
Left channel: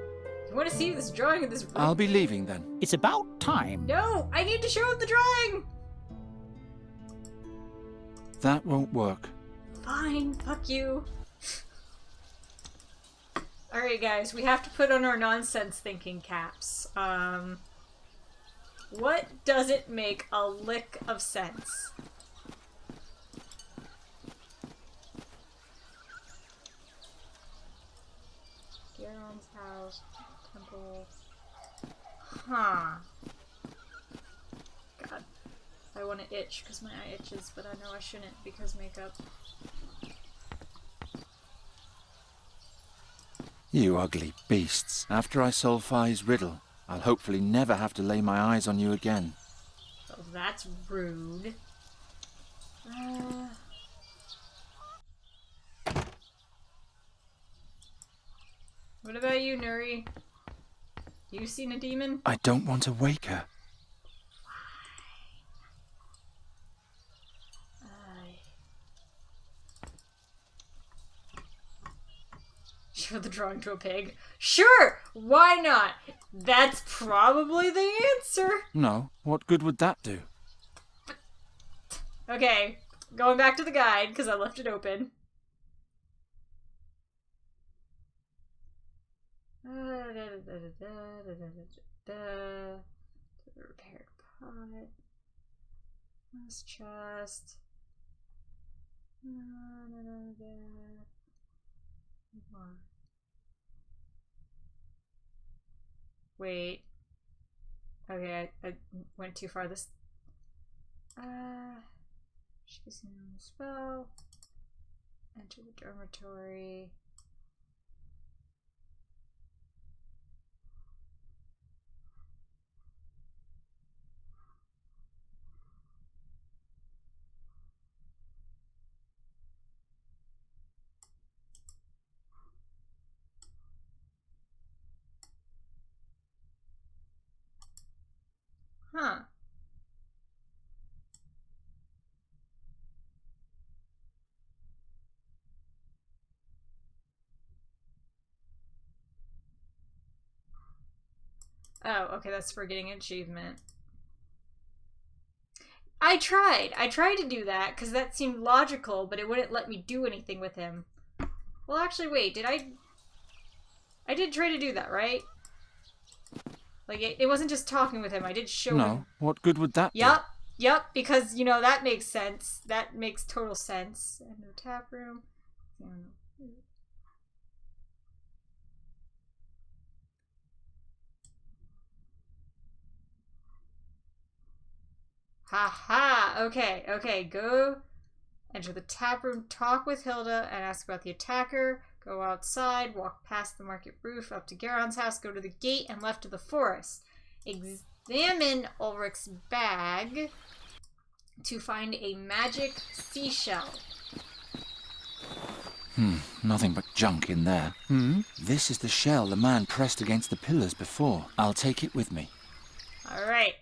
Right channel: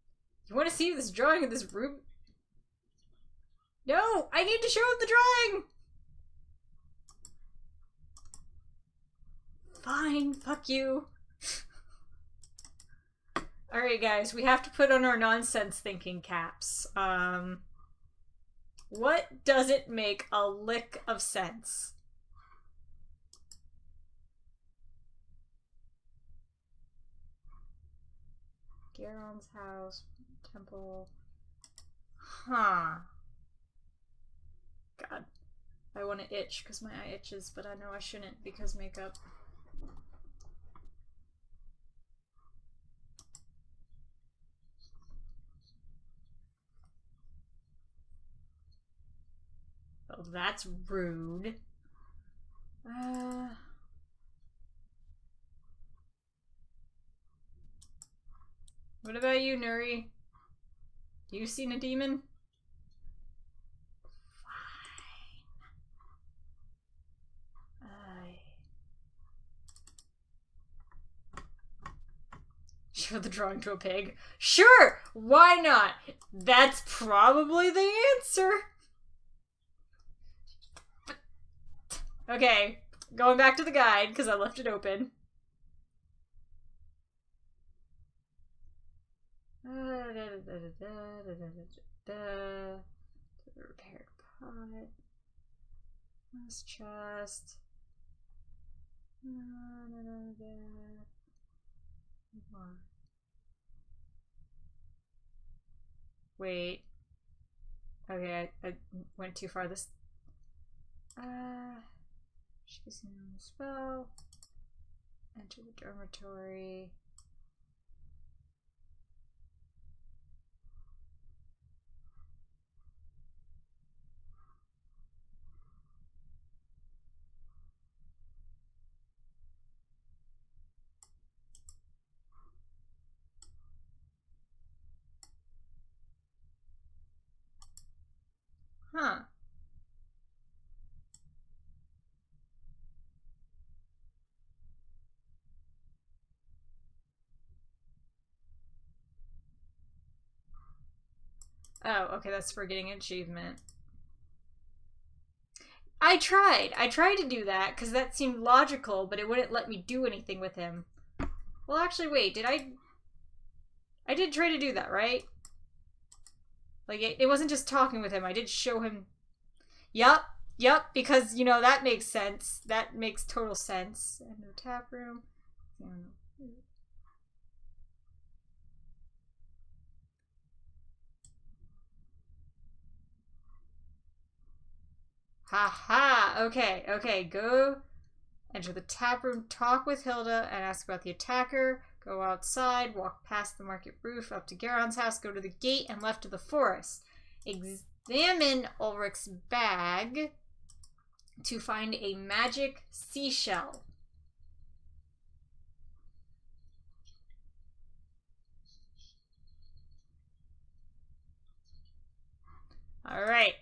You want to see this drawing of this room? I'll be leaving then. It's about time. No! I need to show him the drawing! That won't work. Fine, fuck you. Alright guys, we have to put on our nonsense thinking caps. What doesn't make a lick of sense? Garon's house, temple. Huh. God. I want to itch because my eye itches, but I know I shouldn't because makeup. You ugly beasts. After I solve Phi's riddle, I'll hopefully never have to lay my eyes on you again. Oh, that's rude. What about you, Nuri? You seen a demon? I don't want to wake her. Show the drawing to a pig. Sure! Why not? That's probably the answer. No, what good would that do? Okay, going back to the guide, because I left it open. Repaired pot. This chest. Wait. Okay, I went too far. This. She's a new spell. Enter the dormitory. Huh. Oh, okay, that's for getting an achievement. I tried to do that, because that seemed logical, but it wouldn't let me do anything with him. Well, actually, wait, I did try to do that, right? Like, it wasn't just talking with him, I did show him. No, what good would that Yep, because, you know, that makes sense. That makes total sense. And no tap room. Ha! Okay, go enter the tap room, talk with Hilda, and ask about the attacker. Go outside, walk past the market roof, up to Garon's house, go to the gate, and left to the forest. Examine Ulrich's bag to find a magic seashell. Nothing but junk in there. This is the shell the man pressed against the pillars before. I'll take it with me. Alright.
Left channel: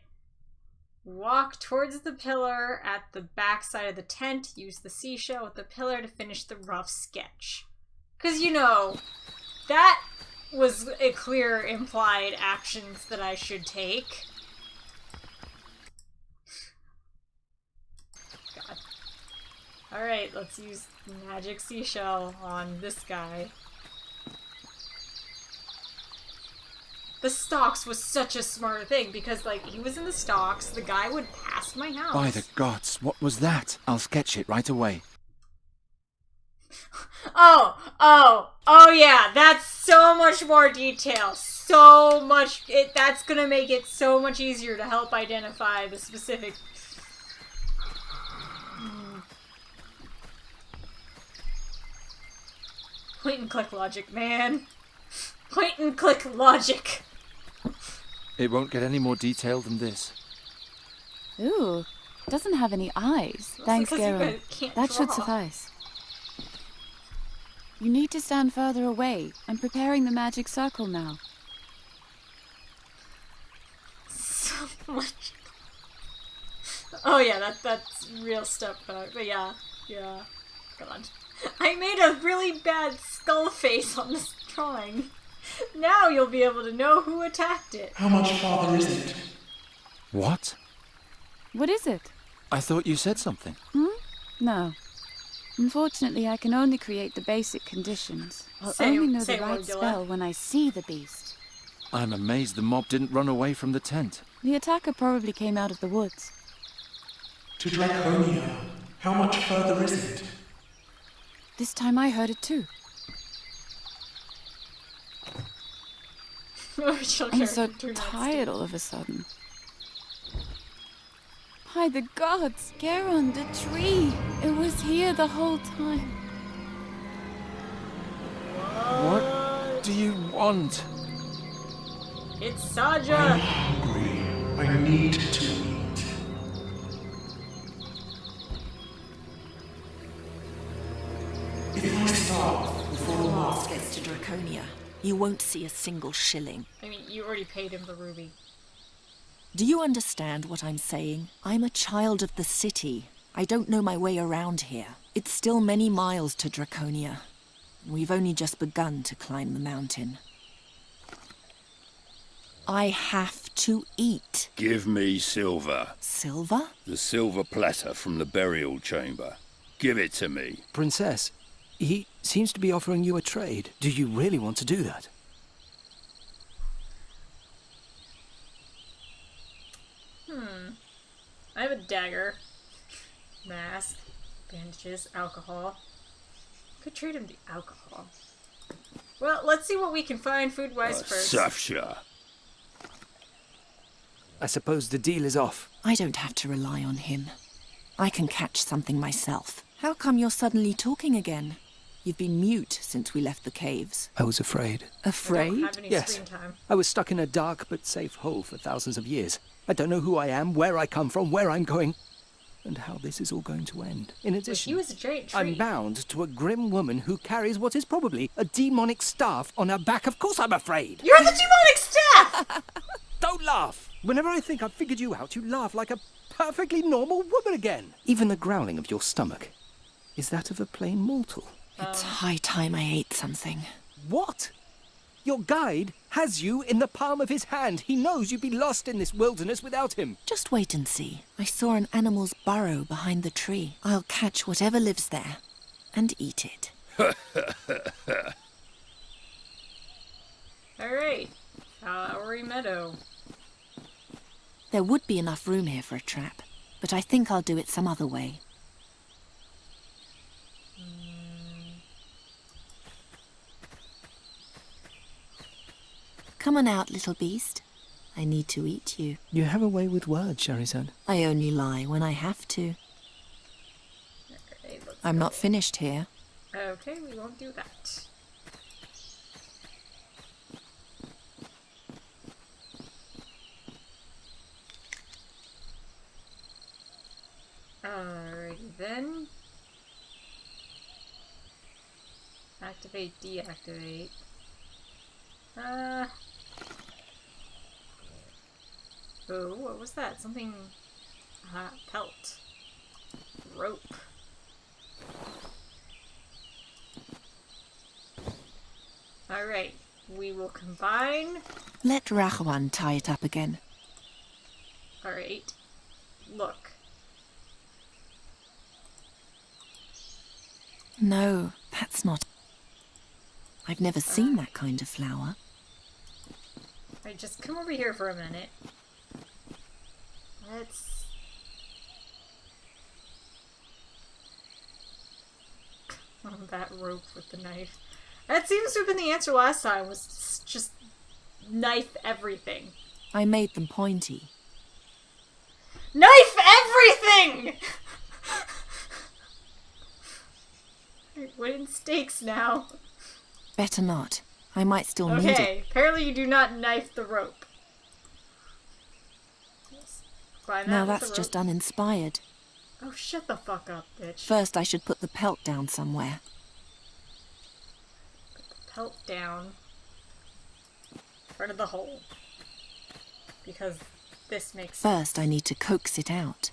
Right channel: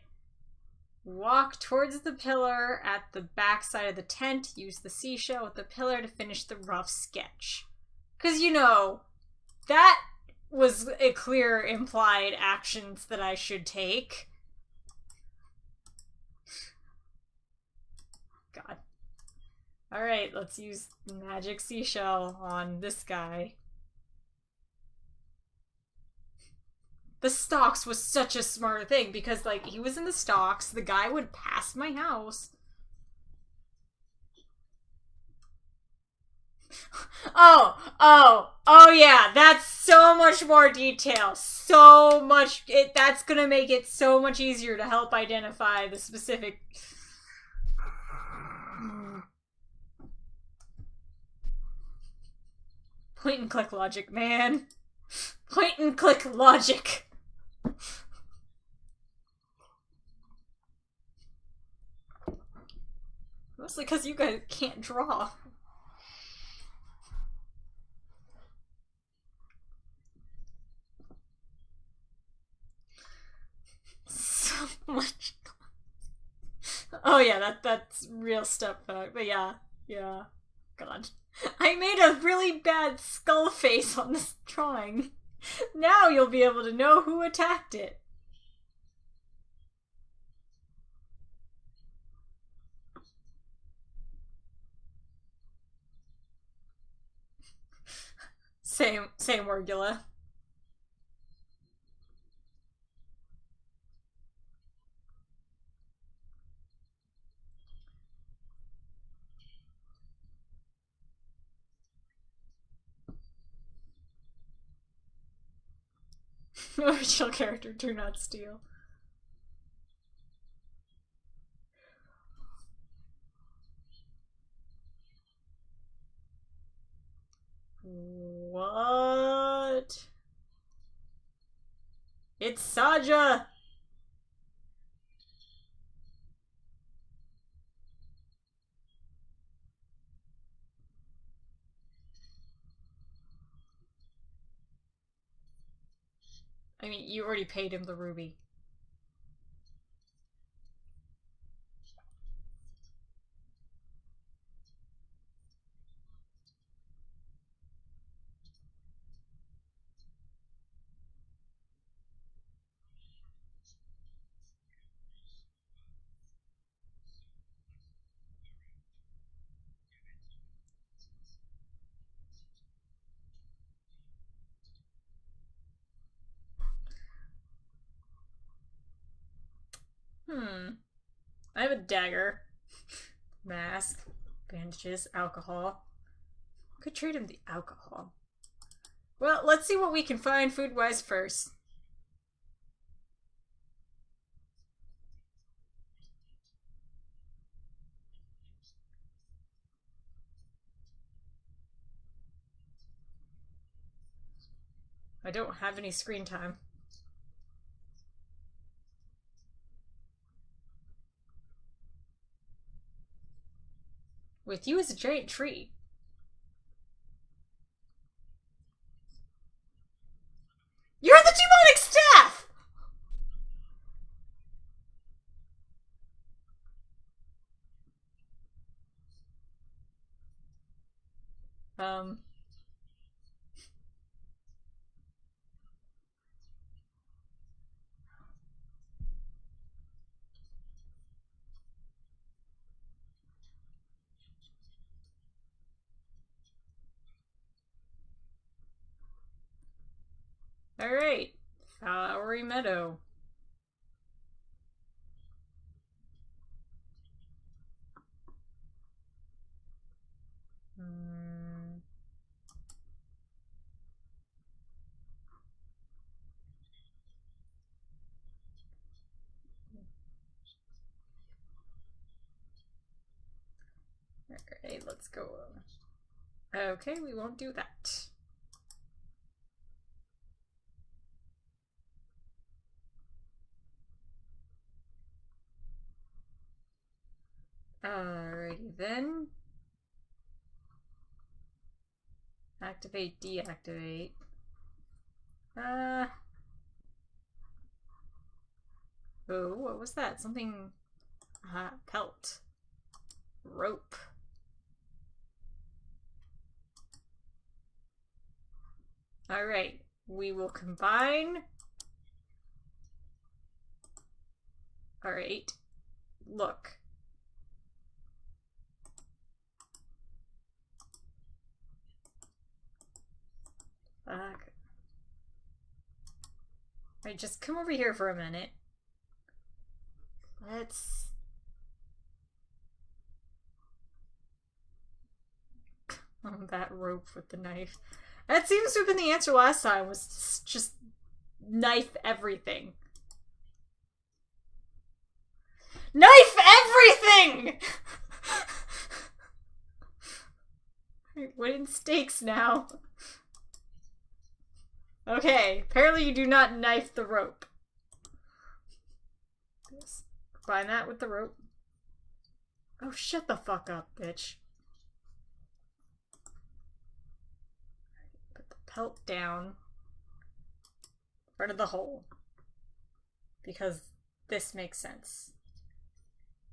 Walk towards the pillar at the back side of the tent. Use the seashell with the pillar to finish the rough sketch. Because, you know, that was a clear implied actions that I should take. God. Alright, let's use magic seashell on this guy. The stocks was such a smart thing because, like, he was in the stocks, the guy would pass my house. By the gods, what was that? I'll sketch it right away. Oh yeah, that's so much more detail. So much, that's gonna make it so much easier to help identify the specific... Point and click logic, man. Point and click logic. It won't get any more detailed than this. Ooh, doesn't have any eyes. That's Thanks, because you Gera. guys can't That draw. should suffice. You need to stand further away. I'm preparing the magic circle now. So much. Oh yeah, that's real stuff. But yeah. God. I made a really bad skull face on this drawing. Now you'll be able to know who attacked it. How much farther is it? What? What is it? I thought you said something. No. Unfortunately, I can only create the basic conditions. I'll Say- only know say the right Morgula. spell when I see the beast. I'm amazed the mob didn't run away from the tent. The attacker probably came out of the woods. To Draconia. How much further is it? This time I heard it too. Original I'm character so turned out tired stupid. all of a sudden. By the gods, Geron, the tree! It was here the whole time. What do you want? It's Saja! Hungry. I need to eat. If I starve before the mask Gets to Draconia, you won't see a single shilling. I mean, you already paid him the ruby. Do you understand what I'm saying? I'm a child of the city. I don't know my way around here. It's still many miles to Draconia. We've only just begun to climb the mountain. I have to eat. Give me silver. Silver? The silver platter from the burial chamber. Give it to me. Princess, he seems to be offering you a trade. Do you really want to do that? I have a dagger. Mask. Bandages. Alcohol. Could trade him the alcohol. Well, let's see what we can find food-wise first. Safsha. I suppose the deal is off. I don't have to rely on him. I can catch something myself. How come you're suddenly talking again? You've been mute since we left the caves. I was afraid. Afraid? I don't have any Yes. screen time. I was stuck in a dark but safe hole for thousands of years. I don't know who I am, where I come from, where I'm going, and how this is all going to end. In Well, addition, he was a giant tree. I'm bound to a grim woman who carries what is probably a demonic staff on her back. Of course I'm afraid. You're the demonic staff! Don't laugh! Whenever I think I've figured you out, you laugh like a perfectly normal woman again. Even the growling of your stomach is that of a plain mortal. It's high time I ate something. What? Your guide has you in the palm of his hand. He knows you'd be lost in this wilderness without him. Just wait and see. I saw an animal's burrow behind the tree. I'll catch whatever lives there and eat it. Alright. Flowery Meadow. There would be enough room here for a trap, but I think I'll do it some other way. Come on out, little beast. I need to eat you. You have a way with words, Charizard. I only lie when I have to. Alright, let's I'm go. not finished here. Okay, we won't do that. Alrighty then. Activate, deactivate. Oh, what was that? Something... pelt. Rope. Alright, we will combine. Let Rahwan tie it up again. Alright. Look. No, that's not... I've never seen that kind of flower. Alright, just come over here for a minute. Let's... Oh, that rope with the knife. That seems to have been the answer last time, was just knife everything. I made them pointy. Knife everything! Wooden stakes now. Better not. I might still need it. Okay, apparently you do not knife the rope. Find that Now with the that's rope. just uninspired. Oh, shut the fuck up, bitch. First, I should put the pelt down somewhere. Put the pelt down in front of the hole. Because this makes sense. First, I need to coax it out.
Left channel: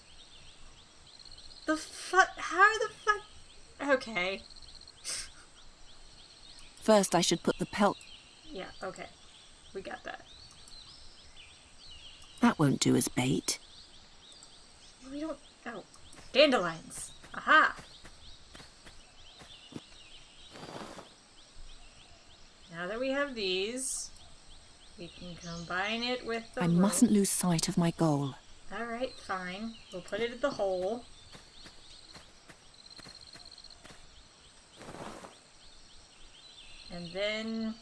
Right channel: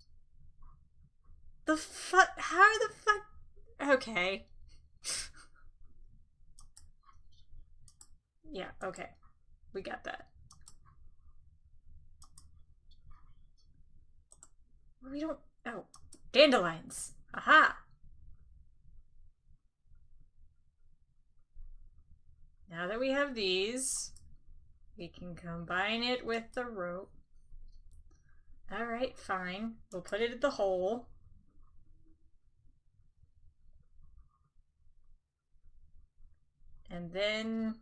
The fuck? How the fuck? Okay. First, I should put the pelt... Yeah, okay. We got that. That won't do as bait. We don't... Oh. Dandelions. Aha! Now that we have these, we can combine it with the rope. I mustn't lose sight of my goal. Alright, fine. We'll put it in the hole. And then...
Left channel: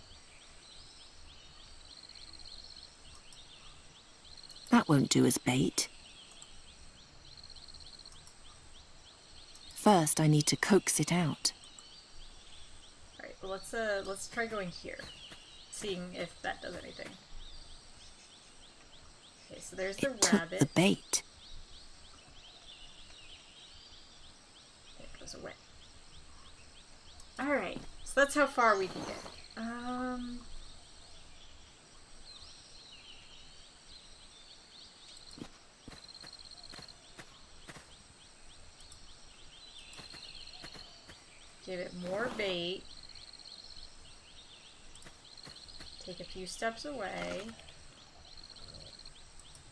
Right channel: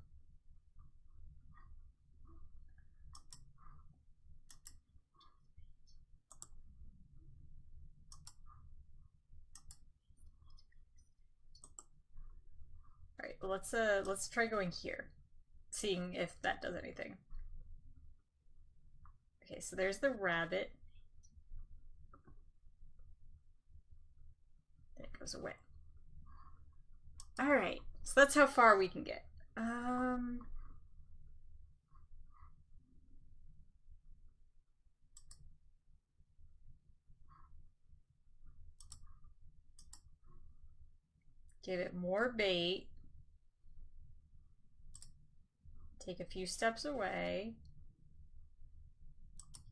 That won't do as bait. First, I need to coax it out. Alright, well let's try going here. Seeing if that does anything. Okay, so there's the rabbit. Took the bait. It goes away. Alright, so that's how far we can get. Give it more bait. Take a few steps away.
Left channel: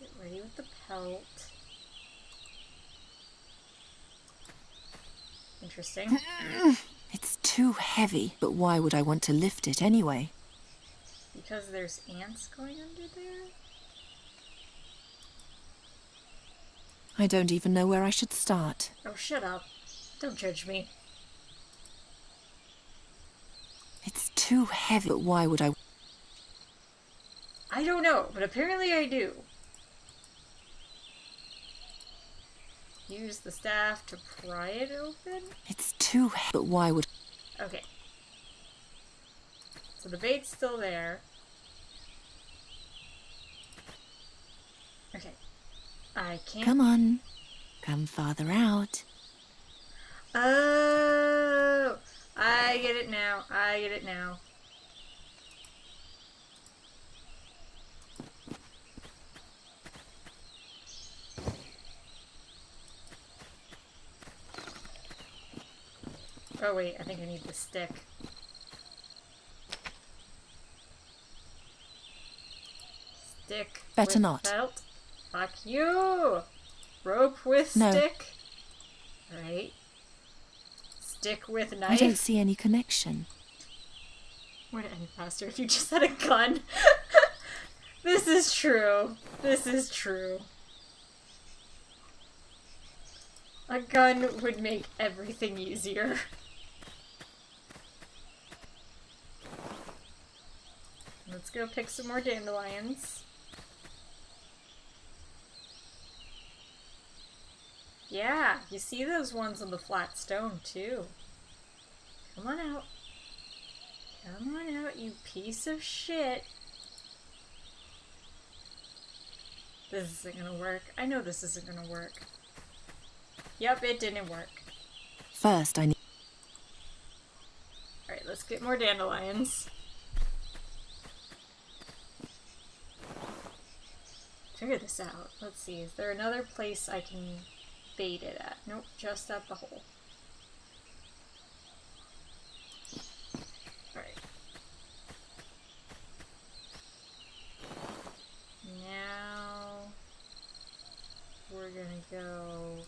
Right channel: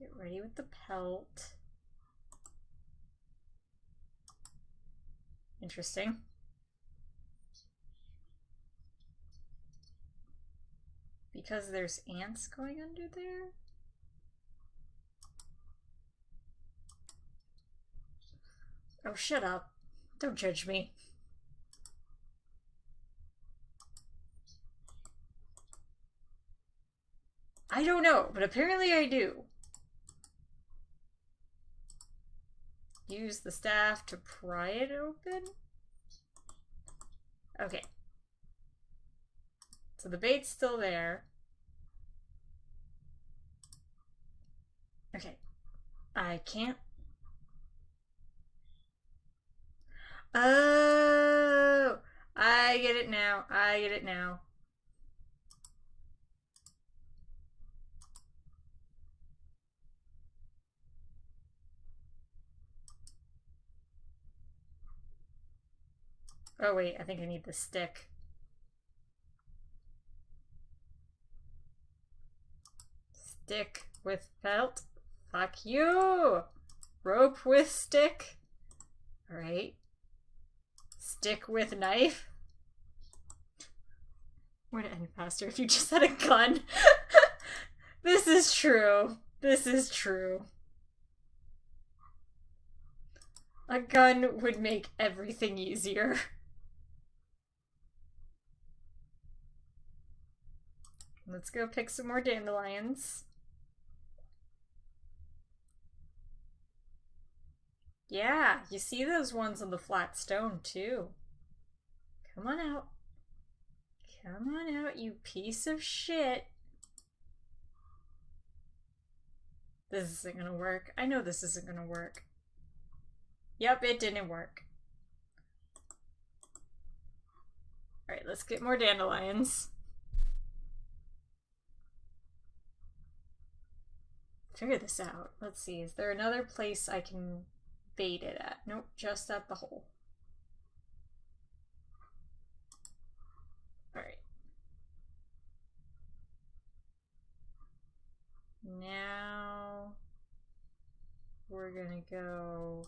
Get ready with the pelt. Interesting. It's too heavy, but why would I want to lift it anyway? Because there's ants going under there? I don't even know where I should start. Oh, shut up. Don't judge me. It's too heavy, but why would I... I don't know, but apparently I do. Use the staff to pry it open? It's too heavy, but why would... Okay. So the bait's still there. Okay. I can't... Come on. Come farther out. Oh! I get it now. I get it now. Oh wait, I think I need the stick. Stick Better with not. belt. Fuck you! Rope with No. stick. Alright. Stick with knife. I don't see any connection. Would it end faster if you just had a gun? This is true. This is true. A gun would make everything easier. Let's go pick some more dandelions. Yeah, you see those ones on the flat stone too. Come on out. Come on out, you piece of shit. This isn't gonna work. I know this isn't gonna work. Yep, it didn't work. First, I need... Alright, let's get more dandelions. Figure this out. Let's see, is there another place I can bait it at? Nope, just at the hole. Alright. Now we're gonna go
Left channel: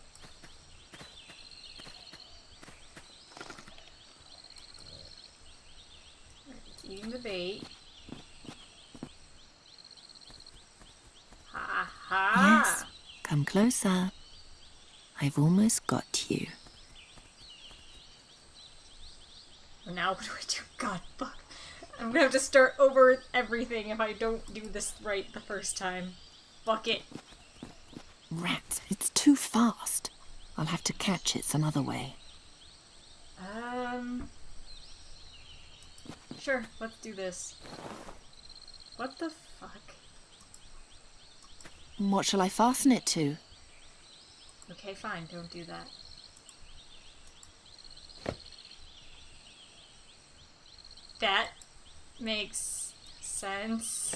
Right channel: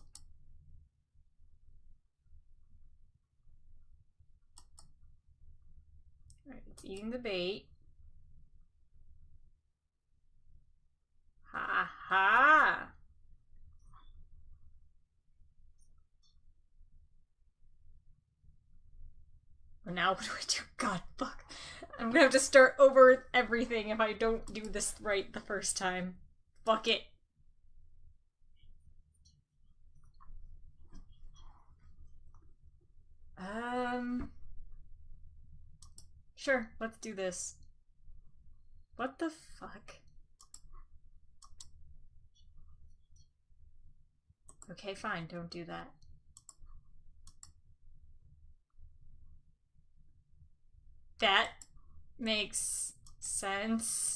eating the bait. Ha ha! Yes, come closer. I've almost got you. Now what do I do? God, fuck. I'm gonna have to start over everything if I don't do this right the first time. Fuck it. Rats, it's too fast. I'll have to catch it some other way. Sure, let's do this. What the fuck? What shall I fasten it to? Okay, fine, don't do that. That makes sense.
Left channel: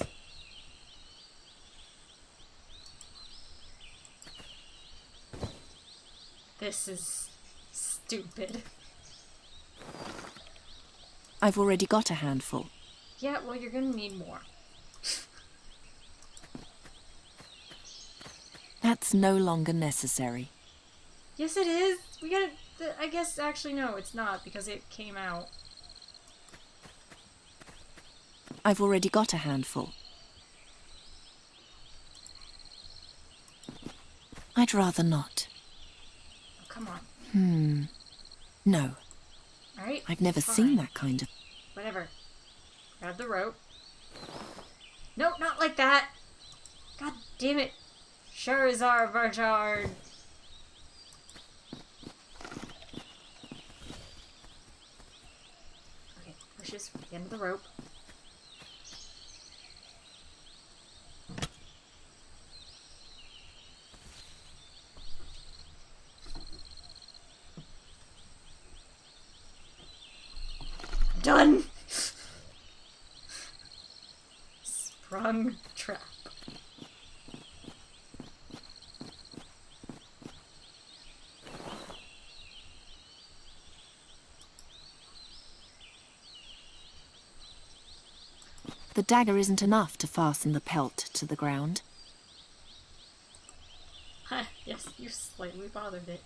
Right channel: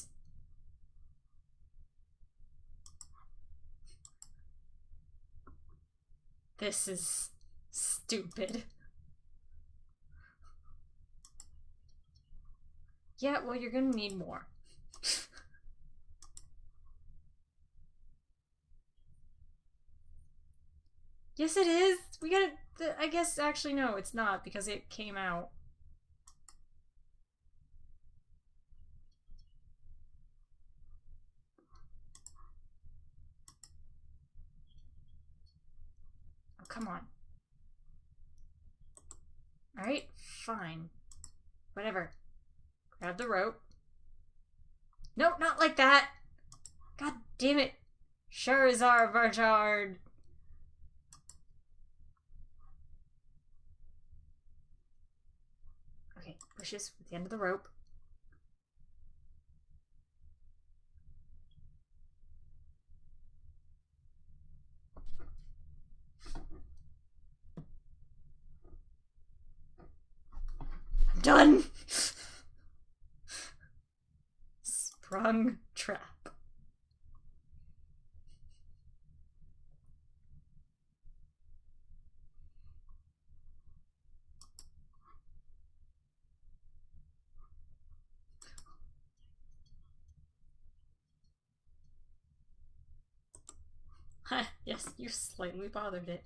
This is stupid. I've already got a handful. Yeah, well, you're gonna need more. That's no longer necessary. Yes, it is. We gotta. I guess actually no, it's not because it came out. I've already got a handful. I'd rather not. Oh, come on. No. Alright. I've never fine. seen that kind of... Whatever. Grab the rope. No, not like that. God damn it. Charizard Varchard. Okay, pushes the end of the rope. Done! Sprung trap. The dagger isn't enough to fasten the pelt to the ground. Yes, you slightly bothered it.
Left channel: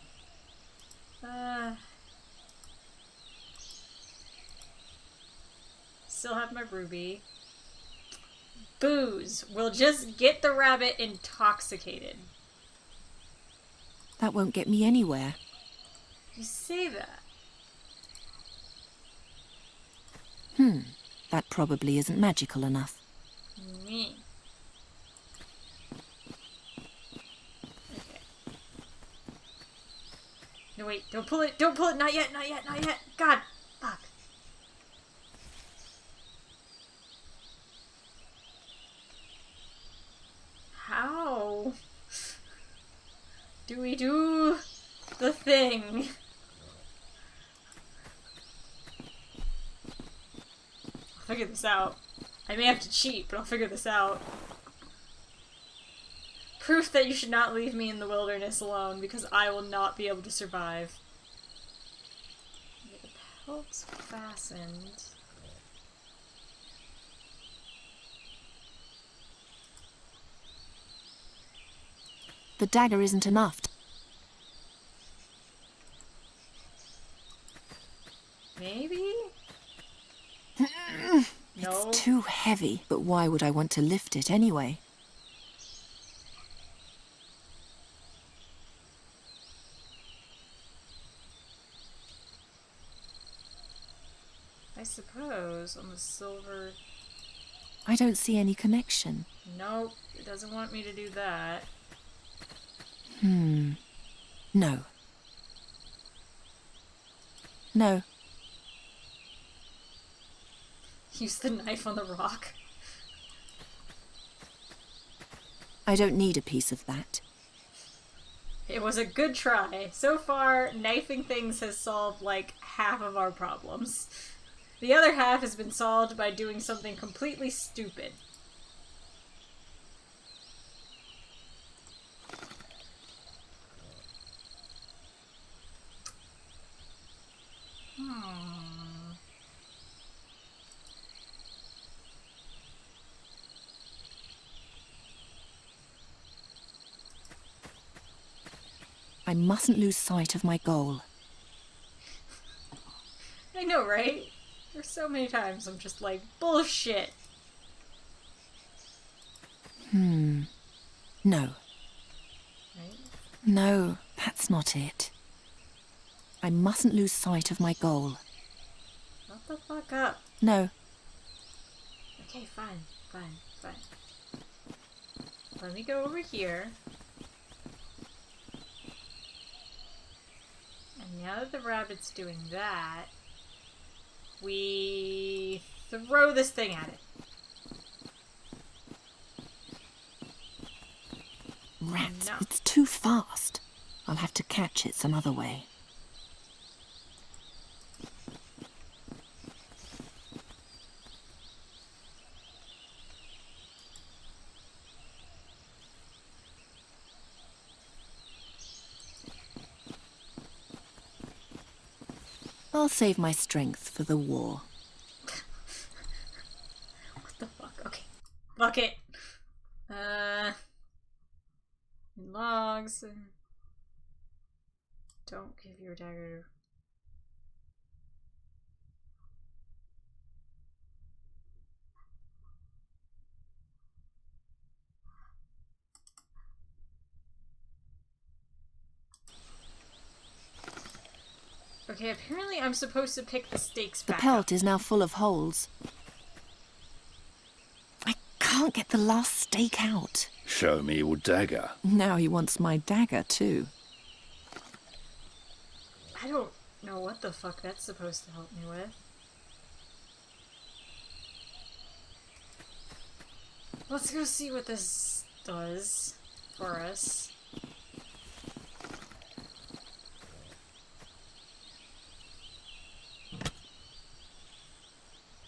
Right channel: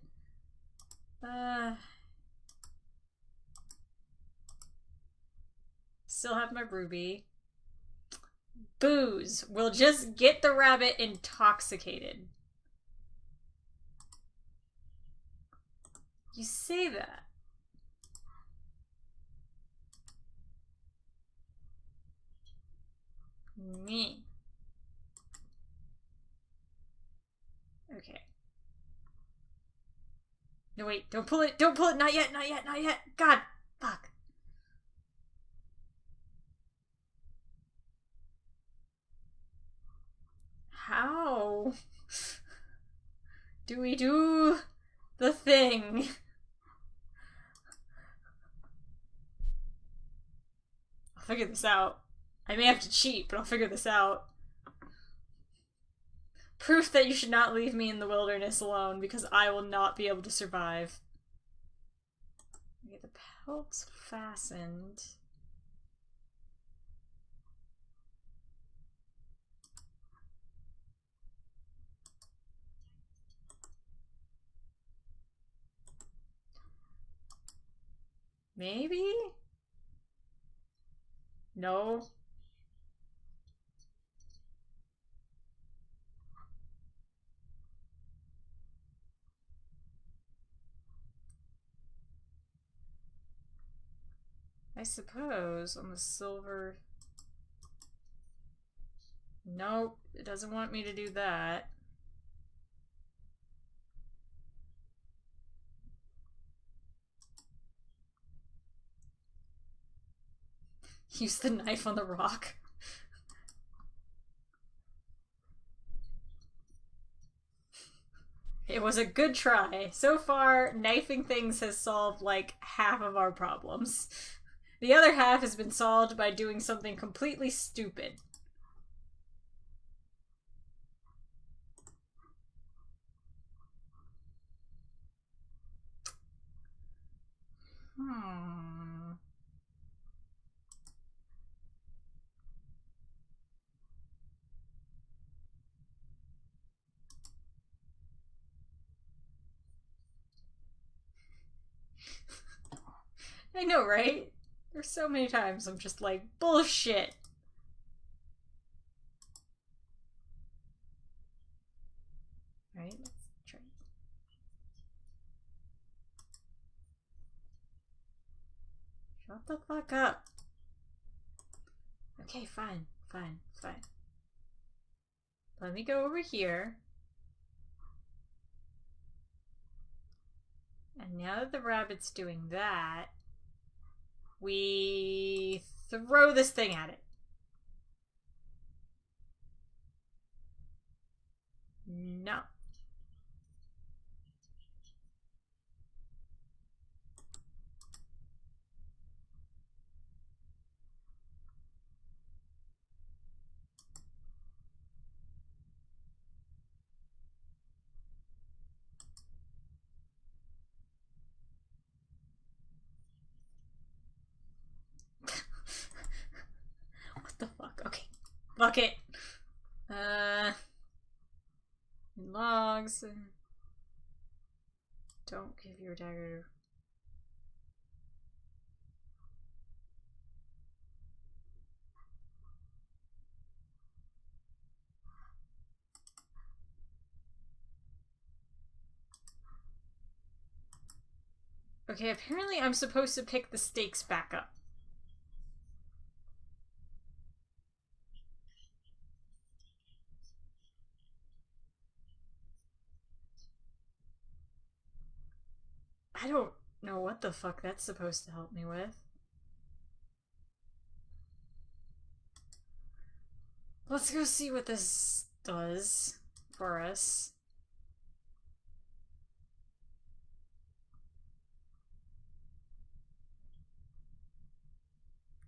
Still have my ruby. Booze will just get the rabbit intoxicated. That won't get me anywhere. You say that. That probably isn't magical enough. Me. Okay. No, wait, don't pull it, not yet, not yet, not yet. God, fuck. How do we do the thing? I'll figure this out. I may have to cheat, but I'll figure this out. Proof that you should not leave me in the wilderness alone, because I will not be able to survive. Okay, the pelt's fastened. The dagger isn't enough. Maybe? No. It's too heavy, but why would I want to lift it anyway? I suppose on the silver... I don't see any connection. Nope, it doesn't want me to do that. No. No. Use the knife on the rock. I don't need a piece of that. It was a good try. So far, knifing things has solved like half of our problems. The other half has been solved by doing something completely stupid. I mustn't lose sight of my goal. I know, right? There's so many times I'm just like, bullshit. No. Right? No, that's not it. I mustn't lose sight of my goal. Shut the fuck up. No. Okay, fine. Let me go over here. And now that the rabbit's doing that, we throw this thing at it. Rats, No. it's too fast. I'll have to catch it some other way. I'll save my strength for the war. What the fuck? Okay. Fuck it. Logs. Don't give your dagger. Okay, apparently I'm supposed to pick the stakes The back pelt up. is now full of holes. I can't get the last stake out. Show me your dagger. Now he wants my dagger too. I don't know what the fuck that's supposed to help me with. Let's go see what this does for us.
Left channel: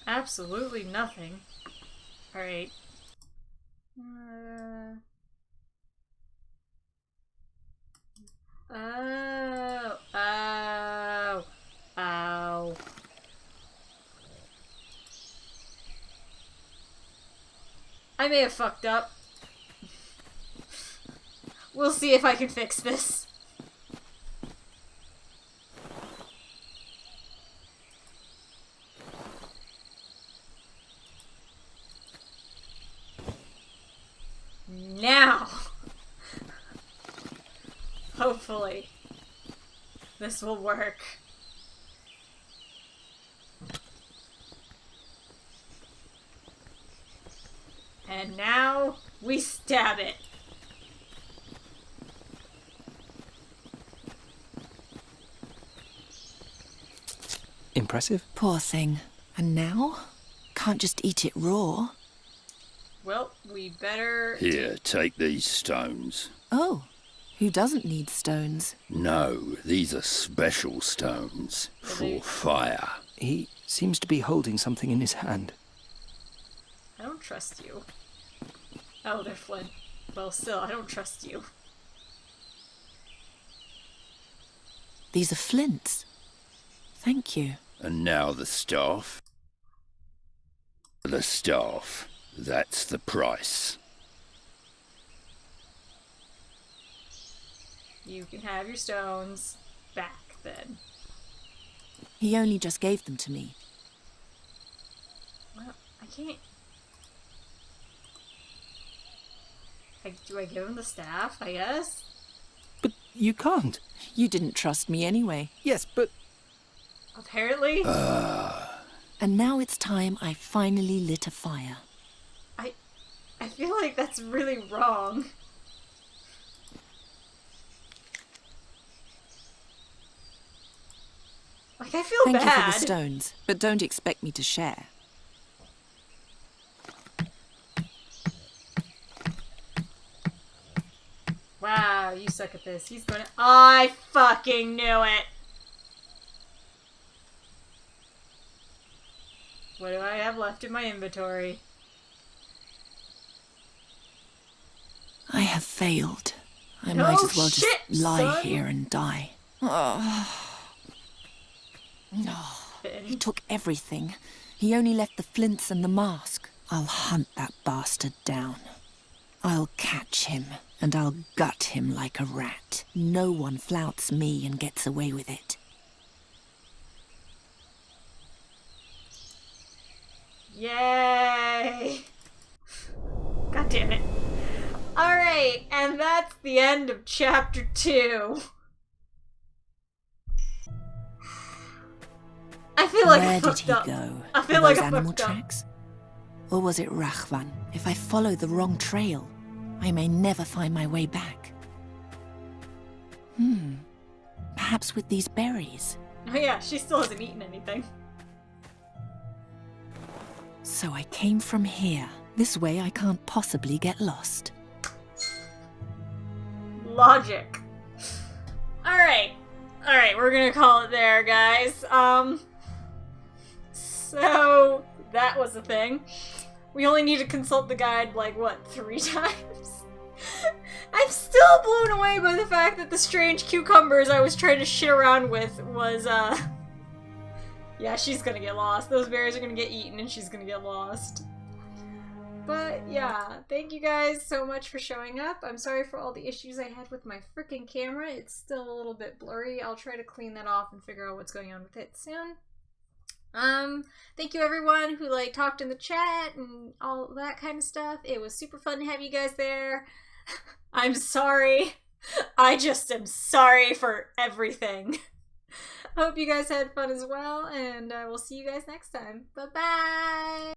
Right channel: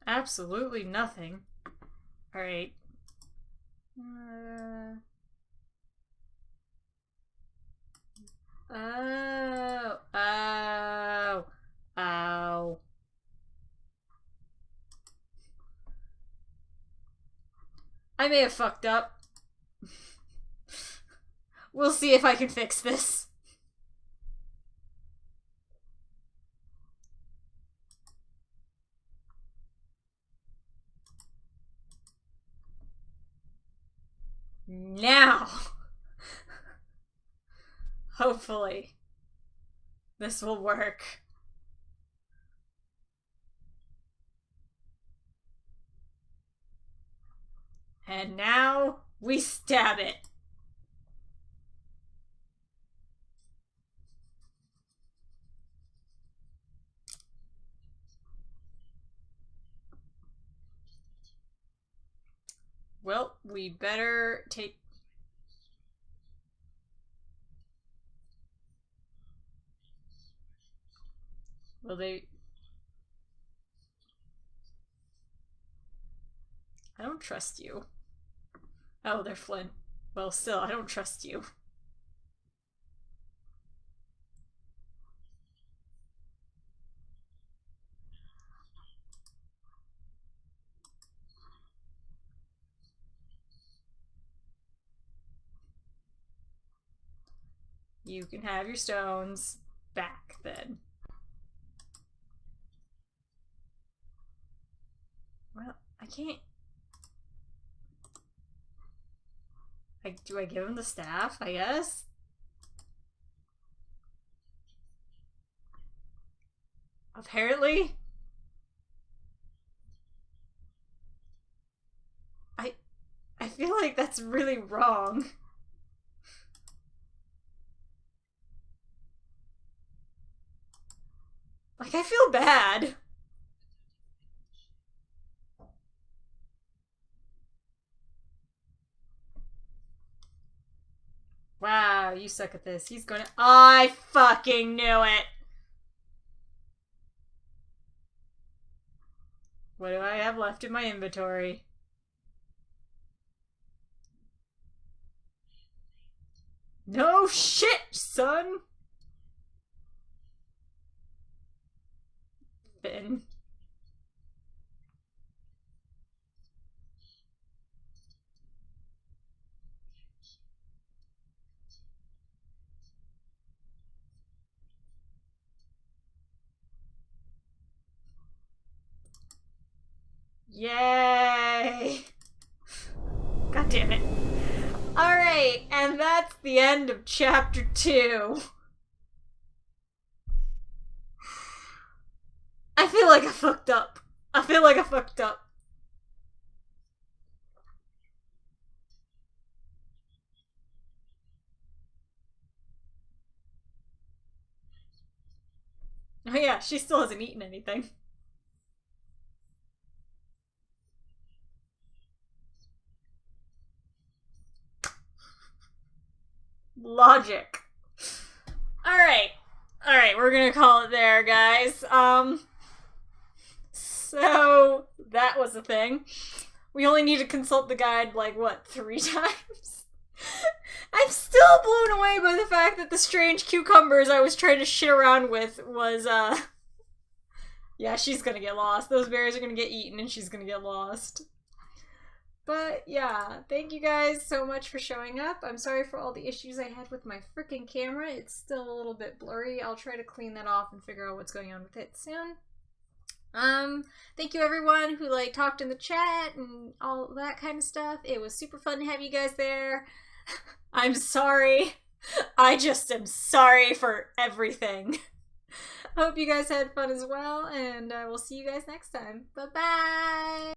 Absolutely nothing. Alright. Oh. I may have fucked up. We'll see if I can fix this. Now! Hopefully, this will work. And now, we stab it. Impressive. Poor thing. And now? Can't just eat it raw. Well, we better... Here, take these stones. Oh, who doesn't need stones? No, these are special stones Are for they- fire. He seems to be holding something in his hand. I don't trust you. Oh, they're flint. Well, still, I don't trust you. These are flints. Thank you. And now the staff. The staff. That's the price. You can have your stones back, then. He only just gave them to me. Well, I can't... do I give him the staff, I guess? But you can't. You didn't trust me anyway. Yes, but... Apparently. And now it's time I finally lit a fire. I feel like that's really wrong. Like, I feel Thank you for bad. the stones, but don't expect me to share. Wow, you suck at this. He's gonna... I fucking knew it! What do I have left in my inventory? I have failed. I No might as well shit, just lie son. here and die. Oh. No. He took everything. He only left the flints and the mask. I'll hunt that bastard down. I'll catch him, and I'll gut him like a rat. No one flouts me and gets away with it. Yay! God damn it. Alright, and that's the end of chapter 2. I feel like I fucked up. I feel like I fucked up. Or was it Rachvan? If I follow the wrong trail, I may never find my way back. Perhaps with these berries. Oh yeah, she still hasn't eaten anything. So I came from here. This way I can't possibly get lost. Logic. Alright. Alright, we're gonna call it there, guys. So that was a thing. We only need to consult the guide, like, what, 3 times? I'm still blown away by the fact that the strange cucumbers I was trying to shit around with was, yeah, she's gonna get lost. Those berries are gonna get eaten and she's gonna get lost. But, yeah, thank you guys so much for showing up. I'm sorry for all the issues I had with my freaking camera. It's still a little bit blurry. I'll try to clean that off and figure out what's going on with it soon. Thank you everyone who, like, talked in the chat and all that kind of stuff. It was super fun to have you guys there. I'm sorry. I just am sorry for everything. I hope you guys had fun as well, and I will see you guys next time. Bye-bye!